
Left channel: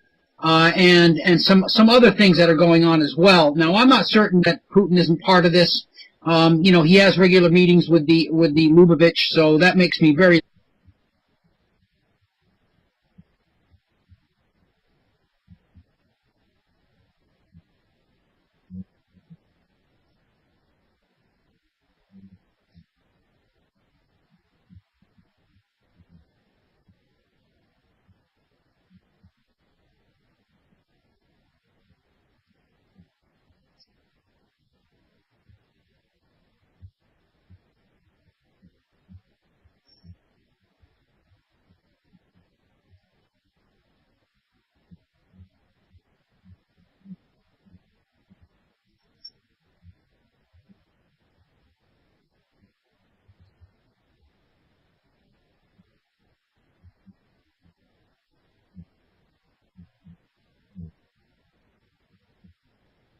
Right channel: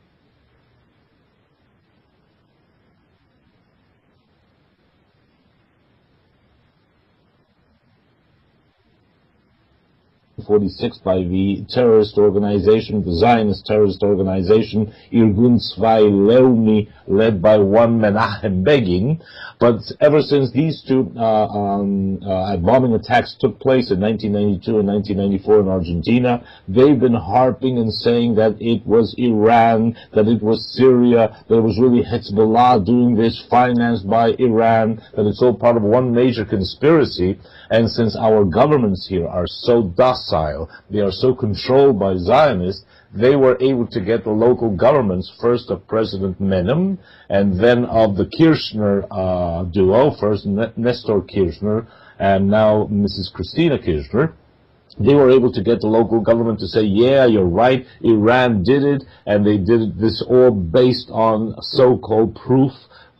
and some other things that are going on as well. Now, I'm not certain that Putin isn't part of this. You know, he has regular meetings with the Lubavitch, so that makes me very... 46 by the terrorist organization, the Zionist terrorist organization, Irgun Tzvai Leumi, led by one Menachem Begin. But ever since these two bombing attacks took place in 1992 and 1994 in Argentina, they've been harping and saying that it was Iran, that it was Syria, that it was really Hezbollah doing this, financed by Iran, that it's all part of one major conspiracy. And since our governments here are so docile, they are so controlled by Zionists, they were able to get the local governments, first of President Menem, and then of the Kirchner duo, first Nestor Kirchner, and now Mrs. Christina Kirchner, they were able to get the local government to say, yeah, you're right, Iran did it, and they did this all based on so-called proof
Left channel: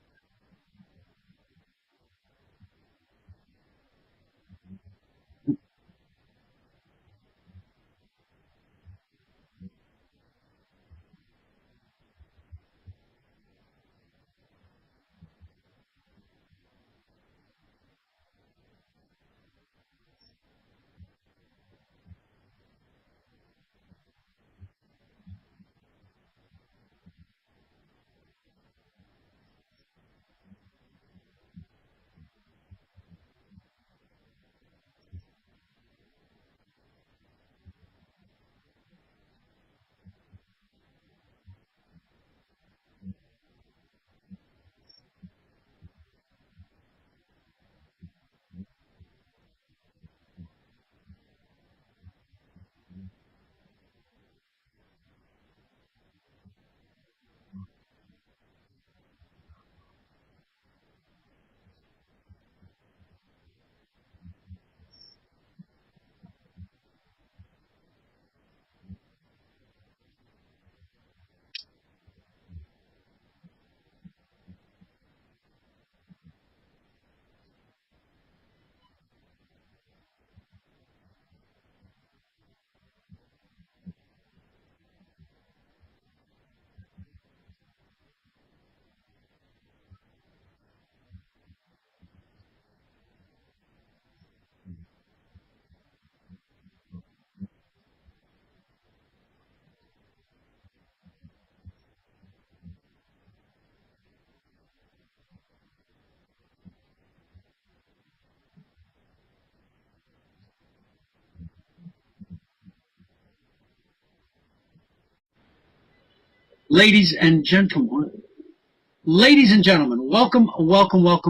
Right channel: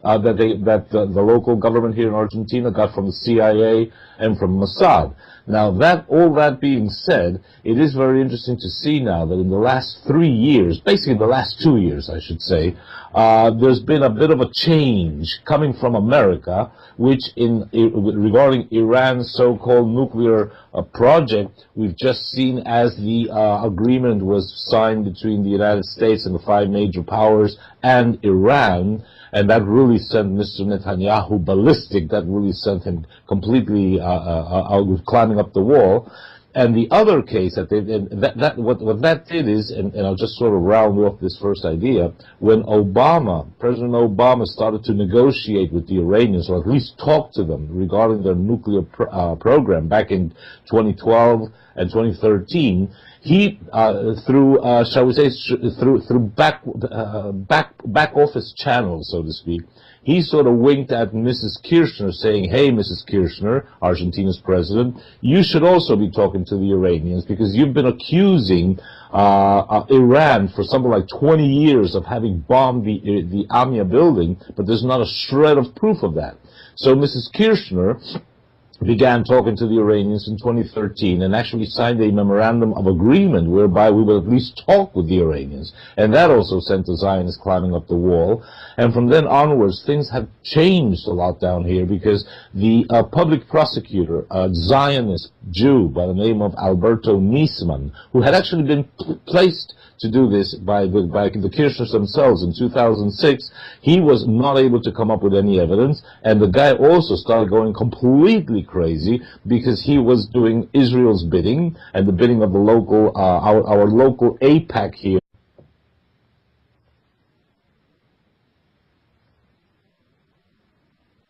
that the local government here in Argentina got from the CIA and from Mossad. Now, all that being said, it is very interesting to see now that in the last 3 years, basically the last 2 years, I should say, there's been a bit of a change coming from America, which regarding Iran's so-called nuclear project, we've just seen as the agreement was signed between the United States and the 5 major powers and Iran, and that really sent Mr. Netanyahu ballistic. That really sent him completely climbing up the wall. And the other case what that did is, and I'll just sort of round off this first idea, when President Obama started to negotiate with the Iranians, or at least talk to them regarding their nuclear program back in 2012 and 2013, he, through back office channels, so to speak, he sort of winked at Mrs. Kirchner, saying, hey, Mrs. Kirchner, Argentina's president, you should also be talking to the Iranians, because you've been accusing Iran for something like 20 years of having bombed the AMIA building, but there's not a shred of proof of that. So Mrs. Kirchner began talking to the Iranians in 2013 and actually signed a memorandum of agreement whereby we would at least talk with the Iranians. And that also sent the Zionists climbing up the wall. And from then onwards, things have changed a lot down here, because the public prosecutor, a Zionist Jew by the name of Alberto Niesman, who had actually been placed to do this by the Kirchners themselves in 2006, he was not able to come up with any evidence, and the guy also started going completely crazy because he was doing Israel's bidding and the bidding of the local, our local AIPAC here. Ladies and gentlemen, welcome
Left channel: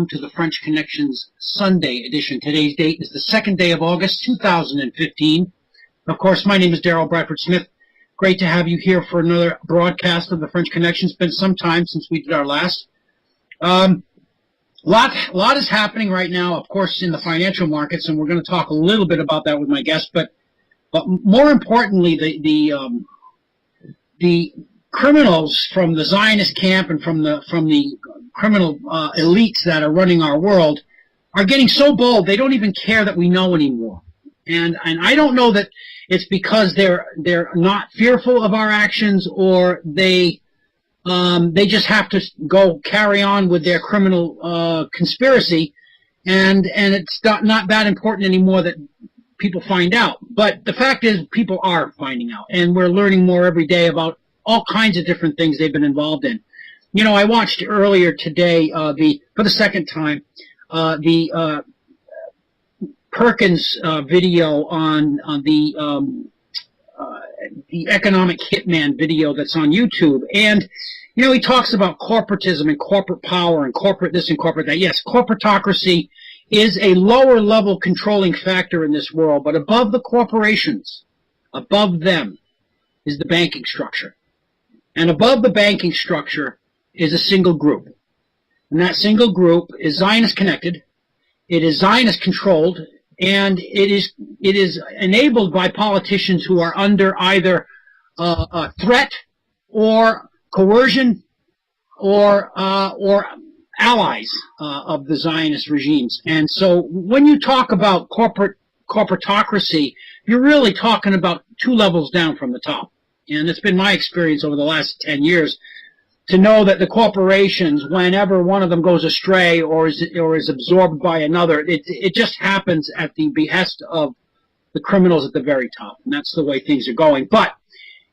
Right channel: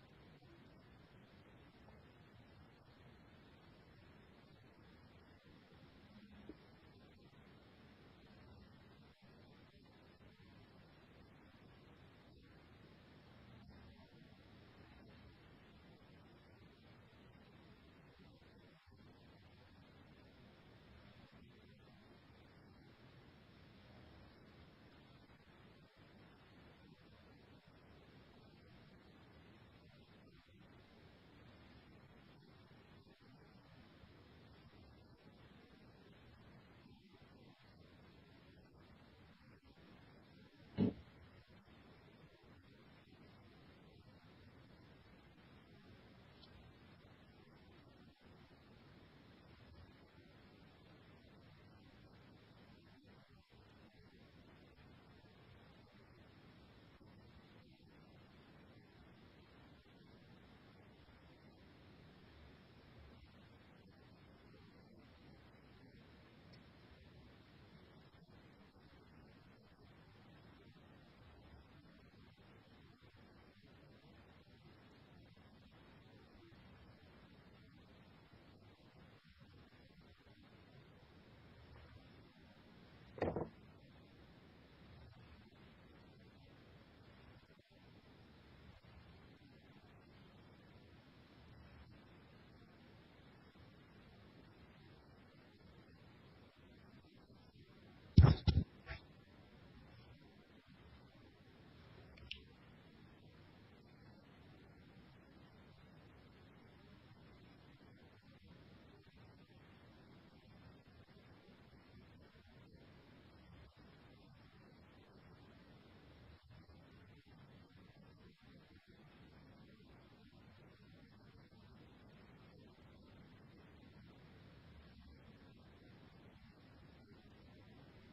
to the French Connections Sunday edition. Today's date is the 2nd day of August, 2015. Of course, my name is Daryl Bradford Smith. Great to have you here for another broadcast of the French Connection. It's been some time since we did our last. Lot is happening right now, of course, in the financial markets, and we're going to talk a little bit about that with my guest. But more importantly, the criminals from the Zionist camp and from the criminal elites that are running our world are getting so bold they don't even care that we know anymore. And I don't know that it's because they're not fearful of our actions, or they just have to go carry on with their criminal conspiracy, and it's not that important anymore that people find out. But the fact is, people are finding out, and we're learning more every day about all kinds of different things they've been involved in. You know, I watched earlier today for the second time the Perkins video on the economic hitman video that's on YouTube. And, you know, he talks about corporatism and corporate power and corporate this and corporate that. Yes, corporatocracy is a lower level controlling factor in this world, but above the corporations, above them, is the banking structure. And above the banking structure is a single group. And that single group is Zionist connected, it is Zionist controlled, and it is enabled by politicians who are under either a threat or coercion or allies of the Zionist regimes. And so when you talk about corporatocracy, you're really talking about 2 levels down from the top. And it's been my experience over the last 10 years to know that the corporations, whenever one of them goes astray or is absorbed by another, it just happens at the behest of the criminals at the very top. And that's the way things are going. But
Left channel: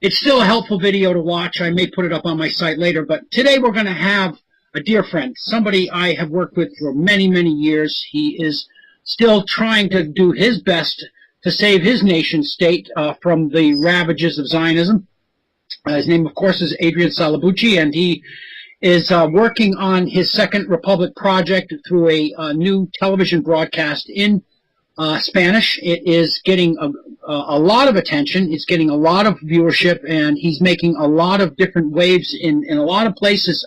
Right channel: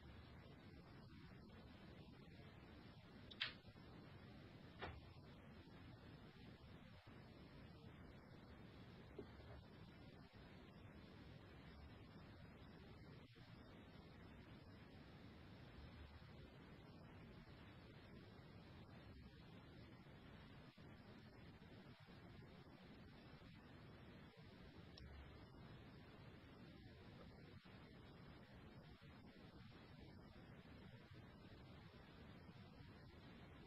it's still a helpful video to watch. I may put it up on my site later. But today we're going to have a dear friend, somebody I have worked with for many, many years. He is still trying to do his best to save his nation state from the ravages of Zionism. His name, of course, is Adrian Salbuchi, and he is working on his Second Republic project through a new television broadcast in Spanish. It is getting a lot of attention. It's getting a lot of viewership, and he's making a lot of different waves in a lot of places